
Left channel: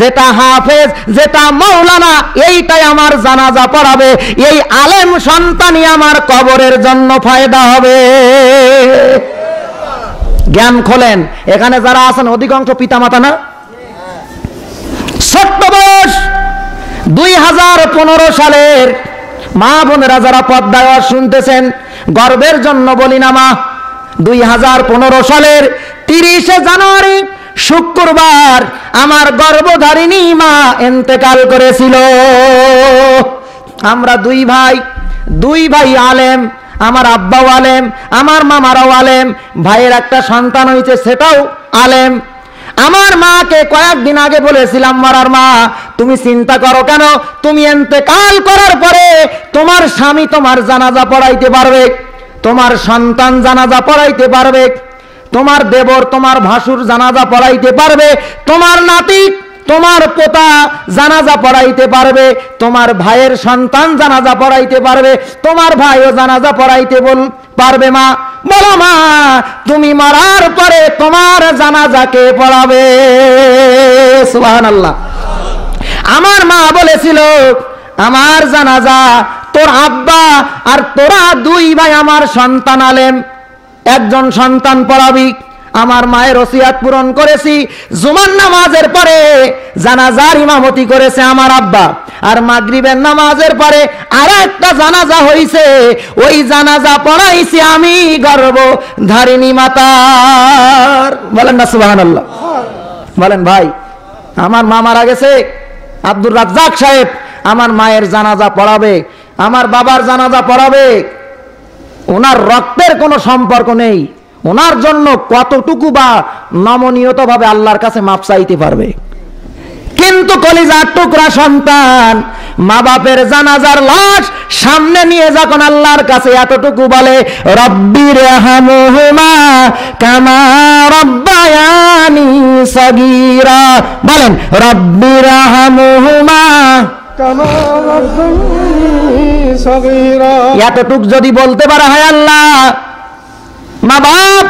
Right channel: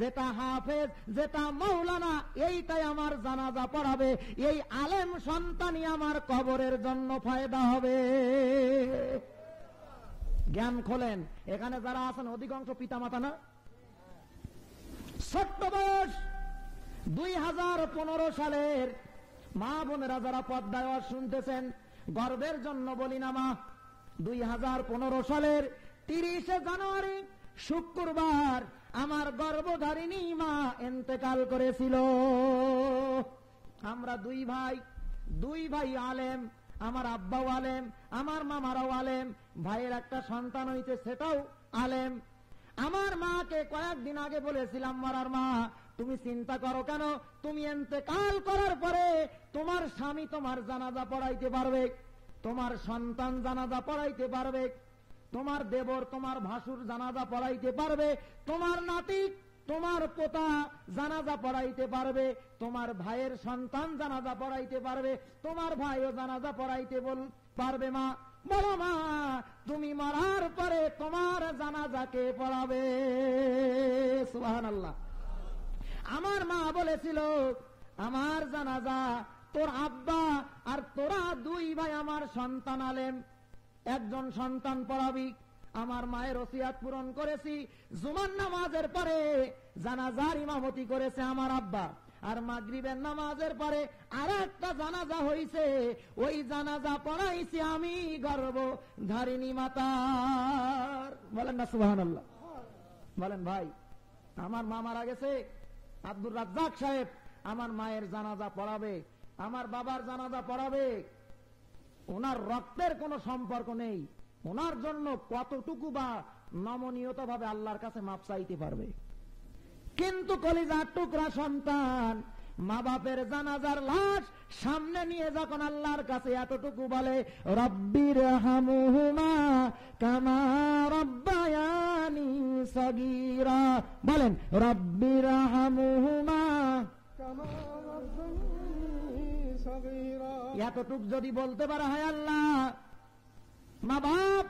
যেটা হাফেজ যেটা মাওলানা এইটাই আমার জানাজা পড়াবে, এই আলেম সন্তানই আমার কবরের জন্য ফায়দা হবে। জ্ঞান খোলেন, এখানে যারা আছেন অধিকাংশ পিতামাতা না? ছোট্ট বয়স 2015 সালের মা বোনেরা যারা পর্দায় শুনতেছেন, গর্বের জন্য বলি না মা, 2015 সালের 30 জানুয়ারি শুক্রবার আমার গর্ভধারিণী মা ইন্তেকাল করেছিল। আমরা 2 ভাই আলেম, আমার আব্বাও আলেম, আমার মামারাও আলেম, ভাইয়ের একটা সন্তান হয়েছে সেটাও আলেম। আমার মাকে কয়েকদিন আগে বলেছিলাম, মরার মা তুমি চিন্তা করো কেন, তুমি ইন্তেকাল করার পরে তোমার স্বামী তোমার জানাজা পড়াইতে পারবে, তোমার সন্তান জানাজা পড়াইতে পারবে, তোমার দেবর তোমার ভাসুর জানাজা পড়াইতে পারবে, তোমার নাতি তোমার পোতা জানাজা পড়াইতে পারবে, তোমার ভাইয়ের সন্তান জানাজা পড়াইতে পারবে, তোমার ভাইও জানাজা পড়াইতে পারবে। মা বলো মা তুমি মরার পরে তোমার জানাজাকে পড়াবে? সুবহানাল্লাহ। আমার মা বলেছিল আমার জানাজা তোর আব্বা আর তোরা 2 ভাই আমার সন্তান আলেম, একজন সন্তান পড়াবি। আমার মায়ের ওসিয়াত পূরণ করেছি, জুমার নামাজের পরে জানাজার ইমামতি করেছে আমার আব্বা, আর মাগরিবের নামাজের পরে আরেকটা জানাজা হইছে, ওই জানাজা পড়াইছি আমি গর্ভধারিণী মাতার। বলেন না সুবহানাল্লাহ। বলেন ভাই, আমার মা মারা গেছে, আব্দুর রাজ্জাক সাহেব আমার মায়ের জানাজা পড়াবে, আমার বাবার জানাজা পড়াবে। ওনার রক্তের কোনো সম্পর্ক নেই, ওনার জন্য কতটুকু বা নমনীয়তা ভাবে আল্লাহর কাছে মাপ চাইতে পারবে, কিন্তু কলিজার টুকরা সন্তান মা বাপের জানাজার লাশ সামনে নিয়ে যখন আল্লাহর কাছে এতটুকু বলে রব্বিরহামহুমা কামা রব্বায়ানি সগীরা, বলেন রব্বিরহামহুমা কামা রব্বায়ানি সগীরা, এতটুক যদি বলতে পারে, হায় আল্লাহ মা বাপ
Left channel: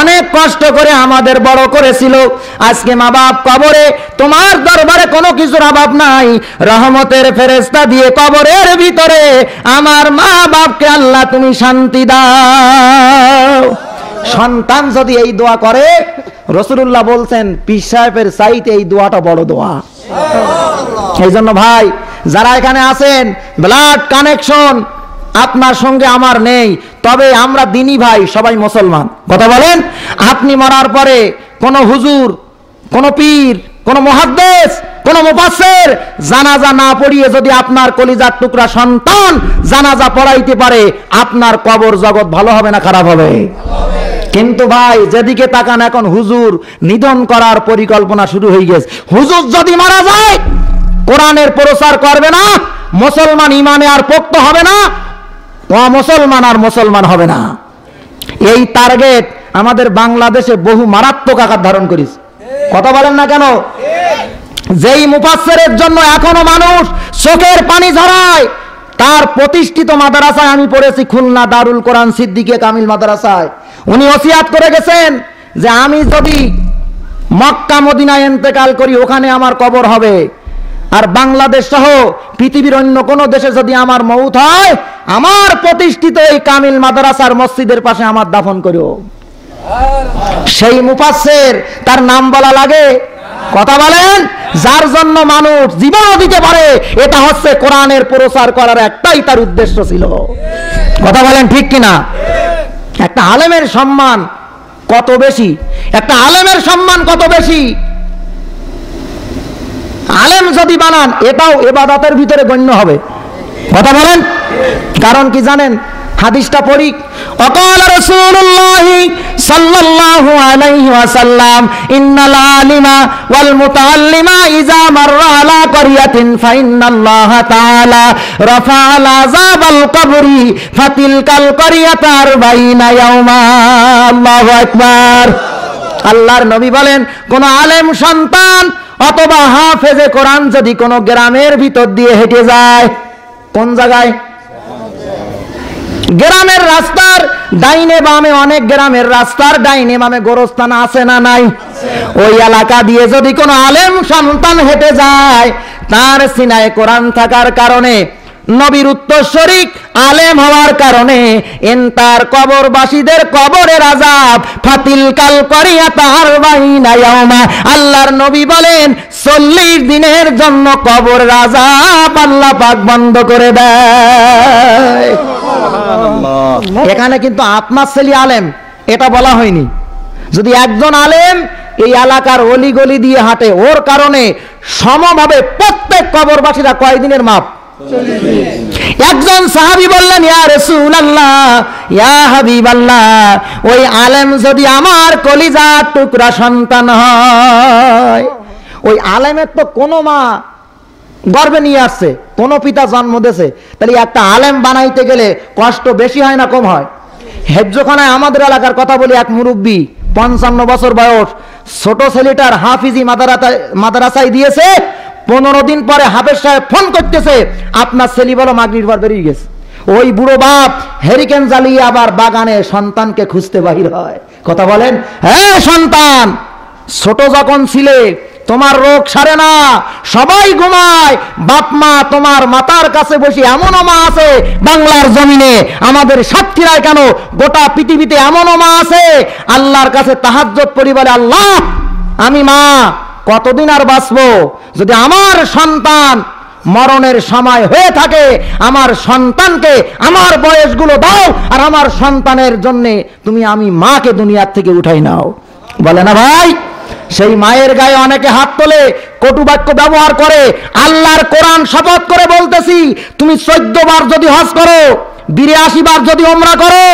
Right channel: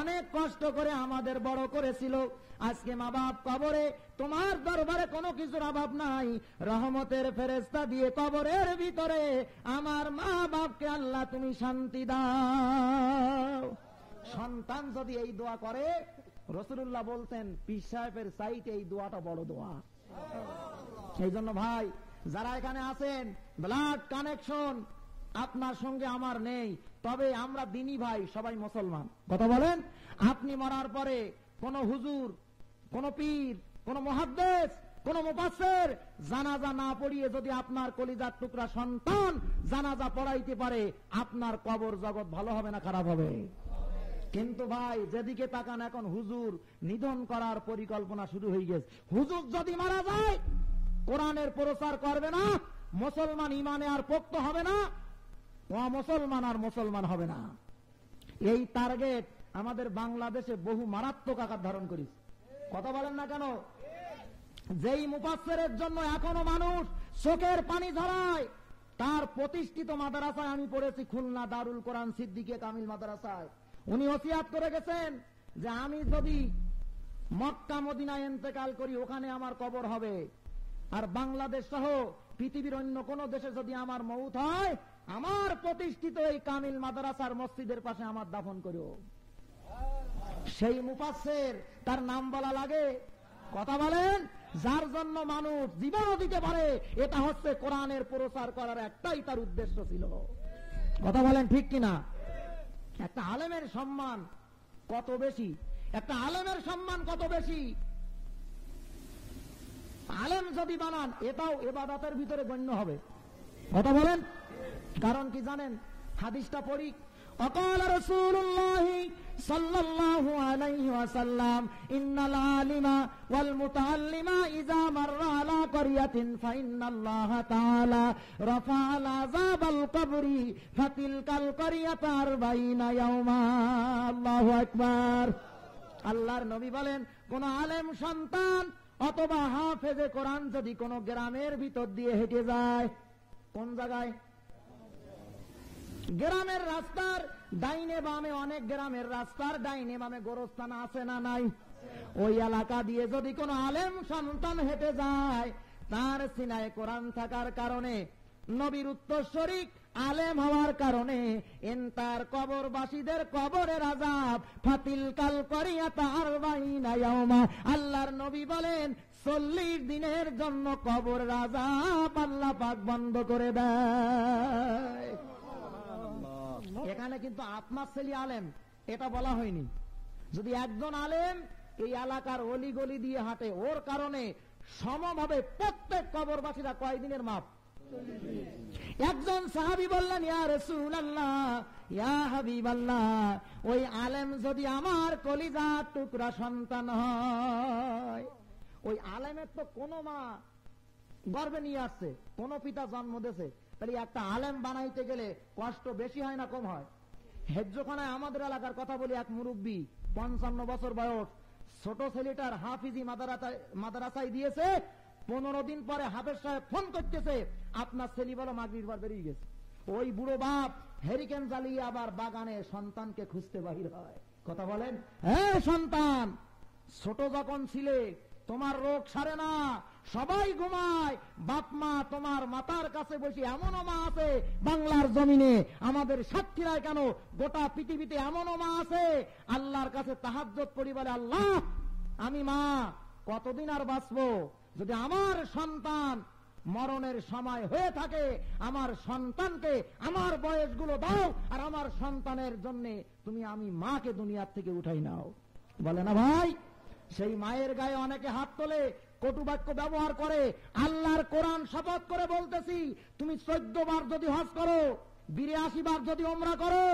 অনেক কষ্ট করে আমাদের বড় করেছিল, আজকে মা বাপ কবরে, তোমার দরবারে কোনো কিছুর অভাব নাই, রহমতের ফেরেশতা দিয়ে কবরের ভিতরে আমার মা বাপকে আল্লাহ তুমি শান্তি দাও। সন্তান যদি এই দোয়া করে, রাসূলুল্লাহ বলছেন পীর সাহেবের চাইতে এই দোয়াটা বড় দোয়া। এই জন্য ভাই যারা এখানে আছেন, ব্লাড কানেকশন আপনার সঙ্গে আমার নেই, তবে আমরা দিনী ভাই, সবাই মুসলমান। কথা বলেন, আপনি মরার পরে কোন হুজুর, কোন পীর, কোন মুহাদ্দিস, কোন মুফাসসির জানাজা না পড়িয়ে যদি আপনার কলিজার টুকরা সন্তান জানাজা পড়াইতে পারে, আপনার কবর জগৎ ভালো হবে না খারাপ হবে? কিন্তু ভাই যেদিকে তাকান এখন হুজুর নিধন করার পরিকল্পনা শুরু হয়ে গেছে। হুজুর যদি মারা যায় কোরআনের প্রচার করবে না, মুসলমান ইমানে আর পোক্ত হবে না, মুসলমান আর মুসলমান হবে না। এই টার্গেট আমাদের বাংলাদেশে বহু মারাত্মক আকার ধারণ করেছে। কথা বলেন না কেন? যেই মুফাসসিরের জন্য এখনো মানুষ চোখের পানি ঝরায়, তার প্রতিষ্ঠিত মাদ্রাসায় আমি পড়েছি, খুলনা দারুল কোরআন সিদ্দিকে কামিল মাদ্রাসায়। উনি ওসিয়াত করে গেছেন যে আমি যদি মক্কা মদিনায় ইন্তেকাল করি ওখানে আমার কবর হবে, আর বাংলাদেশ সহ পৃথিবীর অন্য কোন দেশে যদি আমার মউত হয় আমার প্রতিষ্ঠিত এই কামিল মাদ্রাসার মসজিদের পাশে আমার দাফন করো। সেই মুফাসসির, তার নাম বলা লাগে? কথা বলেন। যার জন্য মানুষ জীবনও দিতে পারে, এটা হচ্ছে কোরআনের প্রচার করার একটাই তার উদ্দেশ্য ছিল। কথা বলেন ঠিক কিনা? একটা আলেমের সম্মান কত বেশি, একটা আলেমের সম্মান কত বেশি। আলেম যদি বানান এটাও ইবাদতের ভিতরে গণ্য হবে। কথা বলেন। কারণ কি জানেন? হাদিসটা পড়ি। ওয়াকাল রাসূলুল্লাহ সাল্লাল্লাহু আলাইহি ওয়াসাল্লাম ইন্নাল আলিমা ওয়াল মুতাআল্লিমা ইযা মাররা আলা ক্বরিয়াতিন ফাইন্নাল্লাহা তাআলা রাফা'আল আযাবাল কবরি ফাতিলকাল ক্বরিয়াতু 40 ইয়াওমা। আল্লাহু আকবার। আল্লাহর নবী বলেন, কোন আলেম সন্তান অথবা হাফেজে কোরআন যদি কোন গ্রামের ভিতর দিয়ে হেঁটে যায়, কোন জায়গায়? গ্রামের রাস্তার ডাইনে বামে, অনেক গ্রামের রাস্তার ডাইনে বামে গোরস্থান আছে না নাই? ওই এলাকা দিয়ে যদি কোনো আলেম সন্তান হেঁটে যায়, তার সিনায় কোরআন থাকার কারণে, নবীর উত্তরসূরি আলেম হওয়ার কারণে তার কবরবাসীদের কবরের আযাব ফাতিলকাল ক্বরিয়াতু 40 ইয়াওমা। আল্লাহর নবী বলেন 40 দিনের জন্য কবরের আযাব আল্লাহ পাক বন্ধ করে দেয়। এখানে কিন্তু আপনার ছেলে আলেম এটা বলা হয়নি। যদি একজন আলেম এই এলাকার অলিগলি দিয়ে হাঁটে, ওর কারণে সমভাবে প্রত্যেক কবরবাসীরা কয়দিনের মাপ? একজন সাহাবী বললেন, ইয়া রাসূলুল্লাহ, ইয়া হাবিবাল্লাহ, ওই আলেম যদি আমার কলিজার টুকরা সন্তান হয়, ওই আলেমের তো কোনো মা গর্ভে নিয়ে আসছে, কোন পিতা জন্ম দিয়েছে, তাহলে একটা আলেম বানাইতে গেলে কষ্ট বেশি হয় না কম হয়? হেফজখানায় আমাদের এলাকার কথা বলি, এক মুরব্বী 55 বছর বয়স, ছোট ছেলেটার হাফিজি মাদ্রাসায় দিয়েছে। 15 দিন পরে হাফেজ সাহেব ফোন করতেছে, আপনার ছেলে বলো মাগরিবের পর বেরিয়ে গেছে। ওই বুড়ো বাপ হেরিকেন জ্বালিয়ে আবার বাগানে সন্তানকে খুঁজতে বাহির হয়। কথা বলেন। হ্যাঁ সন্তান, ছোট যখন ছিলে তোমার রোগ সারে না, সবাই ঘুমায়, বাপ মা তোমার মাতার কাছে বসে, এমনও মা আছে বাংলার জমিনে, আমাদের সাতক্ষীরায় কেন গোটা পৃথিবীতে এমনও মা আছে আল্লাহর কাছে তাহাজ্জুদ পড়ি বলে, আল্লাহ আমি মা কতদিন আর বাঁচবো, যদি আমার সন্তান মরণের সময় হয়ে থাকে আমার সন্তানকে আমার বয়সগুলো দাও, আর আমার সন্তানের জন্য তুমি আমি মাকে দুনিয়ার থেকে উঠাই নাও। বলে না ভাই? সেই মায়ের গায়ে অনেকে হাত তোলে, কটু বাক্য ব্যবহার করে। আল্লাহর কোরআন শপথ করে বলতেছি, তুমি 14 বার যদি হজ করো, 82 বার যদি উমরা করো,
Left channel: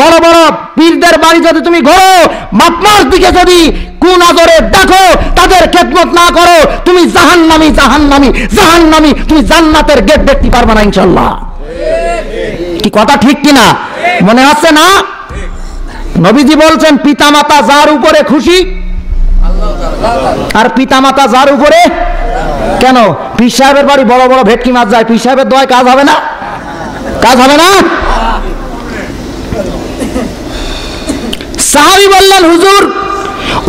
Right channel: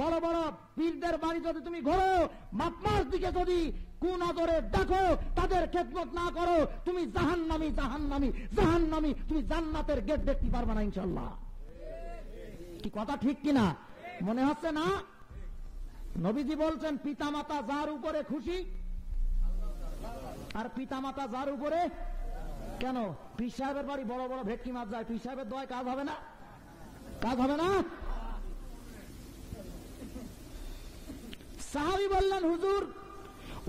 বড় বড় পীরদের বাড়ি যদি তুমি ঘোরো, বাপমার দিকে যদি কুনজরে দেখো, তাদের খেদমত না করো, তুমি জাহান্নামী জাহান্নামী জাহান্নামী, তুমি জান্নাতের গেট দেখতে পারবে না ইনশাআল্লাহ। কি কথা ঠিক কিনা? মনে হচ্ছে না? নবীজি বলছেন, পিতামাতা যার উপরে খুশি, আর পিতামাতা যার উপরে। কেন? পীর সাহেবের বাড়ি বড় বড় ভেটকি মাছ যায়, পীর সাহেবের দোয়ায় কাজ হবে না? কাজ হবে না? সাহাবী বললেন, হুজুর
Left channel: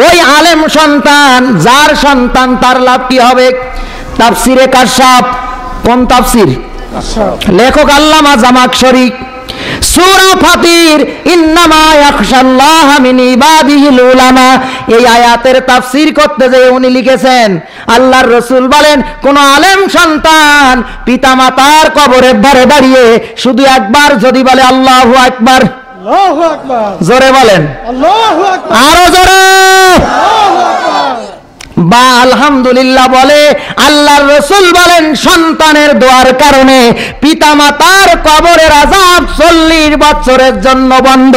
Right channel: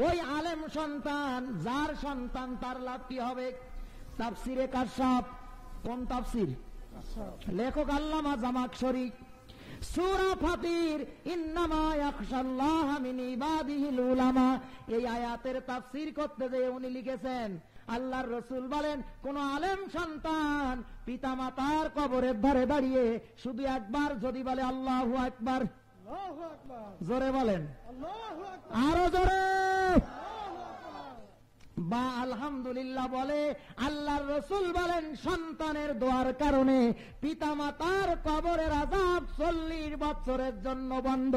ওই আলেম সন্তান, যার সন্তান তার লাভ কি হবে? তাফসিরে কাশাফ। কোন তাফসির? লেখক আল্লামা জামাখশরী। সূরা ফাতির, ইন্নামা ইয়াখশাল্লাহা মিন ইবাদিহিল উলামা, এই আয়াতের তাফসীর করতে যে উনি লিখেছেন, আল্লাহর রাসূল বলেন, কোন আলেম সন্তান পিতামাতার কবরের ধারে দাঁড়িয়ে শুধু একবার যদি বলে আল্লাহু আকবার, আল্লাহু আকবার, জোরে বলেন আল্লাহু আকবার, আরো জোরে, বা আলহামদুলিল্লাহ বলে, আল্লাহর রাসূল বলেন সন্তানের দোয়ার কারণে পিতামাতার কবরের আযাব 40 বছরের জন্য বন্ধ।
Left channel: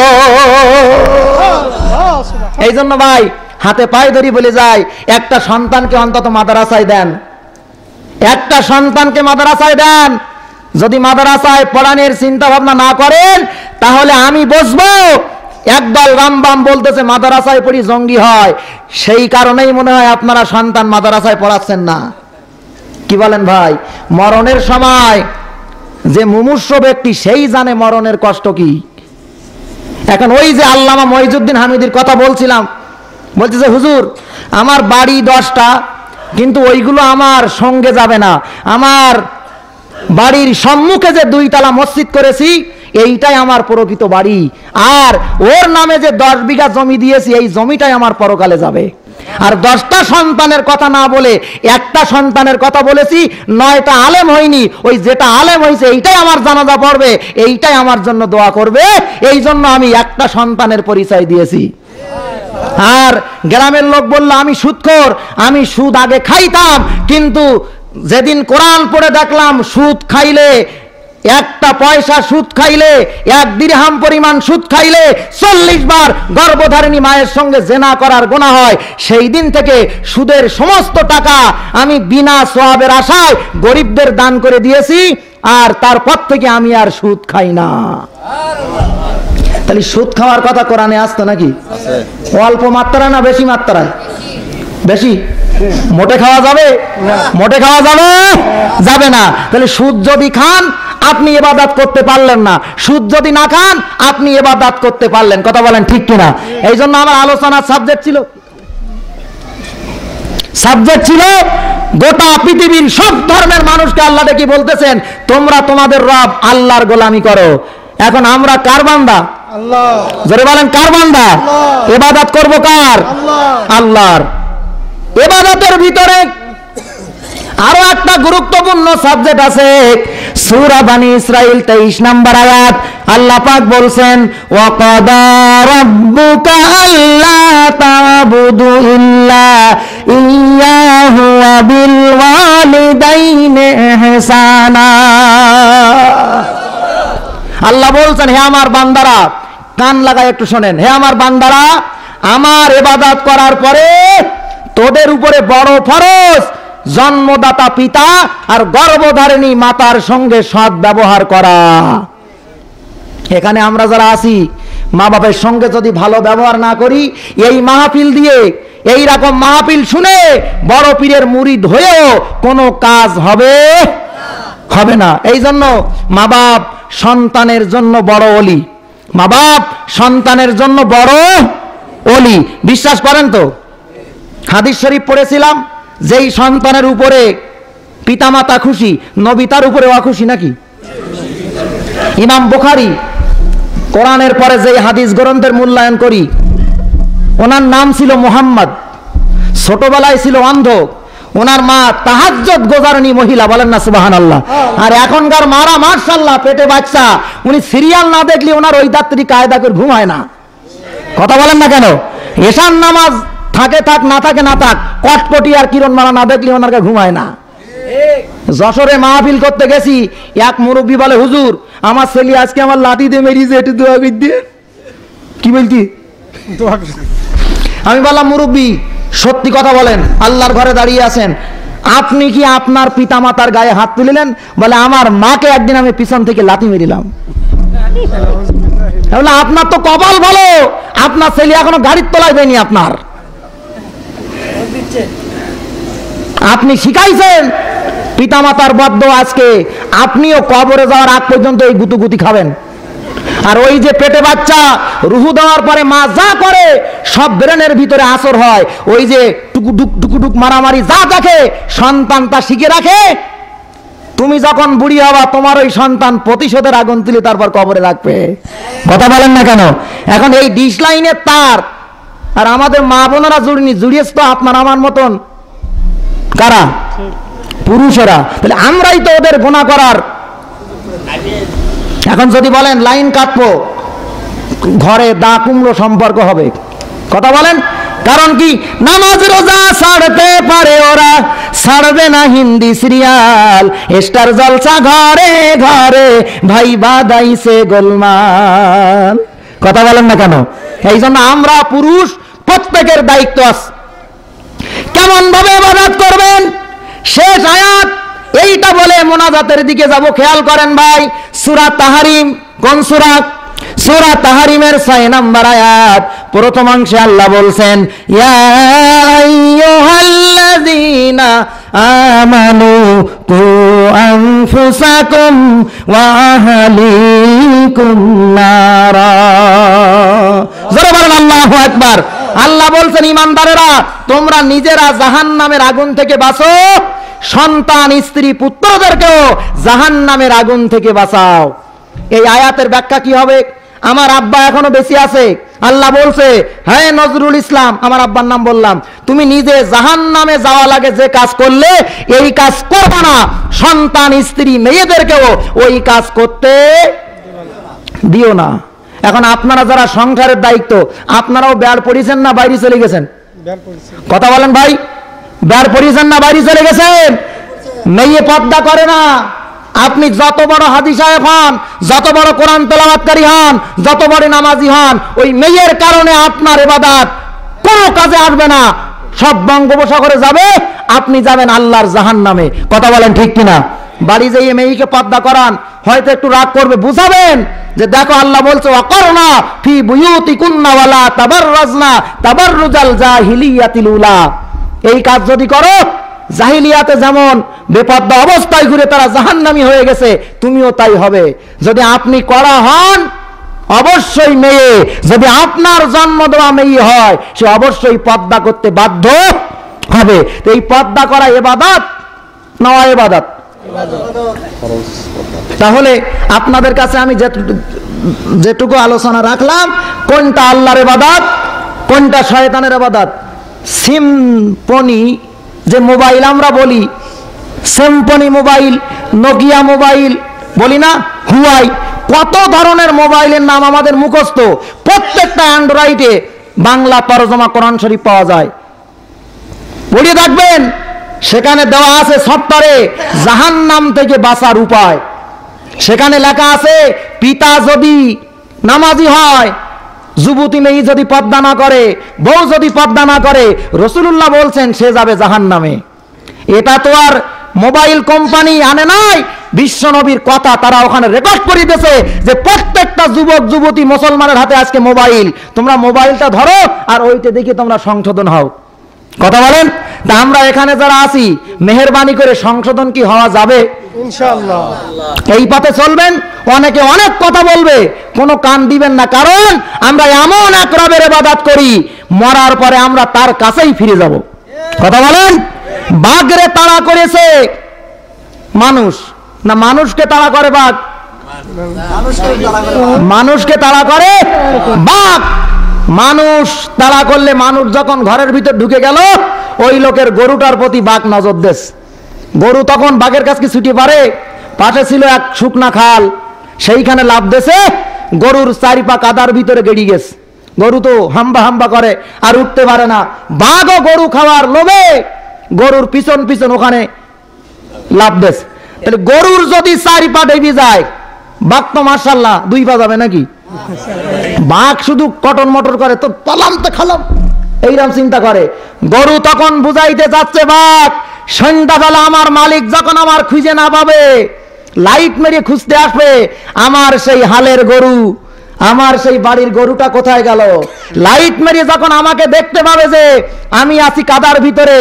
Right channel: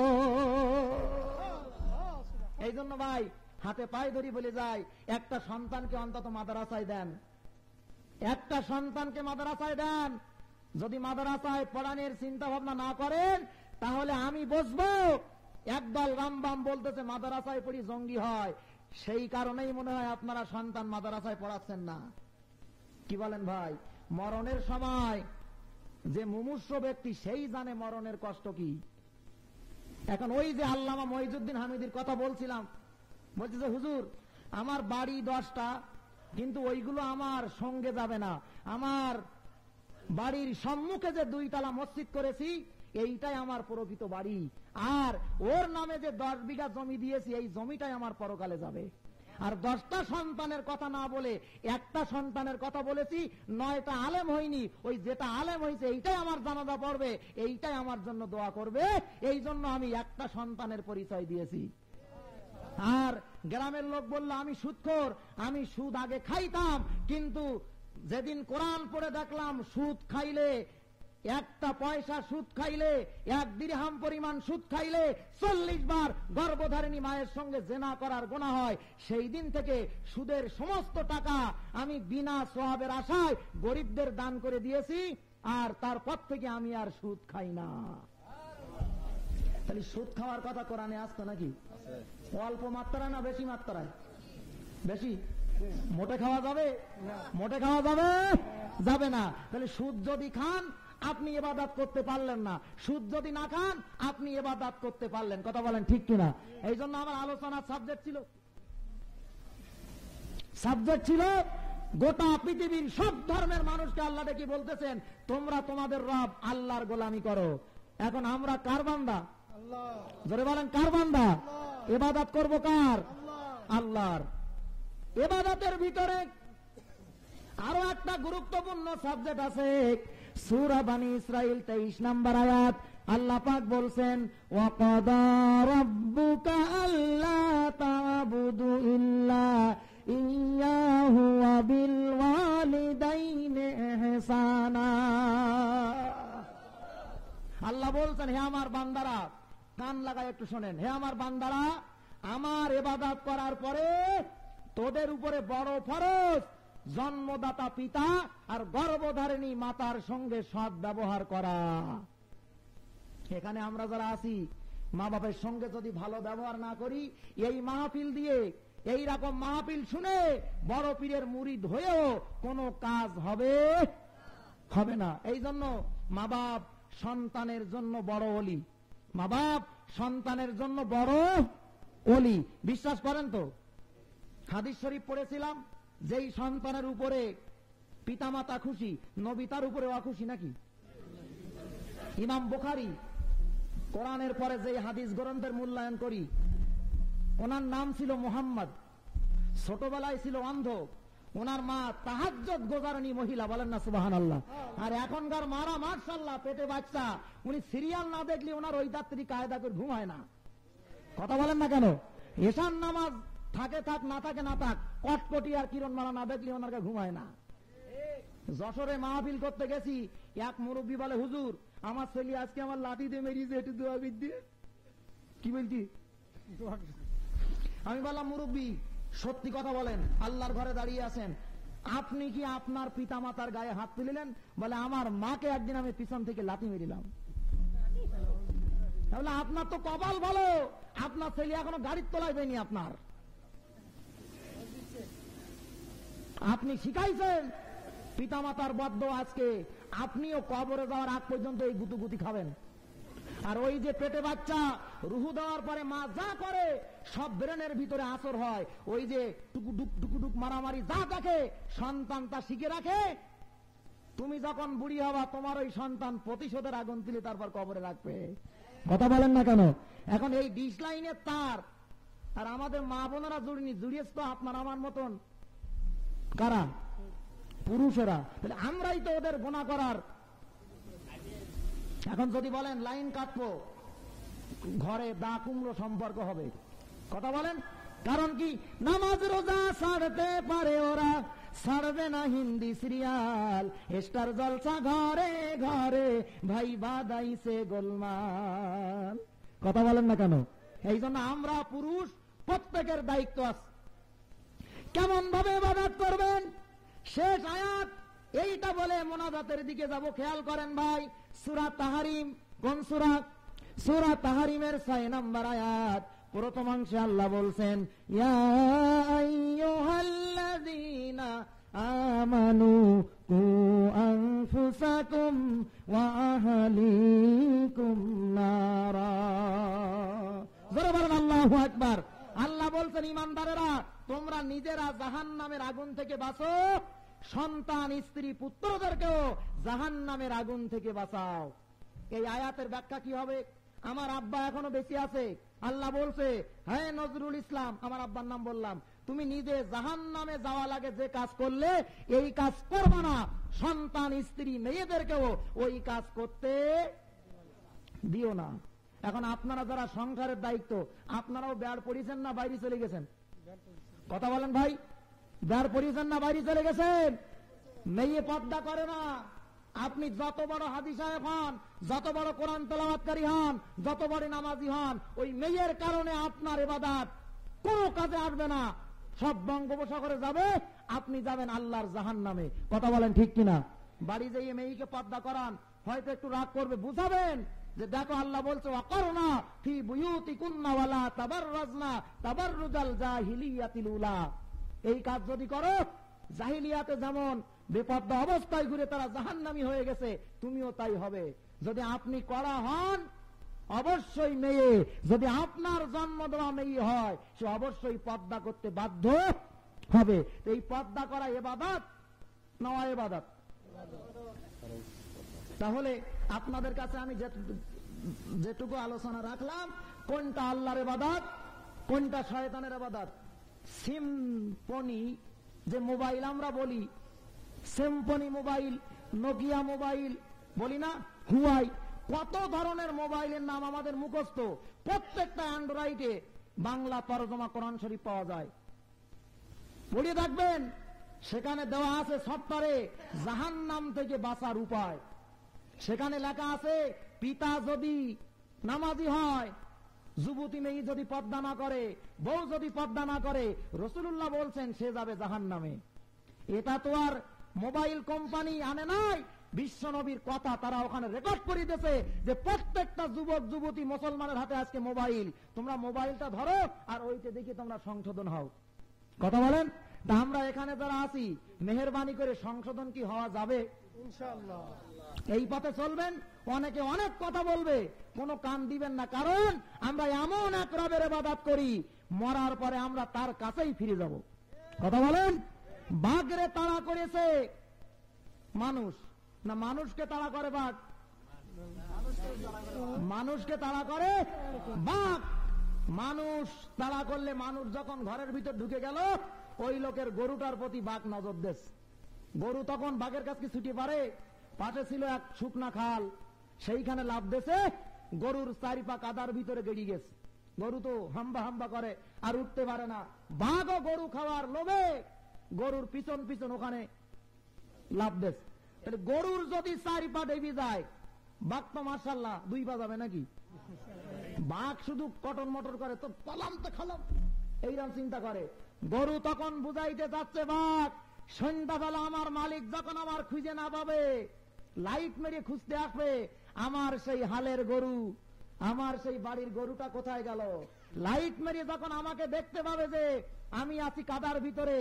এই জন্য ভাই হাতে পায়ে ধরি বলে যায়, একটা সন্তানকে অন্তত মাদ্রাসায় দেন, একটা সন্তানকে মাদ্রাসায় দেন। যদি মাদ্রাসায় পড়ানোর চিন্তা ভাবনা না করেন তাহলে আমি বসবো একদল রামবাম বলতেছে মাদ্রাসায় পড়ি জঙ্গি হয়, সেই কারণেই মনে হয় আপনারা সন্তান মাদ্রাসায় পড়াচ্ছেন না। কি বলেন ভাই? মরণের সময় যে মুমূর্ষ ব্যক্তি সেই জানে মরণের কষ্ট কি। এখন ওই যে আল্লামা মঈজউদ্দিন হামিদির কথা বলছিলাম, বলতেছে হুজুর আমার বাড়ি 10টা, কিন্তু ওইগুলো আমার সঙ্গে যাবে না, আমার বাড়ির সম্মুখে যে 2 তলা মসজিদ করেছি এইটাই আমার প্রকৃত বাড়ি, আর ওর নামে যে 10 বিঘা জমি দিয়েছি এই জমিটাই আমার পরকালে যাবে। আর 10টা সন্তানের কথা না বলে একটা সন্তানের কথা বলেছি, 9টা আলেম হয়নি, ওই যেটা আলেম হয়েছে এইটাই আমার জানাজা পড়বে, এইটাই আমার জন্য দোয়া করবে, এই জন্য আমি একটা সন্তানের পরিচয় দিয়েছি। আর গ্রামের লোক বলল আমি সুদখোর, আমি সুদ আগে খাইতাম, কিন্তু যেদিন কোরআন পড়ে দেখলাম সুদ খাইলে, 1টা পয়সা সুদ খাইলে, 1 দিরহাম পরিমাণ সুদ খাইলে 40 বার গর্ভধারিণী মায়ের সঙ্গে জেনা করার গুনাহ হয়, সেই দিন থেকে সুদের সমস্ত টাকা আমি বিনা সওয়াবের আশায় গরিবদের দান করে দিয়েছি, আর তারপর থেকে আমি আর সুদ খাই না। তাহলে সুদ খাওয়ার কথা কোরআনে আসতো নাকি? অল্প মাত্রায় না বেশি মাত্রায়? বেশি। মোটে খাওয়া যাবে? মোটে খাওয়া যাবে যাবে না। তাহলে সুদ যদি খান আপনি ইবাদত করতে পারলেন না, সুদ যদি না খান আপনি ইবাদত করতে পারলেন। কথা বলেন ঠিক কিনা? এই জন্য আমার আলোচনার সাবজেক্ট ছিল গোটা পৃথিবীর সব ধর্মের মানুষকে আল্লাহ ডেকে বলতেছেন তোমরা তোমাদের রব আল্লাহর গোলামি করো। এখন আমরা কার বান্দা? আল্লাহ। জোরে বলেন কার বান্দা? ইবাদত করব কার? আল্লাহর। ইবাদতের ভিতরে আরো একটা গুরুত্বপূর্ণ সাবজেক্ট আছে। সূরা বানি ইসরাইল 23 নম্বর আয়াত আল্লাহ পাক বলছেন ওয়া কাদা রাব্বুকা আল্লা তা'বুদু ইল্লা ইয়্যাহু ওয়া বিল ওয়ালিদাইনি ইহসানা। আল্লাহ বলছেন হে আমার বান্দারা, কান লাগায় একটু শোনেন, হে আমার বান্দারা, আমার ইবাদত করার পরে তোদের উপরে বড় ফরজ জন্মদাতা পিতা আর গর্ভধারিণী মাতার সঙ্গে সৎ ব্যবহার করা। এখানে আমরা যারা আছি মা বাবার সঙ্গে যদি ভালো ব্যবহার না করি, এই মাহফিল দিয়ে, এই রকম মাহফিল শুনে বড় পীরের মুরিদ হয়েও কোনো কাজ হবে না। এই জন্য মা বাপ সন্তানের জন্য বড় ওলি, মা বাপ সন্তানের জন্য বড় ওলি। বিশ্বাস করেন তো? হাদিস শরীফ পড়েছিলাম, যেই সন্তানের উপরে পিতামাতা খুশি নবী তার উপরে অখুশি নাকি? ইমাম বুখারী কোরআনের পরে যেই হাদিস গ্রন্থের মূল্যায়ন করি, ওনার নাম ছিল মুহাম্মদ, ছোটবেলায় ছিল অন্ধ, ওনার মা তাহাজ্জুদ গোজারনি মহিলা, বলেন না সুবহানাল্লাহ। আর এখনকার মারা মাশাআল্লাহ পেটে বাচ্চা, উনি সিরিয়াল না দেখলে ওনার ওই রাত্রি কায়দা করে ঘুমায় না। কথা বলেন না কেন? এশার নামাজ থাকে থাক, না থাকে না থাক, কটকটি আর কিরণ মারা না দেখলে ওনার ঘুমায় না। যশোরে মাহফিল করতে গেছি, এক মুরব্বী বলে হুজুর আমার ছেলে আজকে আমার লাঠি দিয়ে মেরিয়েছে, একটু দোয়া করে দিয়ে। কি বলতি? আমি বললাম মুরব্বী সত্যি কথা বলেন, আল্লাহর ঘরে দাঁড়িয়ে আছেন, আপনি কি আপনার পিতামাতার গায়ে হাত তুলিলেন? বলে আমার মাকে একদিন আমি পিছন থেকে লাঠি মেরিলাম। আপনার তো কপাল ভালো, আপনার ছেলে এখনো গাড়ির তলায় দেয়নি, আপনার আপনি শিখাইছেন পিতামাতার বদ্ধ, আজকে আপনিও কবরে যাওয়ার আগ পর্যন্ত এই গুতুগুতি খাবেন। আর ওই যে পেটে বাচ্চা রুহু দেওয়ার পরে মা যা করে সব ব্রেনের ভিতরে আসর হয়, ওই যে টুকুটুক টুকুটুক মারামারি যা দেখে সন্তান তা শিখে রাখে। তুমি যখন বুড়ি হবা তোমার ওই সন্তান প্রতিশোধের আগুন তুলে তারপর কবরে রাখবে। কথা বলেন না কেন? এখন এই ডিশ লাইনের তার আর আমাদের মা বোনেরা জুড়িয়েছে তো আপনার আমার মতন কারা? পুরুষেরা। তাহলে আমরাই তো ওদের গুনাহ করার। এখন যদি বলেন লাইন কাটবো, ঘরে দা কুমড়ো সম্পর্ক হবে, কথা বলেন, কারণ কি, নামাজ রোজা ছাড়তে পারে ওরা, ছাড়বে না হিন্দি সিরিয়াল, স্টার জলসা ঘরে ঘরে, ভাই বাদাইছে গোলমাল। কথা বলেন না কেন? এই জন্য আমরা পুরুষ প্রত্যেকের দায়িত্ব আছে কেমন ভাবে ইবাদত করবেন। শেষ আয়াত এইটা বলে মোনাজাতের দিকে যাব, খেয়াল করেন ভাই। সূরা তাহরিম, কোন সূরা? সূরা তাহরিমের 6 নম্বর আয়াত, প্রথম অংশে আল্লাহ বলছেন, ইয়া আইয়ুহাল্লাযীনা আমানু কু আনফুসাকুম ওয়া আহলিকুম নারা। জোরে বলেন আল্লাহু আকবার। আল্লাহ বলছেন, ইমানদারেরা তোমরা নিজেরা জাহান্নামের আগুন থেকে বাঁচো, সন্তান স্ত্রী পুত্রদেরকেও জাহান্নামের আগুন থেকে বাঁচাও। এই আয়াতের ব্যাখ্যা কি হবে? আমার আব্বা এখনো বেঁচে আছে, আল্লাহ বলছে, হ্যাঁ নজরুল ইসলাম, আমার আব্বার নাম বললাম, তুমি নিজে জাহান্নামে যাওয়া লাগে যে কাজ করলে এই কাজ করবে না, সন্তান স্ত্রী মেয়েদেরকেও ওই কাজ করতে দিও না। এখন আপনারা যারা সংসারের দায়িত্ব, আপনারাও বেড় পড়িয়েছেন না বাইরে চলে গেছেন? কথা বলেন ভাই, বেড় পড়িয়েছেন না বাইরে চলে গেছেন? মেয়ে পর্দা করে না, আপনি যত বড় হাদিস সাহেব হন, যত বড় কোরআন তেলাওয়াতকারী হন, যত বড় নামাজি হন, ওই মেয়ের কারণে আপনার ইবাদত কোনো কাজে আসবে না, সব বঙ্গোপসাগরে যাবে, আপনি যাবেন আল্লাহর জাহান্নামে। কথা বলেন ঠিক কিনা? বাড়ি যেয়ে মেয়েকে পর্দা করান, হয়তো একটু রাগ করবে, বুঝাবেন যে দেখো আল্লাহ বলছে, ওয়াকরনা ফি বুয়ুতিকুন্না ওয়ালা তাবাররাজনা তাবাররুজাল জাহিলিয়াতিল উলা। এই কাজ যদি করো, জাহিলিয়াতে যেমন বেপর্দা অবস্থায় ঘুরে তারা জাহান্নামী হয়ে গেছে, তুমিও তাই হবে। যদি আপনি কড়া হন, অবশ্যই মেয়ে, যদি আপনার জন্ম দেওয়া মেয়ে হয়, সে অবশ্যই পর্দা করতে বাধ্য হবে। তো এই পর্দা করা ইবাদত না ইবাদত? তাহলে আপনাদের কাছে আমি যেটুকু আলোচনা রাখলাম, কোনটা আল্লাহর ইবাদত, কোনটা শয়তানের ইবাদত। সিম্পনি যে মোবাইল আমরা বলি, সিম্পনি মোবাইল, নোকিয়া মোবাইল বলি না, হুয়াই, কত ধরনের মোবাইলের নাম আমাদের মুখস্থ। প্রত্যেকটা অ্যান্ড্রয়েডে বাংলা তরজমা কোরআন শরীফ পাওয়া যায়, পড়িয়ে থাকবেন। সেখানে দেওয়া আছে সফটওয়্যারে জাহান্নাম থেকে বাঁচার উপায়। সেখানে লেখা আছে, পিতা যদি নামাজি হয়, যুবতী মেয়ে যদি পর্দা না করে, বউ যদি পর্দা না করে, রাসূলুল্লাহ বলছেন সে যাবে জাহান্নামে। এটা তো আর মোবাইল কোম্পানি আনে নাই, বিশ্ব নবীর কথা তারা ওখানে রেকর্ড করে দিয়েছে যে প্রত্যেকটা যুবক যুবতী মুসলমানের হাতে আজকে মোবাইল, তোমরা মোবাইলটা ধরো আর ওইটা দেখে তোমরা সংশোধন হও। কথা বলেন? তা আমরা এখানে যারা আছি, মেহেরবানি করে সংশোধন কি হওয়া যাবে? ইনশাআল্লাহ। এই পথে চলবেন, অনেকে অনেক কথা বলবে, কোনো কান দিবেন না, কারণ আমরা এমন এক রবের ইবাদত করি, মরার পরে আমরা তার কাছেই ফিরে যাব। কথা বলেন? বাঘরে তাড়া করেছে মানুষ, না মানুষকে তাড়া করে বাঘ? মানুষকে তাড়া করে বাঘ। মানুষ তাড়া করলে, মানুষ যখন ঘরের ভিতর ঢুকে গেল, ওই লোকের গরুটার প্রতি বাঘ নজর দেশ। গরু তখন বাঘের কাছে ছুটি পারে, পাশে ছিল এক শুকনা খাল, সেইখানে লাফ দেছে, গরুর চারি পা কাদার ভিতরে গেড়ি গেছে। গরু তো হাম্বা হাম্বা করে, আর উঠতে পারে না। বাঘও গরু খাওয়ার লোভে গরুর পিছন পিছন ওখানে লাফ দেছে। তাহলে গরুর যদি চারি পা ডেবি যায়, বাঘ তো মাশাআল্লাহ 2 পা যাবে নাকি? বাঘ শুধু কটন মটর করে, তো পালাম তো খালাম, এইরকম চিন্তা করে। গরু তখন বুঝাইতে যাচ্ছে বাঘ, সন্ধ্যাবেলা আমার মালিক যখন আমার খুঁজে না পাবে, লাইট মেরে খুঁজতে আসবে, আমার সেই হালের গরু, আমার সেই বাড়ির গরুটা কোথায় গেল, লাইট মেরে যখন আমাকে দেখতে পাবে যে আমি আছি কাদার ভিতরে,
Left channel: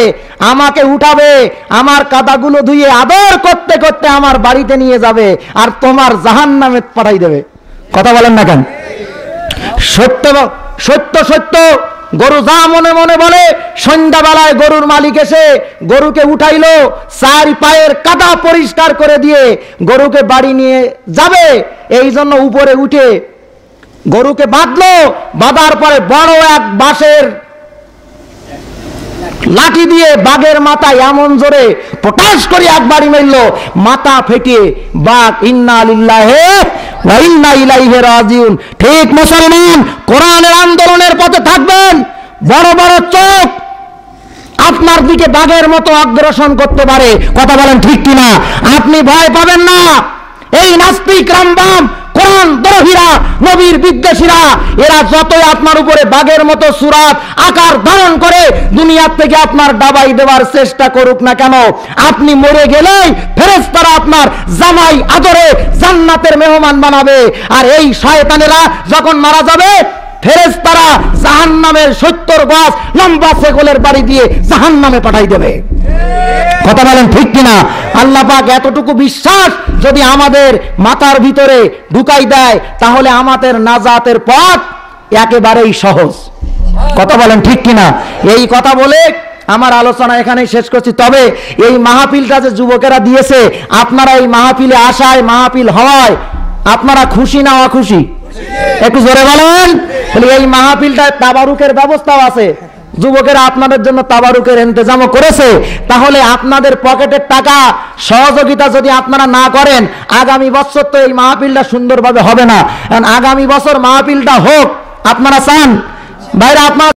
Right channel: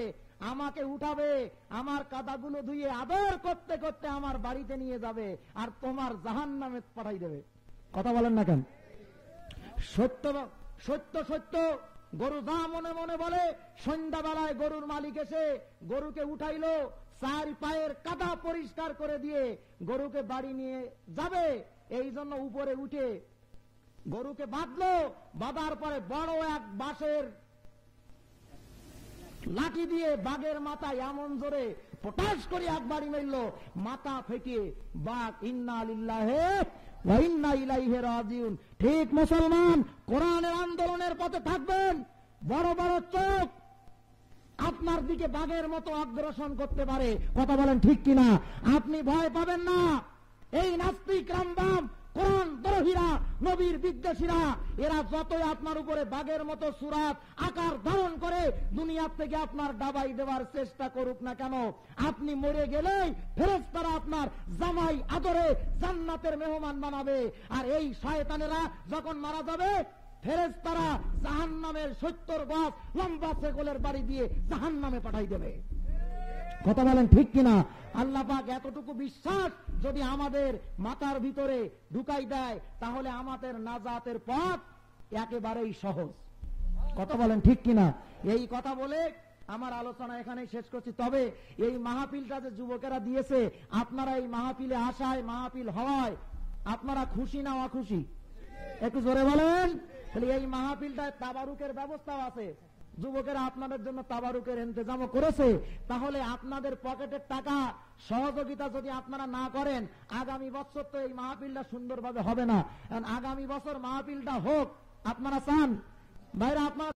আমাকে উঠাবে, আমার কাদাগুলো ধুয়ে আদর করতে করতে আমার বাড়িতে নিয়ে যাবে, আর তোমার জাহান্নামে পাঠাই দেবে। কথা বলেন না কেন? সত্য সত্য সত্য গরু যা মনে মনে বলে। সন্ধ্যাবেলায় গরুর মালিক এসে গরুকে উঠাইলো, 4 পায়ের কাদা পরিষ্কার করে দিয়ে গরুকে বাড়ি নিয়ে যাবে, এই জন্য উপরে উঠে গরুকে বাঁধলো। বাঁধার পরে বড় এক বাঁশের লাঠি দিয়ে বাঘের মাথায় এমন জোরে পটাশ করে একবারই মারলো, মাথা ফেটে বাঘ ইন্না লিল্লাহি ওয়া ইন্না ইলাইহি রাজিউন। ঠিক মুসলমান, কোরআনের আন্দোলনের পথে থাকবেন, বড় বড় চোখ আপনার দিকে বাঘের মতো অগ্রসর করতে পারে। কথা বলেন ঠিক কিনা? আপনি ভয় পাবেন না। এই নাস্তিক রামবাম কোরআন দ্রোহীরা, নবীর বিদ্বেষীরা, এরা যতই আপনার উপরে বাঘের মতো সুরাত আকার ধারণ করে দুনিয়ার থেকে আপনার ডাবাই দেওয়ার চেষ্টা করুক না কেন, আপনি মরে গেলেই ফেরেশতারা আপনার জামাই আদরে জান্নাতের মেহমান বানাবে। আর এই শয়তানেরা যখন মারা যাবে, ফেরেশতারা জাহান্নামের 70 গজ লম্বা শেকলের বাড়ি দিয়ে জাহান্নামে পাঠাই দেবে। কথা বলেন ঠিক কিনা? আল্লাহ পাক এতটুকু বিশ্বাস যদি আমাদের মাথার ভিতরে ঢুকাই দেয়, তাহলে আমাদের নাজাতের পথ একেবারেই সহজ। কথা বলেন ঠিক কিনা? এই কথা বলে আমার আলোচনা এখানেই শেষ করছি। তবে এই মাহফিলটা যে যুবকেরা দিয়েছে, আপনারা এই মাহফিলে আসায়, মাহফিল হওয়ায় আপনারা খুশি না অখুশি? একটু জোরে বলেন। এই মাহফিলটায় তাবারুকের ব্যবস্থাও আছে, যুবকেরা আপনাদের জন্য তাবারুকের ইন্তজামও করেছে। তাহলে আপনাদের পকেটের টাকা সহযোগিতা যদি আপনারা না করেন, আগামী বছর তো এই মাহফিলটা সুন্দরভাবে হবে না। আগামী বছর মাহফিলটা হোক, আপনারা চান ভাইরা? আপনারা